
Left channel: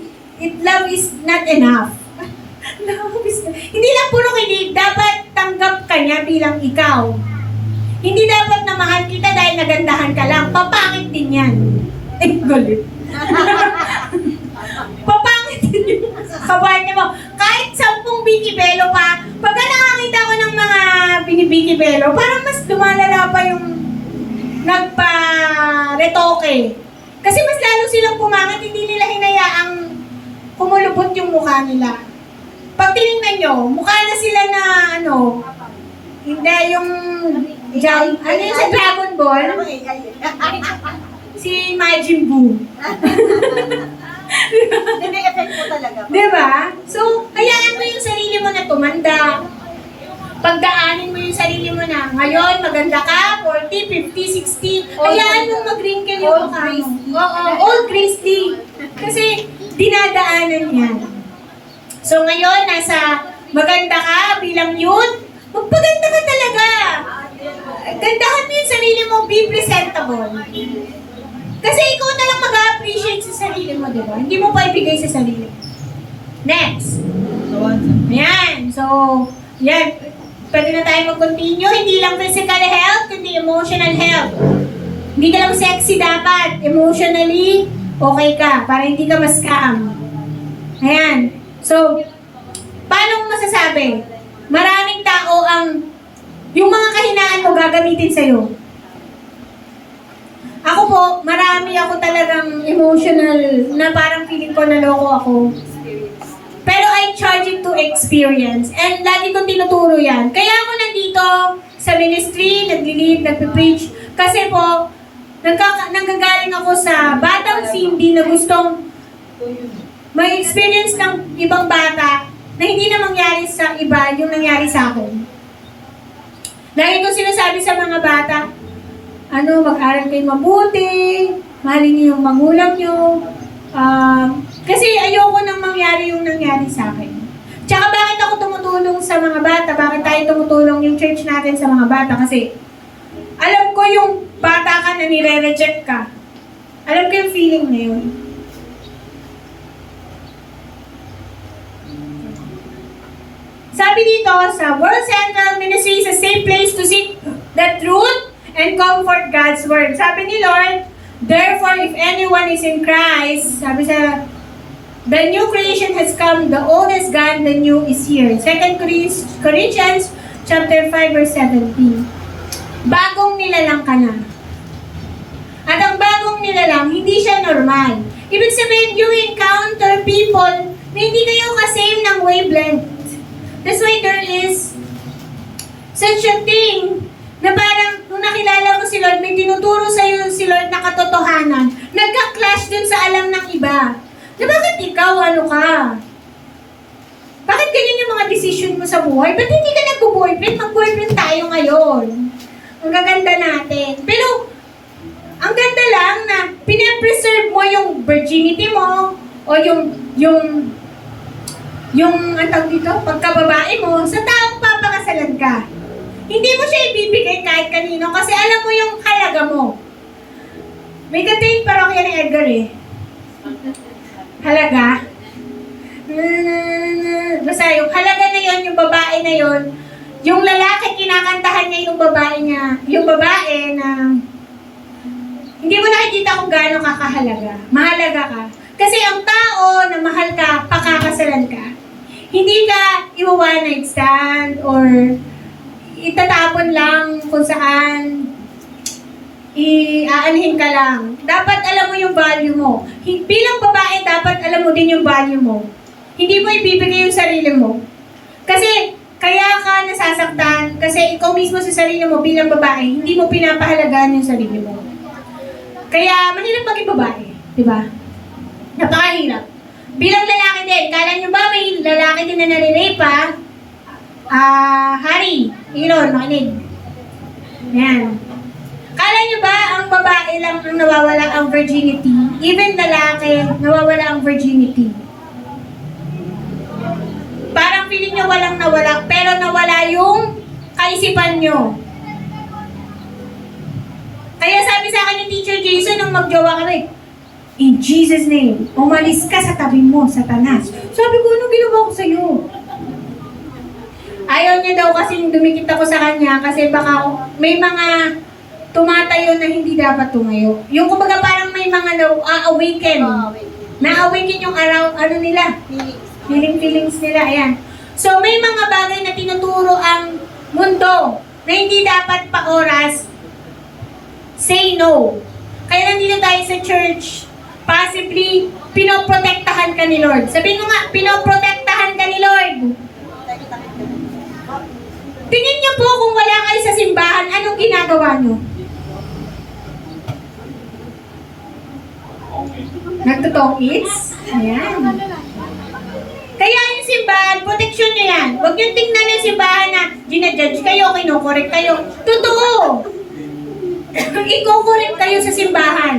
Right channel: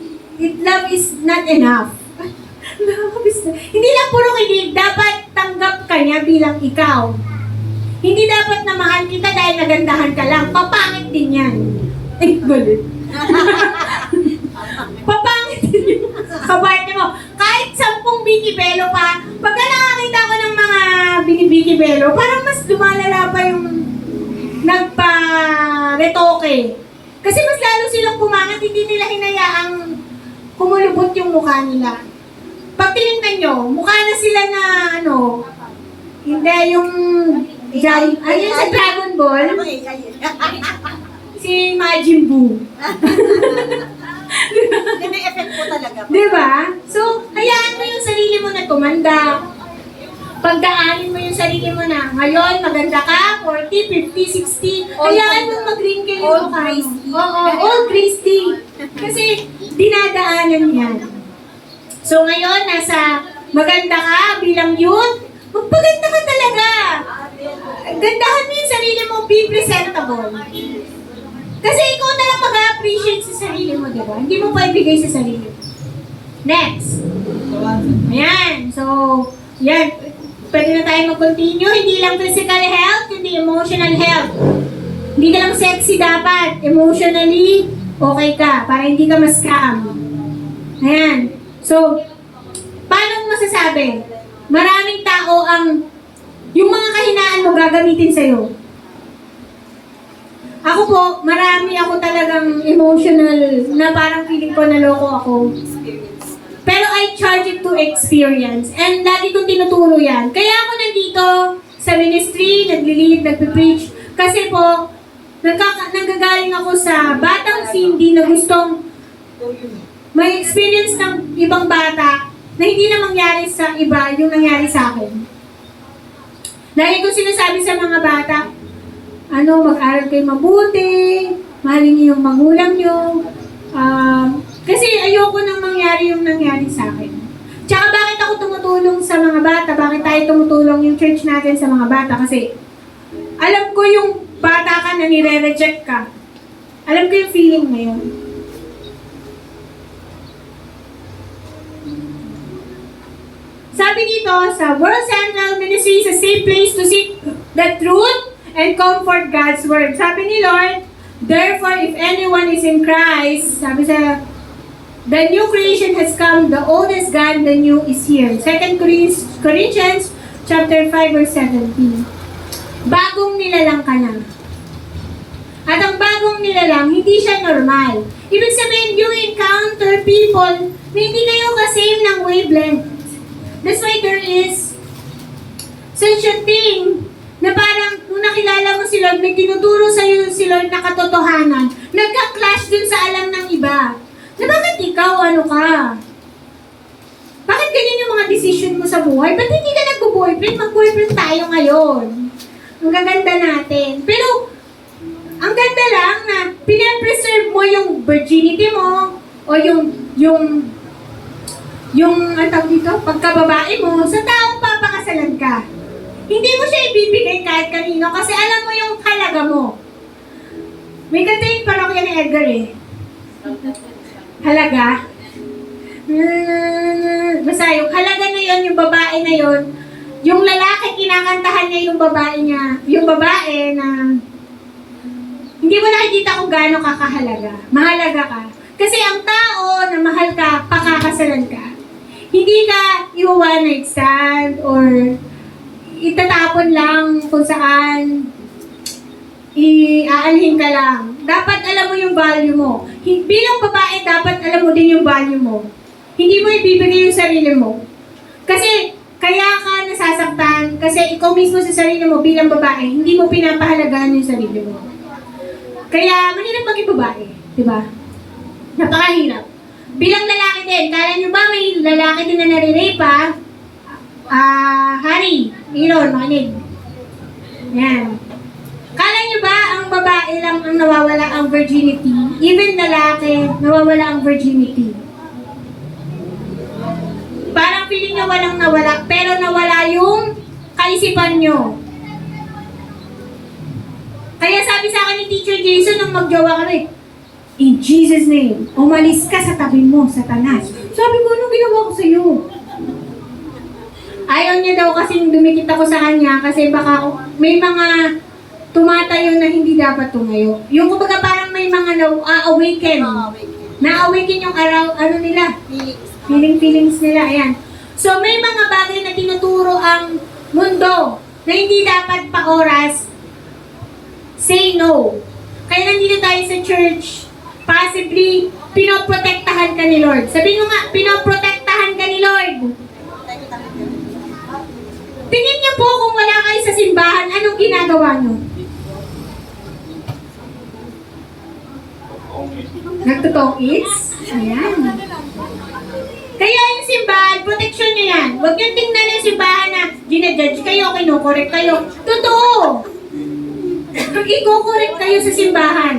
love is not enough. Hindi lang puro kilig, dapat tanggap ka niya bilang ikaw. Hindi dapat na mahal kita dahil nagandahan ka lang. Papangit din yan. Ay, galit. Papangit din yung kabayan mo. Kahit 10 bikibelo pa, pagka nakakita ko ng mga binibikibelo, parang mas lumalala pa yung nagpa-retoke. Kasi mas lalo silang pumangit, hindi nila hinayaang kumulubot yung mukha nila. Pag tinignan nyo, mukha na sila na hindi yung sa Dragon Ball, si Majin Buu. Hindi effect po talaga. Diba? So, hayaan mo yung sarili mo na tumanda. Pagdaanin mo yung sarili mo na, ngayon, maganda ka, 40, 50, 60, hayaan mo mag-wrinkle yung mukha mo. Old Christy. Kasi, dinadaanan yan. So, ngayon, nasa maganda ka bilang youth, magpaganda ka talaga. Gandahan mo yung sarili mo, be presentable. Kasi ikaw na lang mag-appreciate sa sarili mo, di ba? Hindi mo pa ibigay sa sarili mo. Next. Ayan. So, yan. Pwede na tayo mag-continue. Hindi lang physical health, kundi emotional health. Hindi ka lang sexy dapat. Emotionally, okay ka. Para hindi ka ma-scam. Ayan. So, paano mo masasabi? Maraming tao yung mga kahinaan mo gagamitin sa'yo. Ako po, marami ako talagang emotional na parang feeling ko naloko ako. Pero I charge it to experience. And lagi kong tinuturo yan. Kaya ako nandito sa ministry, nagli-lead, nagpe-preach. Kasi po, nanggagaling ako sa batang Cindy na gustong may experience ng ibang bata na hindi na mangyari sa iba yung nangyari sa akin. Lagi ko sinasabi sa mga bata, mag-aral kayo mabuti, mahalin niyo yung magulang niyo. Kasi ayoko nang mangyari yung nangyari sa akin. Tsaka bakit ako tumutulong sa mga bata? Bakit tayo tumutulong yung church natin sa mga bata? Kasi alam ko yung bata ka na nire-reject ka. Alam ko yung feeling na yun. Sabi dito sa World Central Ministry is a safe place to seek the truth and comfort God's Word. Sabi ni Lord, therefore, if anyone is in Christ, sabi sa, the new creation has come, the old is gone, the new is here. 2 Corinthians chapter 5, verse 17. Bagong nilalang ka na. At ang bagong nilalang, hindi siya normal. Ibig sabihin, you encounter people na hindi kayo kasame ng wavelength. That's why there is such a thing na parang nung nakilala mo si Lord, may tinuturo sa'yo si Lord na katotohanan, nagka-clash dun sa alam ng iba. Na bakit ikaw, ka? Bakit ganyan yung mga decision mo sa buhay? Ba't hindi ka nag-boyfriend? Mag-boyfriend tayo ngayon. Ang gaganda natin. Pero, ang ganda lang na pinapreserve mo yung virginity mo o ang tawag dito, pagkababae mo, sa taong papakasalan ka. Hindi mo siya ibibigay kahit kanino kasi alam mo yung halaga mo. May kanta yung parokya ni Edgar halaga. Basta yung halaga na babae na yon, yung lalaki kinakantahan niya yung babae na hindi mo nakikita kung gaano ka kahalaga. Mahalaga ka. Kasi ang tao na mahal ka, pakakasalan ka. Hindi ka i-one night stand or itatapon lang kung saan aanhin ka lang. Dapat alam mo yung value mo. Bilang babae, dapat alam mo din yung value mo. Hindi mo ibibigay yung sarili mo. Kasi kaya ka nasasaktan, kasi ikaw mismo sa sarili mo bilang babae, hindi mo pinapahalagaan yung sarili mo. Kaya mahirap maging babae, di ba? Napakahirap. Bilang lalaki din, kala nyo ba may lalaki din na nare-rape ha? Hari, Iron, makinig. Yan. Kala nyo ba ang babae lang ang nawawala ang virginity? Even lalaki, nawawala ang virginity. Parang feeling nyo walang nawala, pero nawala yung kaisipan nyo. Kaya sabi sa akin ni Teacher Jason nung magjowa kami, in Jesus' name, umalis ka sa tabi mo, Satanas. Sabi ko, anong ginawa ko sa'yo? Ayaw niya daw kasing dumikit ako sa kanya kasi baka may mga tumatayo na hindi dapat tumayo. Yung kumbaga parang may mga na-awaken. Na-awaken yung araw, ano nila? Feelings nila, ayan. So may mga bagay na tinuturo ang mundo na hindi dapat pa oras, say no. Kaya nandito tayo sa church, possibly, pinoprotektahan ka ni Lord. Sabihin mo nga, pinoprotektahan ka ni Lord. Tingin niyo po kung wala kayo sa simbahan, anong ginagawa niyo? Nagtutokits? Ayan. Kaya yung simbahan, proteksyon niyo yan. Huwag niyo tingnan yung simbahan na ginajudge kayo, kinukorek kayo. Totoo! I-correct kayo sa simbahan.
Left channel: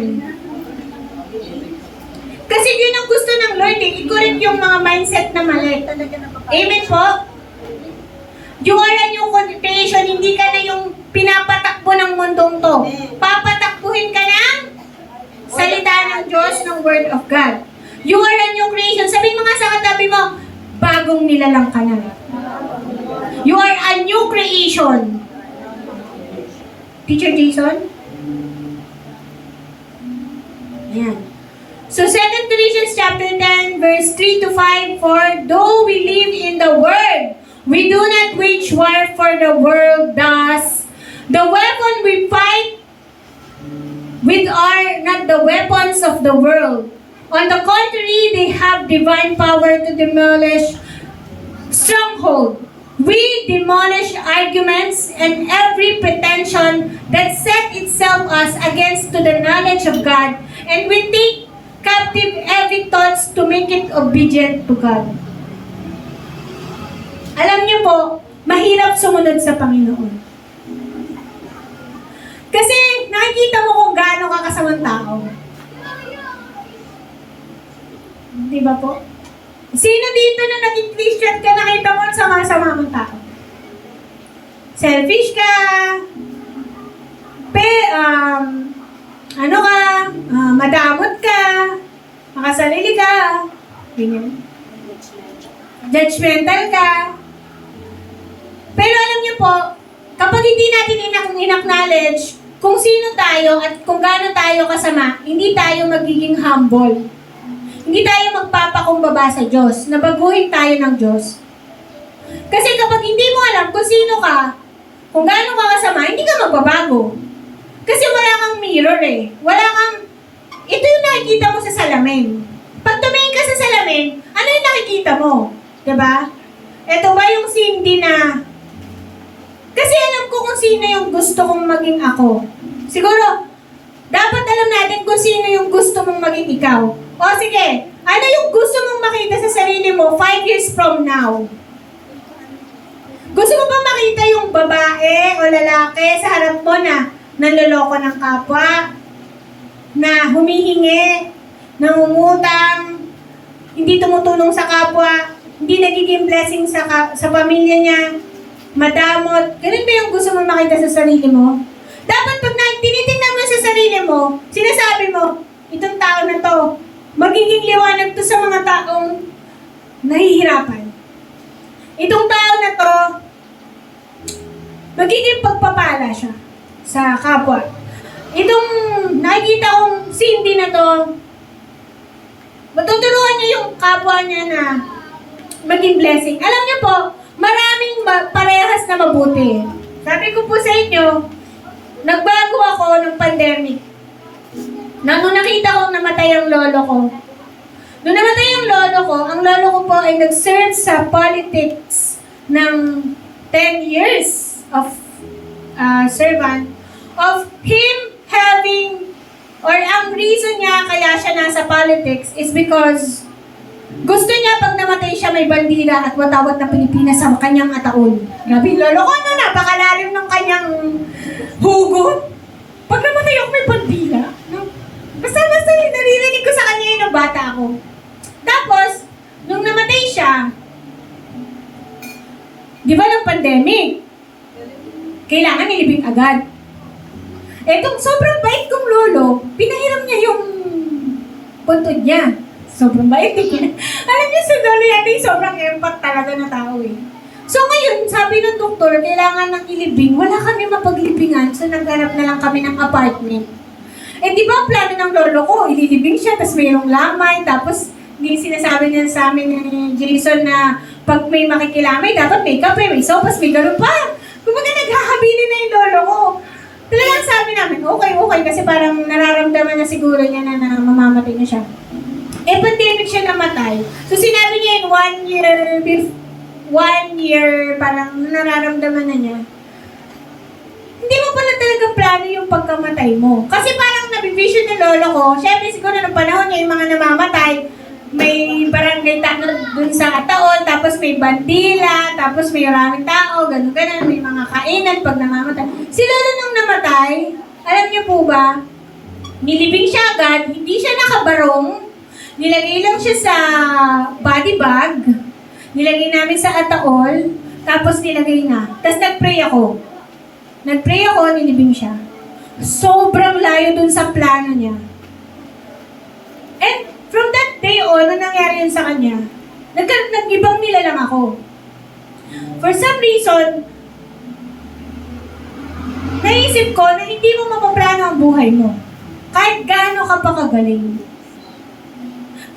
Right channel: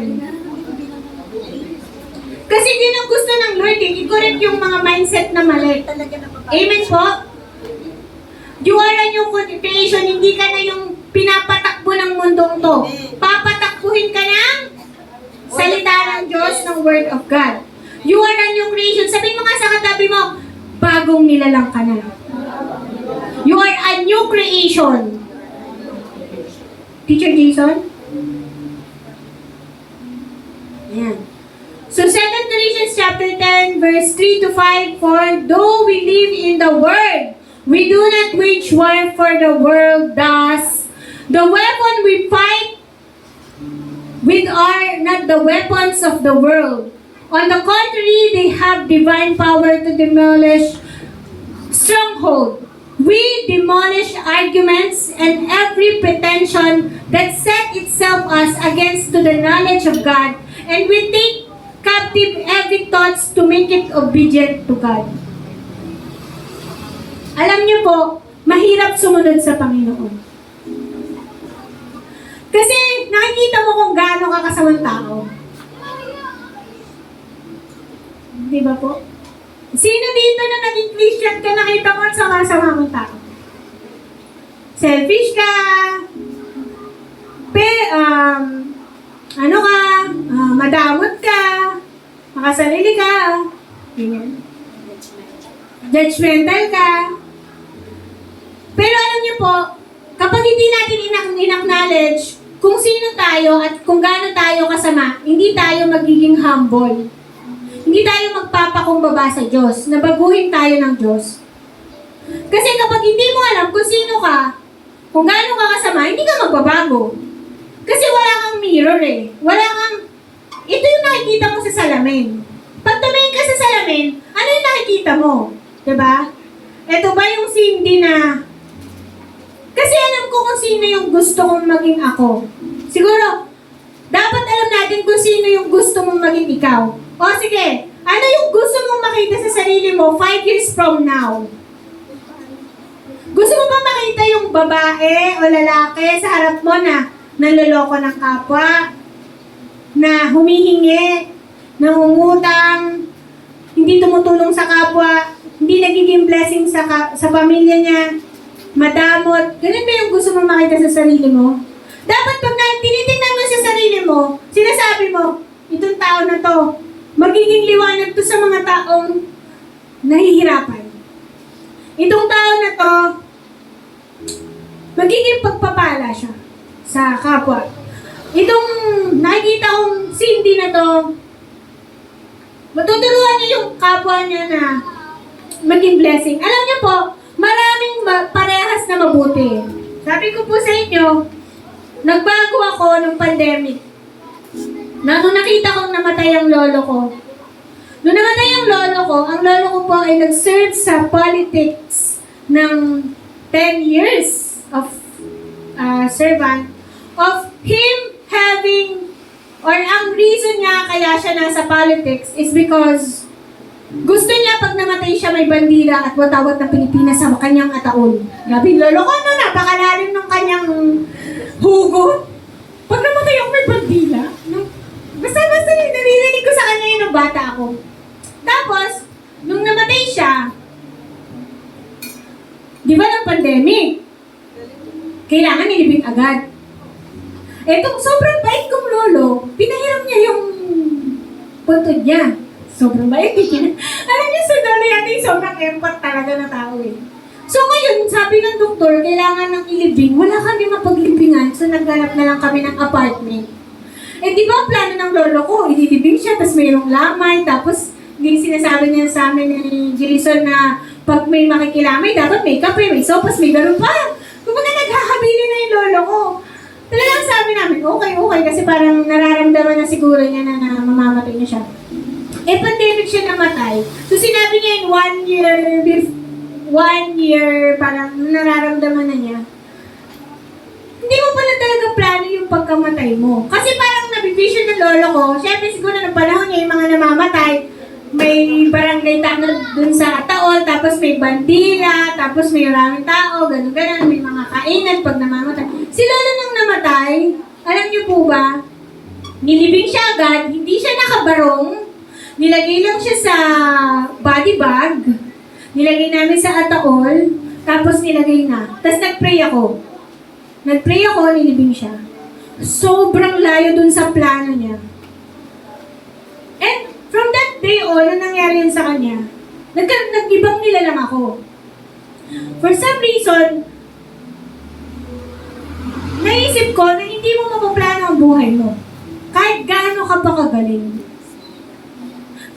Kasi yun ang gusto ng Lord eh. I-correct yung mga mindset na mali. Amen po? You are a new creation. Hindi ka na yung pinapatakbo ng mundong to. Papatakbuhin ka ng salita ng Diyos, ng Word of God. You are a new creation. Sabihin mo nga sa katabi mo, bagong nilalang ka na. You are a new creation. Teacher Jason? Yan. So 2 Corinthians chapter 10 verse 3 to 5, for though we live in the world, we do not wage war for the world does. The weapon we fight with are not the weapons of the world. On the contrary, they have divine power to demolish stronghold. We demolish arguments and every pretension that set itself us against to the knowledge of God, and we take captive every thought to make it obedient to God. Alam niyo po, mahirap sumunod sa Panginoon. Kasi nakikita mo kung gaano ka kasamang tao. Di ba po? Sino dito na naging Christian ka, nakita mo ang sama-sama mong tao? Selfish ka, madamot ka, makasarili ka, ganyan. Judgmental ka. Pero alam niyo po, kapag hindi natin in-acknowledge kung sino tayo at kung gaano tayo kasama, hindi tayo magiging humble. Hindi tayo magpapakumbaba sa Diyos, nabaguhin tayo ng Diyos. Kasi kapag hindi mo alam kung sino ka, kung gaano ka kasama, hindi ka magbabago. Kasi wala kang mirror eh. Wala kang, ito yung nakikita mo sa salamin. Pag tumingin ka sa salamin, ano yung nakikita mo? Diba? Ito ba yung Cindy na, kasi alam ko kung sino yung gusto kong maging ako. Siguro, dapat alam natin kung sino yung gusto mong maging ikaw. O sige, ano yung gusto mong makita sa sarili mo 5 years from now? Gusto mo ba makita yung babae o lalaki sa harap mo na nanloloko ng kapwa, na humihingi, nangungutang, hindi tumutulong sa kapwa, hindi nagiging blessing sa pamilya niya, madamot? Ganun ba yung gusto mo makita sa sarili mo? Dapat pag tinitingnan mo sa sarili mo, sinasabi mo, itong tao na to, magiging liwanag to sa mga taong nahihirapan. Itong tao na to, magiging pagpapala siya sa kapwa. Itong nakikita kong Cindy na to, matuturuan niya yung kapwa niya na maging blessing. Alam niyo po, maraming parehas na mabuti. Sabi ko po sa inyo, nagbago ako nung pandemic. Nung nakita kong namatay ang lolo ko. Nung namatay ang lolo ko po ay nag-serve sa politics ng 10 years of servant of him having, or ang reason nga kaya siya nasa politics is because gusto niya pag namatay siya may bandila at watawat ng Pilipinas sa kanyang ataol. Grabe, lolo ko, ano, napakalalim ng kanyang hugot. Pag namatay ako may bandila. No? Basta naririnig ko sa kanya yun nung bata ako. Tapos, nung namatay siya, di ba ng pandemic, kailangan nilibing agad. Etong sobrang bait kong lolo, pinahiram niya yung puntod niya. Sobrang bait din. Alam niyo, si lolo yata yung sobrang empath talaga na tao eh. So ngayon, sabi ng doktor, kailangan ng ilibing. Wala kami mapaglibingan, so naghanap na lang kami ng apartment. Eh di ba ang plano ng lolo ko, ililibing siya, tapos mayroong lamay, tapos yung sinasabi niya sa amin ni Jason na pag may makikilamay, dapat may kape, may sopas, may ganun pa. Kumbaga naghahabilin na yung lolo ko. Talagang sabi namin, okay, kasi parang nararamdaman na siguro niya na mamamatay na siya. Eh, pandemic siya namatay. So, sinabi niya in 1 year, parang nararamdaman na niya. Hindi mo pala talaga plano yung pagkamatay mo. Kasi parang nabivision ng lolo ko, syempre siguro ng panahon niya, yung mga namamatay, may barangay tanod dun sa Ataol, tapos may bandila, tapos may maraming tao, ganun, may mga kainan pag namamatay. Si lolo nung namatay, alam niyo po ba, nilibing siya agad, hindi siya nakabarong, nilagay lang siya sa body bag, nilagay namin sa Ataol, tapos nilagay na. Tapos nagpray ako, nilibing siya. Sobrang layo dun sa plano niya. And from that day on, ano nangyari yun sa kanya? Nag-ibang nila lang ako. For some reason, naisip ko na hindi mo mapaplano ang buhay mo. Kahit gaano ka pa kagaling.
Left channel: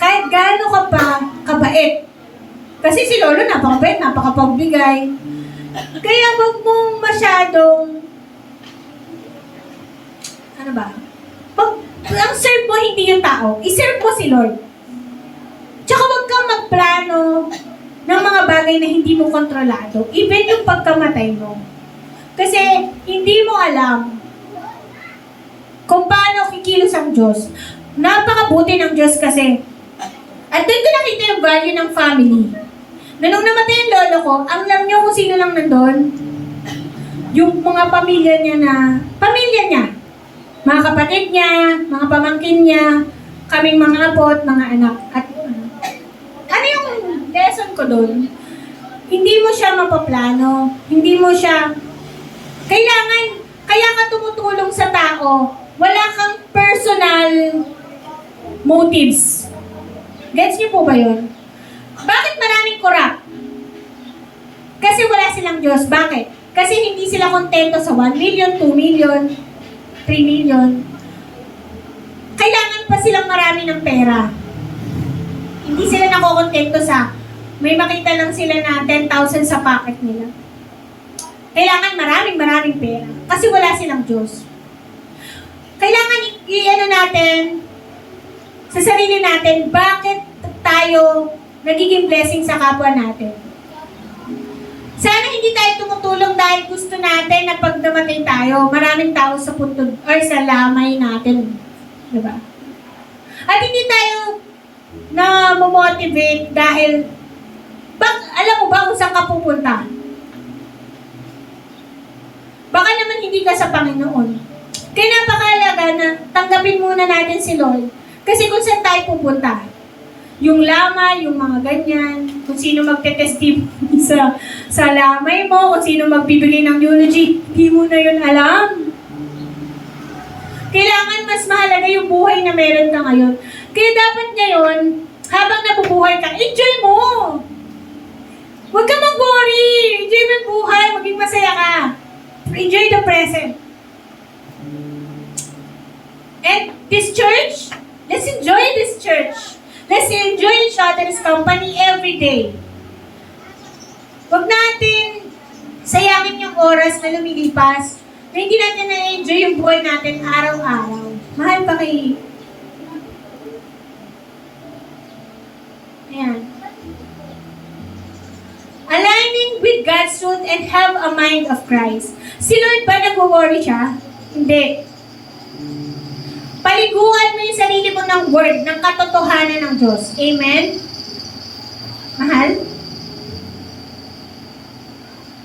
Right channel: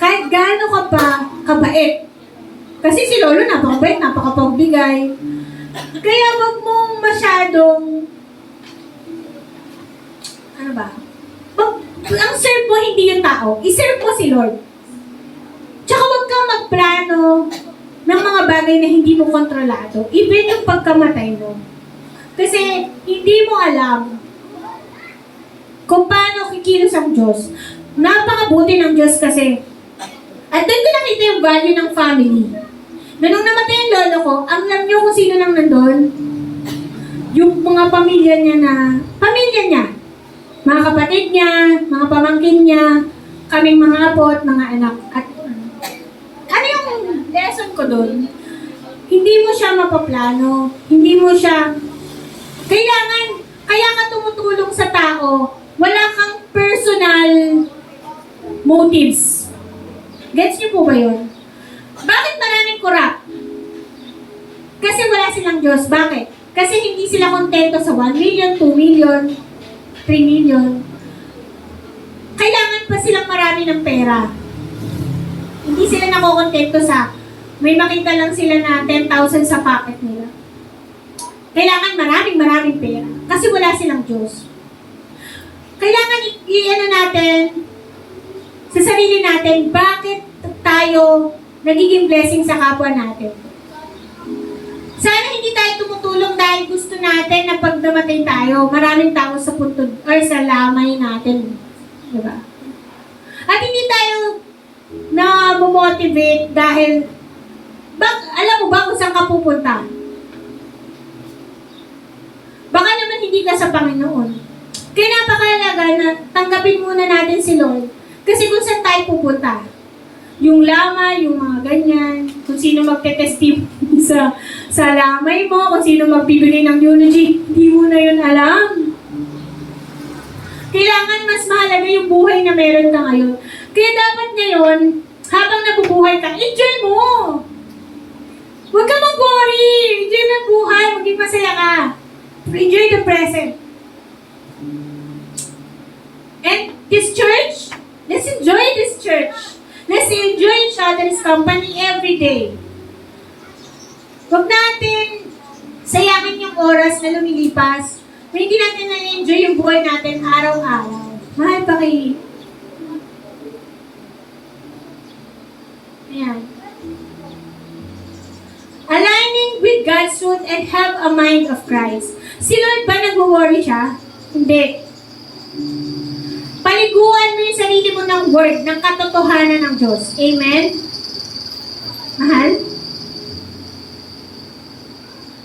Kahit gaano ka pa kabait. Kasi si lolo napakabait, napakapagbigay. Kaya wag mong masyadong, ano ba? Ang serve mo hindi yung tao, iserve mo si Lord. Tsaka huwag kang magplano ng mga bagay na hindi mo kontrolado. Even yung pagkamatay mo. Kasi hindi mo alam kung paano kikilos ang Diyos. Napakabuti ng Diyos kasi. At doon ko nakita yung value ng family. Na nung namatay yung lolo ko, ang alam niyo kung sino lang nandun? Yung mga pamilya niya. Mga kapatid niya, mga pamangkin niya, kaming mga apo at mga anak. At ano yung lesson ko doon? Hindi mo siya mapaplano, hindi mo siya, kaya ka tumutulong sa tao, wala kang personal motives. Gets niyo po ba yun? Bakit maraming corrupt? Kasi wala silang Diyos. Bakit? Kasi hindi sila kontento sa 1 million, 2 million, 3 million. Kailangan pa silang marami ng pera. Hindi sila nakokontento sa may makita lang sila na 10,000 sa pocket nila. Kailangan maraming pera. Kasi wala silang Diyos. Kailangan i-ano natin sa sarili natin, bakit tayo nagiging blessing sa kapwa natin. Sana hindi tayo tumutulong dahil gusto natin na pag namatay tayo, maraming tao sa puntod or sa lamay natin. Diba? At hindi tayo na motivate dahil alam mo ba kung saan ka pupunta? Baka naman hindi ka sa Panginoon. Kaya napakahalaga na tanggapin muna natin si Lord. Kasi kung saan tayo pupunta, yung lamay, yung mga ganyan, kung sino magte-testimony sa lamay mo, kung sino magbibigay ng eulogy, hindi mo na yun alam. Kailangan mas mahalaga yung buhay na meron ka ngayon. Kaya dapat ngayon, habang nabubuhay ka, enjoy mo! Huwag ka mag-worry! Enjoy ng buhay, maging masaya ka. Enjoy the present. And this church, let's enjoy this church. Let's enjoy each other's company every day. Huwag natin sayangin yung oras na lumilipas na hindi natin na-enjoy yung buhay natin araw-araw. Mahal pa kay... Ayan. Aligning with God's truth and have a mind of Christ. Si Lord ba nag-worry siya? Hindi. Paliguan mo yung sarili mo ng word, ng katotohanan ng Diyos. Amen? Mahal?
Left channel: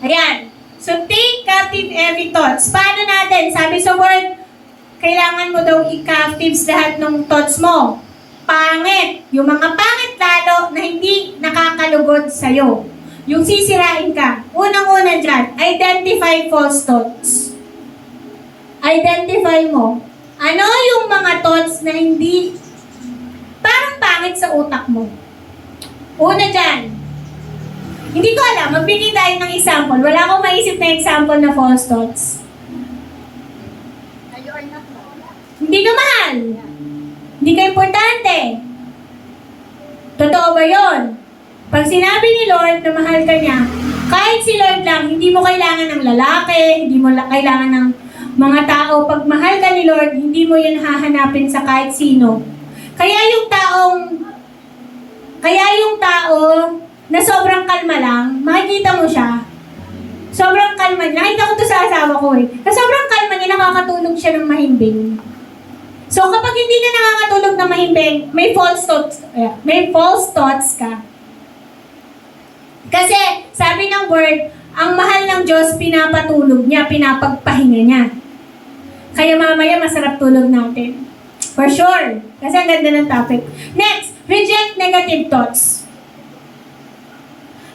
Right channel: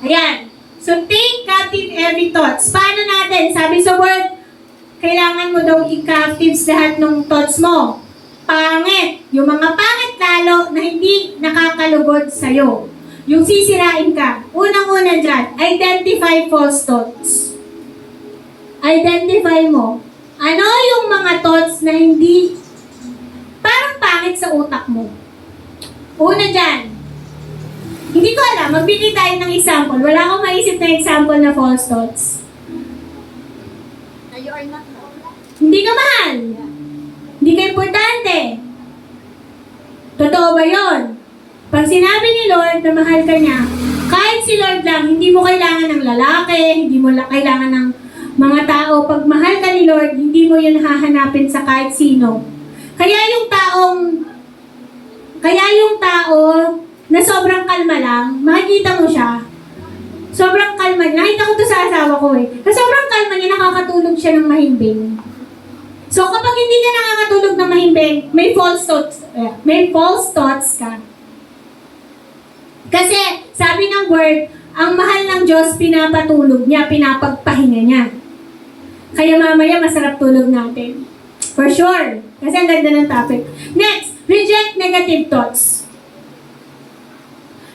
Ayan. So, take captive every thoughts. Paano natin? Sabi sa word, kailangan mo daw i-captives lahat ng thoughts mo. Pangit. Yung mga pangit lalo na hindi nakakalugod sa'yo. Yung sisirain ka. Unang-una dyan, identify false thoughts. Identify mo. Ano yung mga thoughts na hindi parang pangit sa utak mo? Una dyan, hindi ko alam, magbigay tayo ng example. Wala akong maisip na example na false thoughts. Na you are not Hindi ka mahal. Hindi ka importante. Totoo ba yun? Pag sinabi ni Lord na mahal ka niya, kahit si Lord lang, hindi mo kailangan ng lalaki, hindi mo kailangan ng mga tao. Pag mahal ka ni Lord, hindi mo yan hahanapin sa kahit sino. Kaya yung tao na sobrang kalma lang, makikita mo siya, sobrang kalma. Nakita ko to sa asawa ko eh. Na sobrang kalma niya, nakakatulog siya ng mahimbing. So kapag hindi ka nakakatulog ng mahimbing, may false thoughts ka. Kasi sabi ng word, ang mahal ng Diyos, pinapatulog niya, pinapagpahinga niya. Kaya mamaya masarap tulog natin. For sure. Kasi ang ganda ng topic. Next, reject negative thoughts.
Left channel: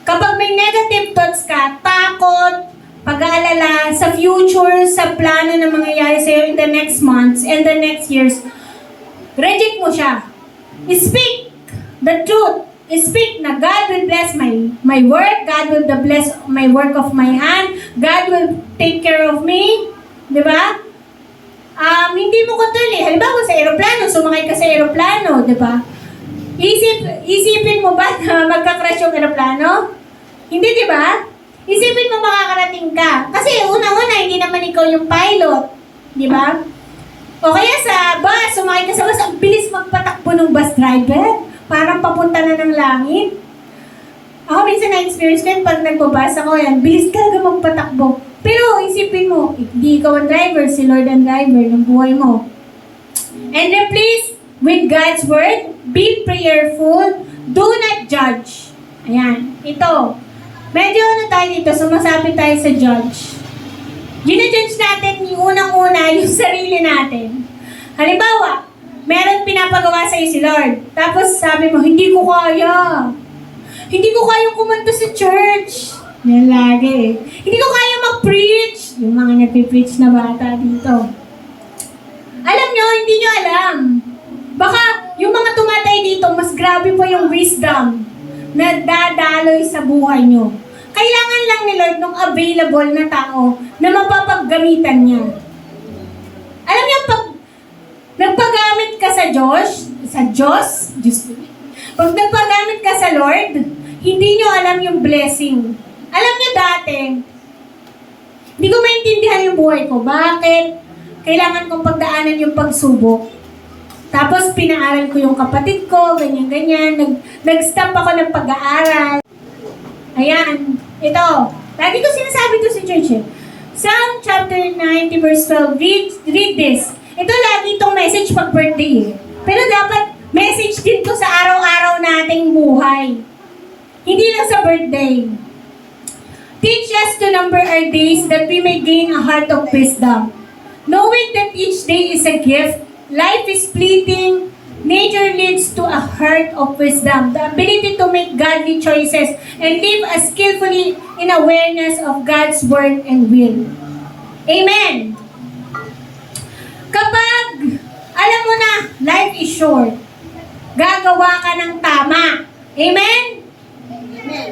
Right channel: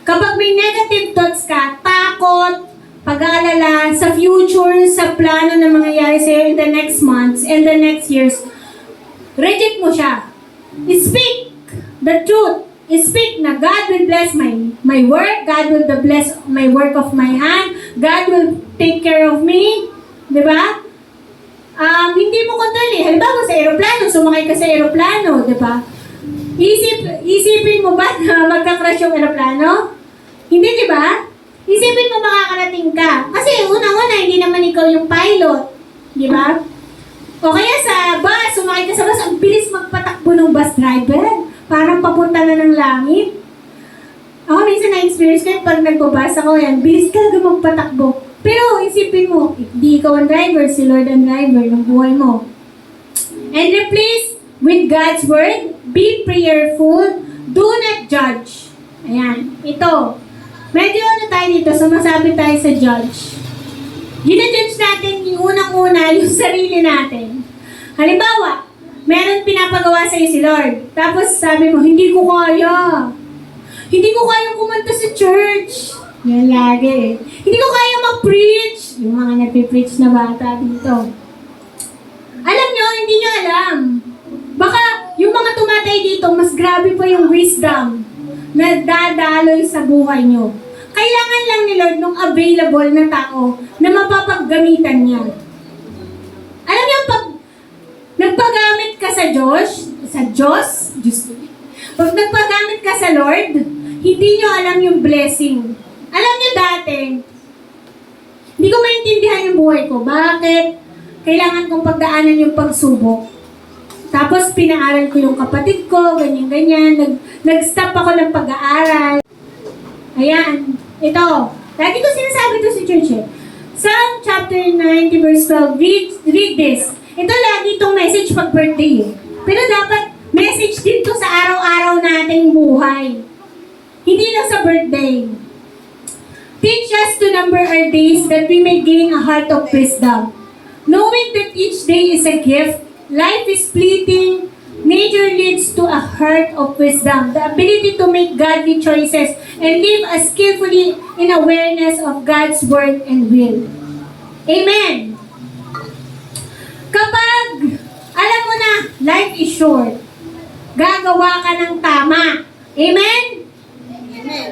Kapag may negative thoughts ka, takot, pag-aalala sa future, sa plano na mangyayari sa'yo in the next months and the next years, reject mo siya. Speak the truth. Speak na God will bless my work, God will bless my work of my hand, God will take care of me. Diba? Hindi mo control eh. Halimbawa sa aeroplano, sumakay ka sa aeroplano, diba? Isipin mo ba na magka-crash yung aeroplano? Hindi, diba? Isipin mo makakarating ka. Kasi unang-una, hindi naman ikaw yung pilot. Diba? O kaya sa bus, sumakay ka sa bus, ang bilis magpatakbo ng bus driver. Parang papunta na ng langit. Ako minsan na-experience ko yun, pag nagbabas ako yan, bilis ka magpatakbo. Pero isipin mo, hindi ikaw ang driver, si Lord ang driver ng buhay mo. And replace with God's word, be prayerful, do not judge. Ayan, ito. Medyo tayo dito, sumasabi tayo sa judge. Gina-judge natin yung unang-una, yung sarili natin. Halimbawa, meron pinapagawa sa'yo si Lord. Tapos sabi mo, hindi ko kaya. Hindi ko kaya kumanta sa church. Yan lagi eh. Hindi ko kaya mag-preach. Yung mga nagpipreach na bata dito. Alam nyo, hindi nyo alam. Baka yung mga tumatay dito, mas grabe pa yung wisdom na dadaloy sa buhay nyo. Kailangan lang ni Lord ng available na tao na mapapaggamitan niya. Alam nyo, pag nagpagamit ka sa Diyos, pag nagpagamit ka sa Lord, hindi nyo alam yung blessing. Alam nyo dati, hindi ko maintindihan yung buhay ko. Bakit? Kailangan kong pagdaanan yung pagsubok. Tapos pinaaral ko yung kapatid ko, ganyan-ganyan. Nag-stop ako ng pag-aaral. Ayan, ito. Lagi ko sinasabi to sa church eh. Psalm chapter 90 verse 12, read this. Ito lagi itong message pag birthday eh. Pero dapat message din to sa araw-araw nating buhay. Hindi lang sa birthday. Teach us to number our days that we may gain a heart of wisdom. Knowing that each day is a gift, life is fleeting, nature leads to a heart of wisdom, the ability to make godly choices and live as skillfully in awareness of God's word and will. Amen! Kapag, alam mo na, life is short, gagawa ka ng tama. Amen? Amen.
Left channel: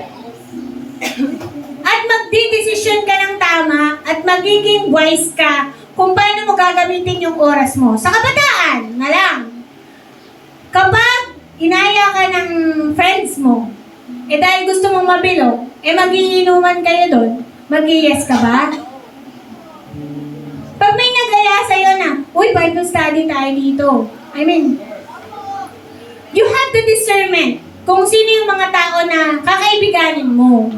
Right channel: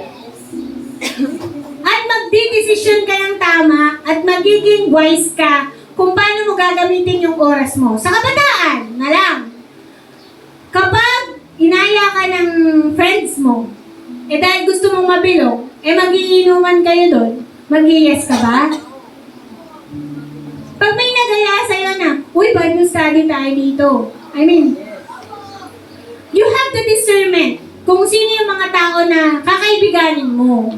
At magdidesisyon ka ng tama at magiging wise ka kung paano mo gagamitin yung oras mo. Sa kabataan na lang. Kapag inaya ka ng friends mo, dahil gusto mong mabilog, magiinuman kayo doon, mag-yes ka ba? Pag may nagaya sa'yo na, uy, Bible study tayo dito. I mean, you have the discernment kung sino yung mga tao na kakaibiganin mo.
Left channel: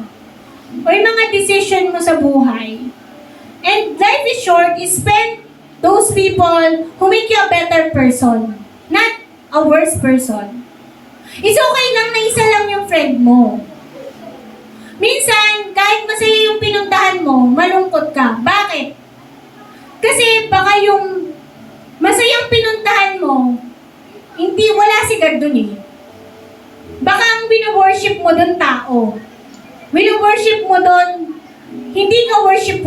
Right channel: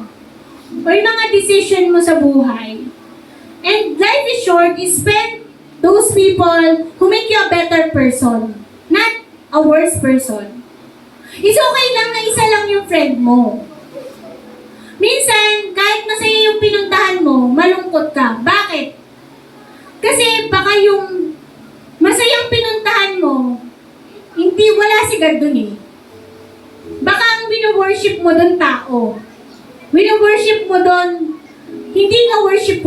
O yung mga decision mo sa buhay. And life is short, spend those people who make you a better person, not a worse person. It's okay lang na isa lang yung friend mo. Minsan, kahit masaya yung pinuntahan mo, malungkot ka. Bakit? Kasi baka yung masayang pinuntahan mo, hindi, wala si God dun eh. Baka ang wino-worship mo dun tao. Wino-worship mo dun, hindi ka worship.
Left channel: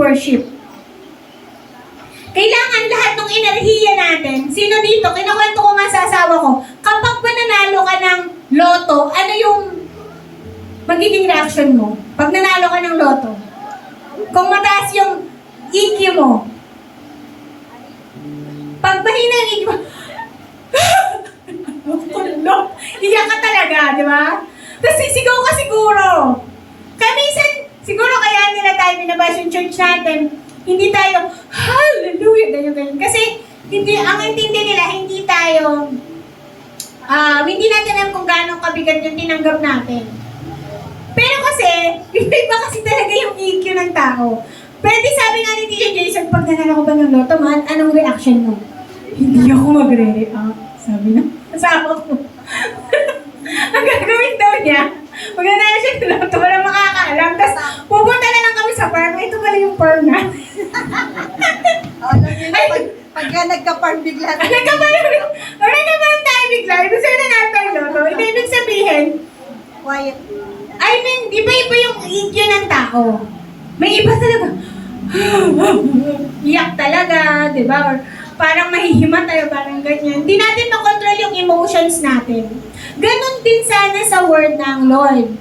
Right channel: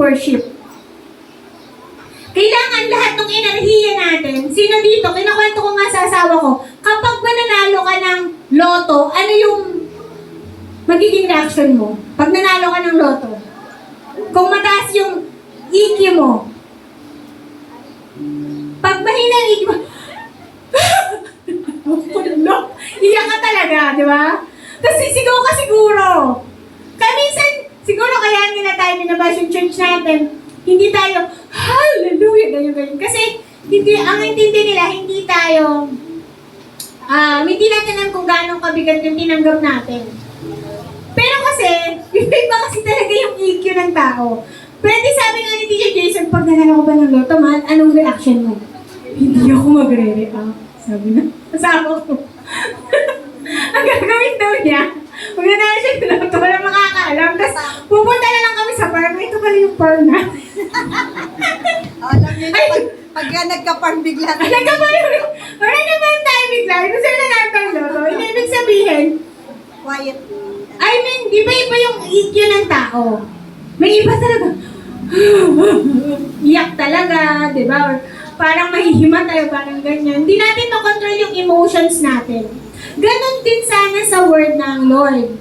Kailangan lahat ng enerhiya natin, sino dito, kinakwento ko nga sa asawa ko, kapag mananalo ka ng loto, ano yung magiging reaction mo? Pag nanalo ka ng loto, kung mataas yung EQ mo, pag mahina yung EQ mo, iyak ka talaga, di ba? Tapos sisigaw ka siguro. Kaya minsan, siguro kaya nila tayo binabash yung church natin, hindi tayo, hallelujah, ganyan. Kasi, ang intindi nila, hindi tayo, hindi natin alam kung gaano kabigat yung tinanggap natin. Pero kasi, iba kasi talaga yung EQ ng tao. Pwede sabi nga ni DJ Jason, pag nanalo ko ba ng loto, man, anong reaction mo? Hindi ako magre-react, sabi na. Asawa ko. Ang gagawin daw niya, pag nanalo siya ng loto, walang makakaalam. Tapos, pupunta na lang kami sa farm. Ito pala yung farm na. Alam niyo na, pagka nagka-farm bigla. Nagkaparoon tayo bigla. Ibig sabihin na natin loto. Hindi ibig sabihin, Quiet. I mean, di ba iba yung EQ ng tao? May iba talaga. Iyak talaga, di ba? Or parang mahihima talaga, parang ganyan. Hindi natin makontrol yung emotions natin. Ganon din sana sa word ng Lord.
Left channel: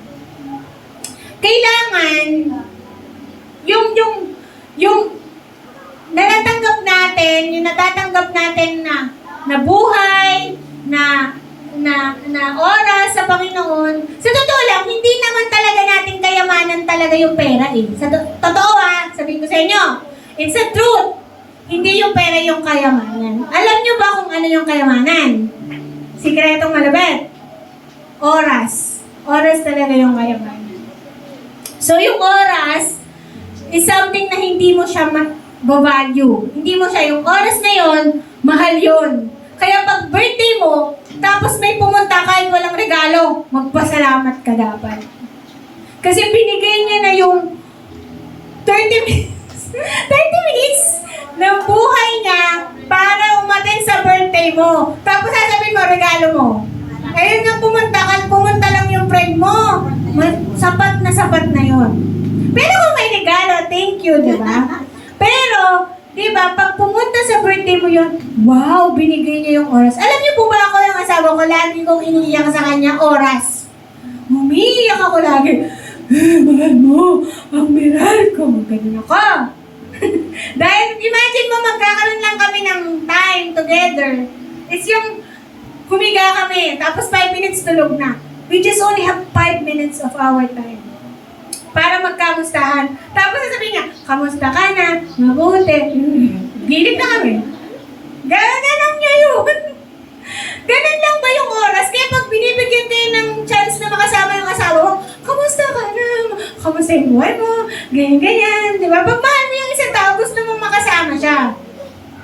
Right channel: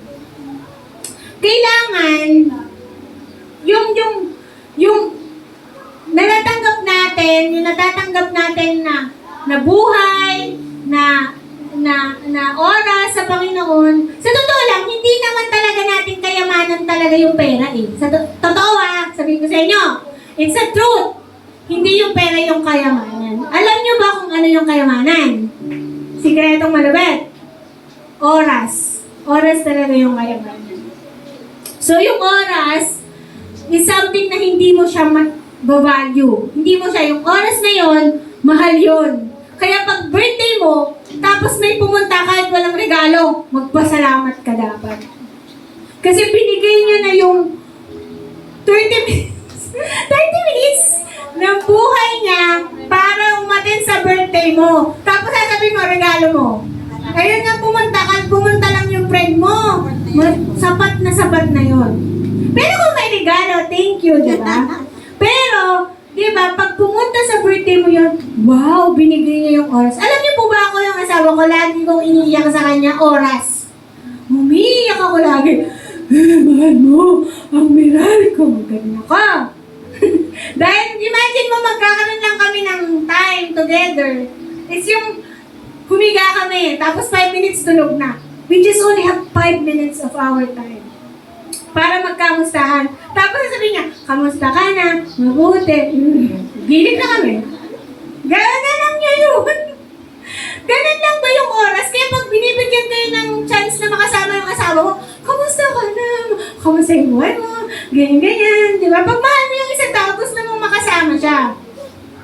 Kailangan, yung natatanggap natin na buhay, na oras sa Panginoon. Sa totoo lang, hindi naman talaga natin kayamanan talaga yung pera eh. Sa totoo sabihin ko sa inyo, it's a truth. Hindi yung pera yung kayamanan. Alam nyo ba kung ano yung kayamanan? Sikretong malabet. Oras. Oras talaga yung kayamanan. So yung oras is something na hindi mo siya value. Hindi mo siya, yung oras na yon, mahal yon. Kaya pag birthday mo, tapos may pumunta kahit walang regalo, magpasalamat ka dapat. Kasi binigay niya na yung 30 minutes ng buhay niya para umattend sa birthday mo. Tapos sasabihin mo, regalo mo. Ayun nga, pumunta lang yung friend mo. Sapat na yon. Pero kung may regalo, thank you, di ba? Pero, di ba, pag pumunta sa birthday mo yun, wow, binigay niya yung oras. Alam niyo po ba ako yung asawa ko, lagi kong iniiyak sa kanya, oras. Umiiyak ako lagi. Mahal mo, ang miral ko. Ganyan ako. Dahil, imagine mo, magkakaroon lang kami ng time together. It's yung humiga kami, tapos 5 minutes tulog na. We just only have 5 minutes of our time para magkamustahan. Tapos sasabihin niya, kamusta ka na? Mabuti. Gilid na kami. Ganon niya yun. Ganon lang ba yung oras? Kaya pag binibigyan kayo ng chance na makasama yung asawa mo, kamusta ka na? Kamusta yung buhay mo? Ganyan. Di ba? Pag mahal mo yung isang tao, gusto mong makasama siya.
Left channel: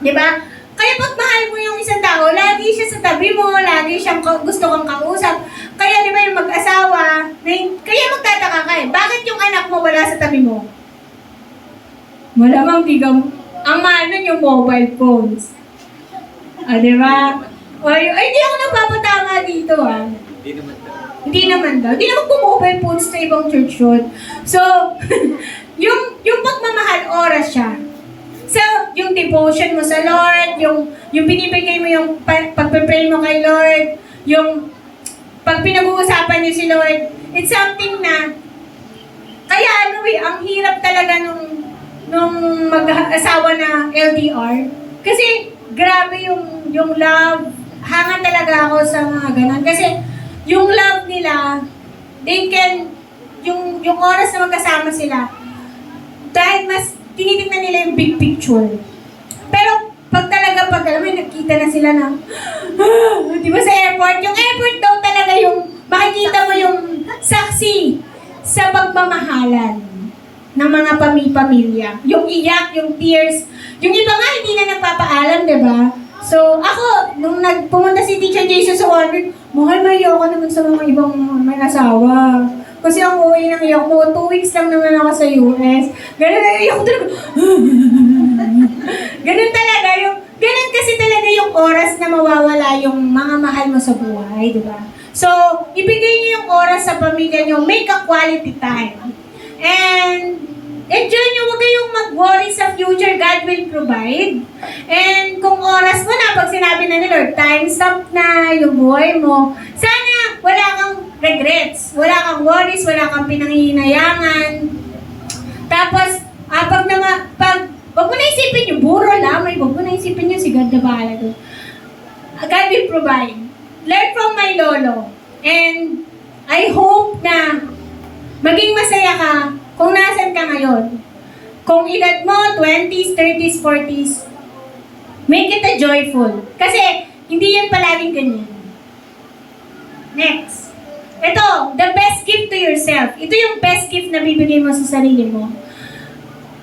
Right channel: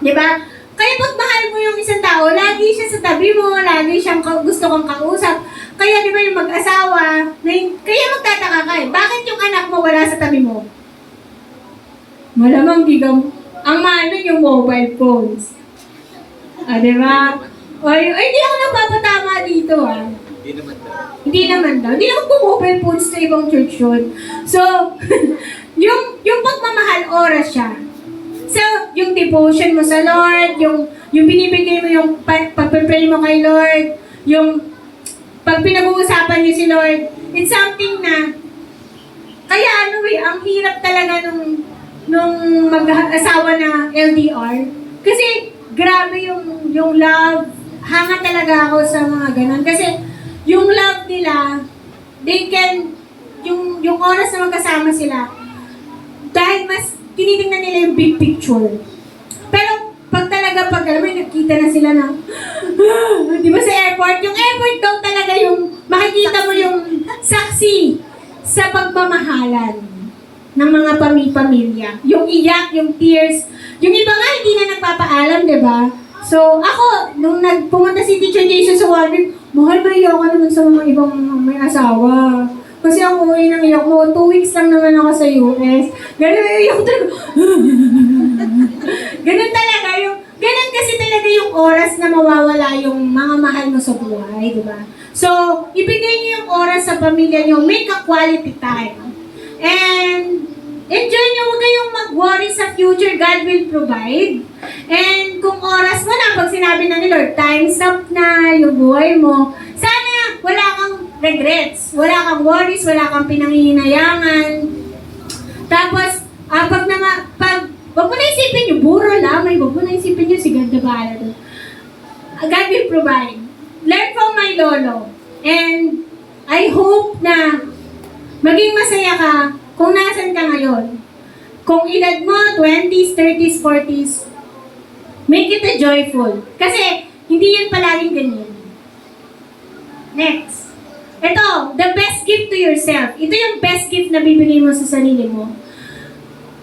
Di ba? Kaya pag mahal mo yung isang tao, lagi siya sa tabi mo, lagi siyang gusto kang kausap. Kaya di ba yung mag-asawa, kaya magtataka ka eh, bakit yung anak mo wala sa tabi mo? Malamang di ka, ang mahal nun yung mobile phones. Di ba? Ay, di ako nagpapatama dito Hindi naman daw. Hindi naman mobile phones sa ibang church yun. So, yung pagmamahal, oras siya. So, yung devotion mo sa Lord, yung binibigay mo yung pagpe-pray mo kay Lord, yung pag pinag-uusapan niyo si Lord, it's something na, kaya ang hirap talaga asawa na LDR. Kasi grabe yung love. Hanga talaga ako sa mga ganun. Kasi yung love nila, they can, yung oras na magkasama sila, dahil mas tinitingnan nila yung big picture. Pero pag alam mo, nakita na sila ng, di ba sa airport? Yung airport daw talaga yung, makikita mo yung saksi sa pagmamahalan ng mga pamilya. Yung iyak, yung tears. Yung iba nga, hindi na nagpapaalam, di ba? So, ako, nung nagpumunta si Teacher Jason sa Warwick, mahal ba iyo ako naman sa mga ibang may asawa. Kasi ang uwi ng iyo mo, 2 weeks lang naman ako sa US. Ganun na iyo ko talaga. Ganun kasi talaga yung oras na mawawala yung mga mahal mo sa buhay, di ba? So, ibigay niyo yung oras sa pamilya niyo, make a quality time. And enjoy nyo, huwag kayong mag-worry sa future, God will provide. And kung oras mo na, pag sinabi na ni Lord, time's up na yung buhay mo, sana wala kang regrets, wala kang worries, wala kang pinanghihinayangan. Tapos, wag mo na isipin yung buro lamay, wag mo na isipin yung si God na bahala doon. God will provide. Learn from my lolo. And I hope na maging masaya ka kung nasan ka ngayon. Kung edad mo, 20s, 30s, 40s, make it a joyful. Kasi, hindi yan palaging ganyan. Next. Ito, the best gift to yourself. Ito yung best gift na bibigay mo sa sarili mo.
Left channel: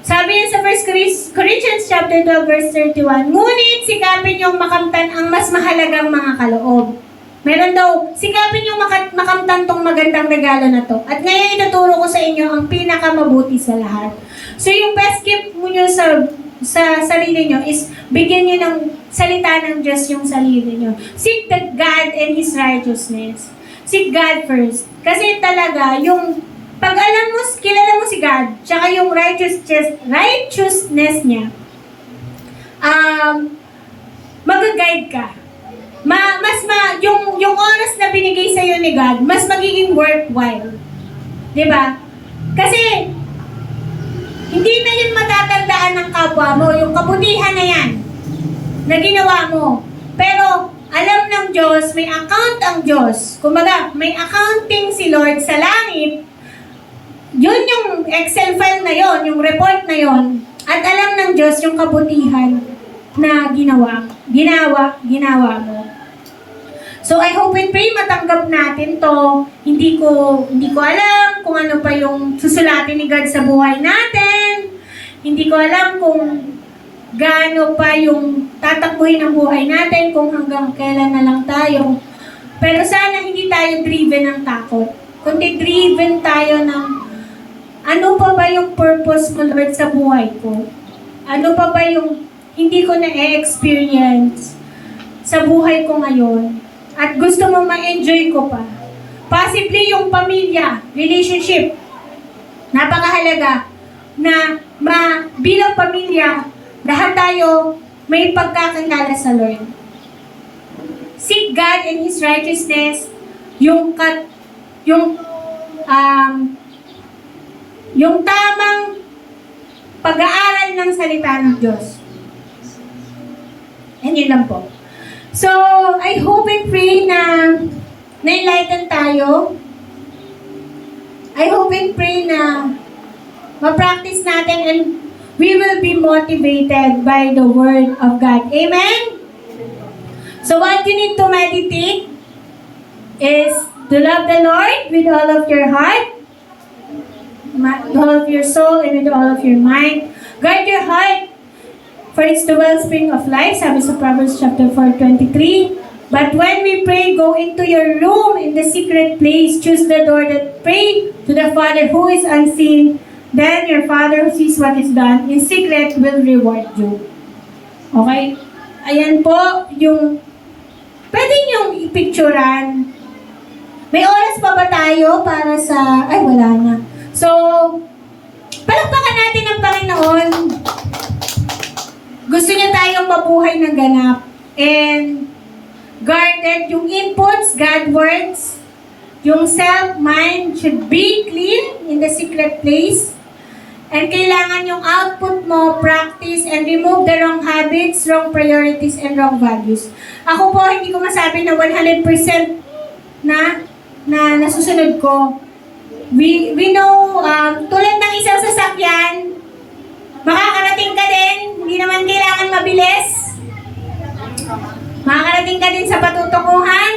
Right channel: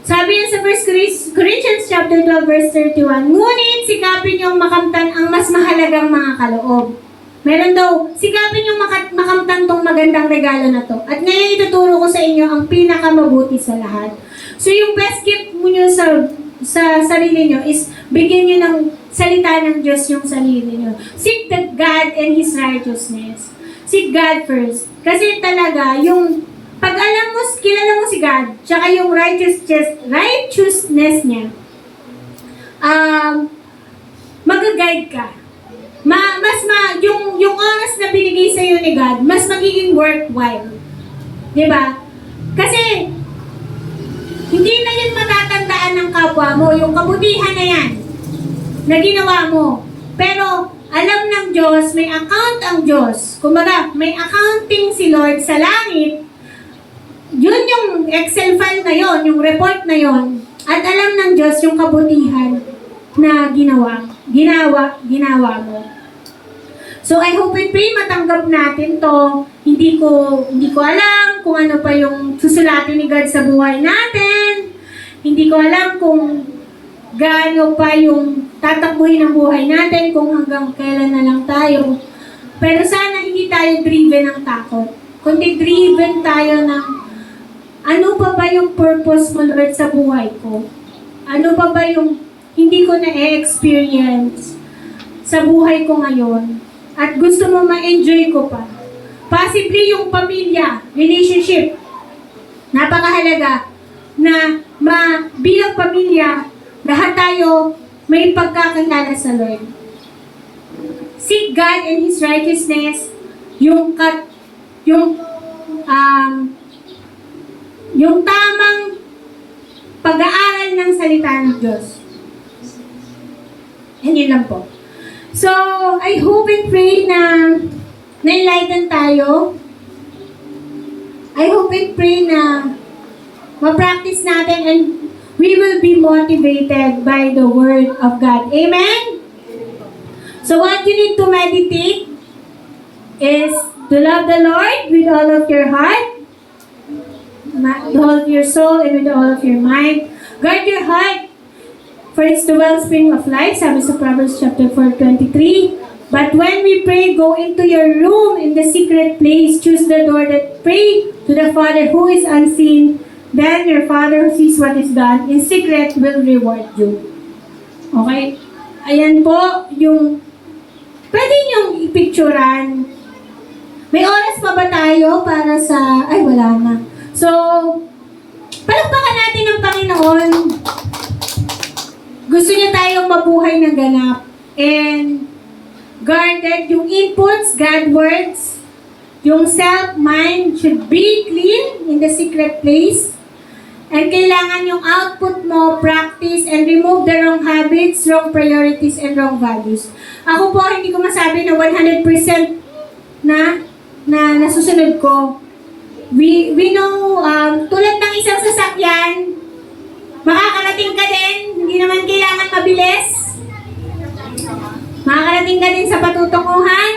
Sabi yan sa 1 Corinthians chapter 12, verse 31, ngunit sikapin niyong makamtan ang mas mahalagang mga kaloob. Meron daw, sikapin yung makamtan tong magandang regalo na to. At ngayon ituturo ko sa inyo ang pinakamabuti sa lahat. So yung best gift mo nyo sa sarili nyo is bigyan nyo ng salita ng Diyos yung sarili nyo. Seek the God and His righteousness. Seek God first. Kasi talaga, yung pag alam mo, kilala mo si God, tsaka yung righteousness niya, mag-guide ka. Yung oras na binigay sa iyo ni God, mas magiging worthwhile. 'Di ba? Kasi hindi na 'yan matatandaan ng kapwa mo, yung kabutihan na 'yan na ginawa mo. Pero alam ng Diyos, may account ang Diyos. Kumbaga, may accounting si Lord sa langit. Yun yung Excel file na yon, yung report na yon. At alam ng Diyos yung kabutihan na ginawa mo. So I hope and pray matanggap natin to. Hindi ko alam kung ano pa yung susulatin ni God sa buhay natin. Hindi ko alam kung gaano pa yung tatakbuhin ang buhay natin, kung hanggang kailan na lang tayo. Pero sana hindi tayo driven ng takot. Kundi driven tayo ng ano pa ba yung purpose mo, Lord, sa buhay ko? Ano pa ba yung hindi ko na-experience sa buhay ko ngayon? At gusto mo ma-enjoy ko pa. Possibly yung pamilya, relationship. Napakahalaga na bilang pamilya, lahat tayo may pagkakilala sa Lord. Seek God and His righteousness, yung tamang pag-aaral ng salita ng Diyos. And yun lang po. So, I hope and pray na na-enlighten tayo. I hope and pray na ma-practice natin and we will be motivated by the Word of God. Amen? So, what you need to meditate is to love the Lord with all of your heart, with all of your soul, and with all of your mind. Guard your heart, for it's the wellspring of life, sabi sa Proverbs chapter 4:23. But when we pray, go into your room in the secret place. Choose the door that pray to the Father who is unseen. Then your Father who sees what is done in secret will reward you. Okay? Ayan po yung pwede niyong ipicturan. May oras pa ba tayo para sa... Ay, wala na. So, palakpakan natin ang Panginoon. Gusto niya tayong mabuhay ng ganap. And guarded yung inputs, God words, yung self-mind should be clean in the secret place. And kailangan yung output mo, practice, and remove the wrong habits, wrong priorities, and wrong values. Ako po, hindi ko masabi na 100% na nasusunod ko. We know, tulad ng isang sasakyan, makakarating ka din, hindi naman kailangan mabilis. Makakarating ka din sa patutunguhan,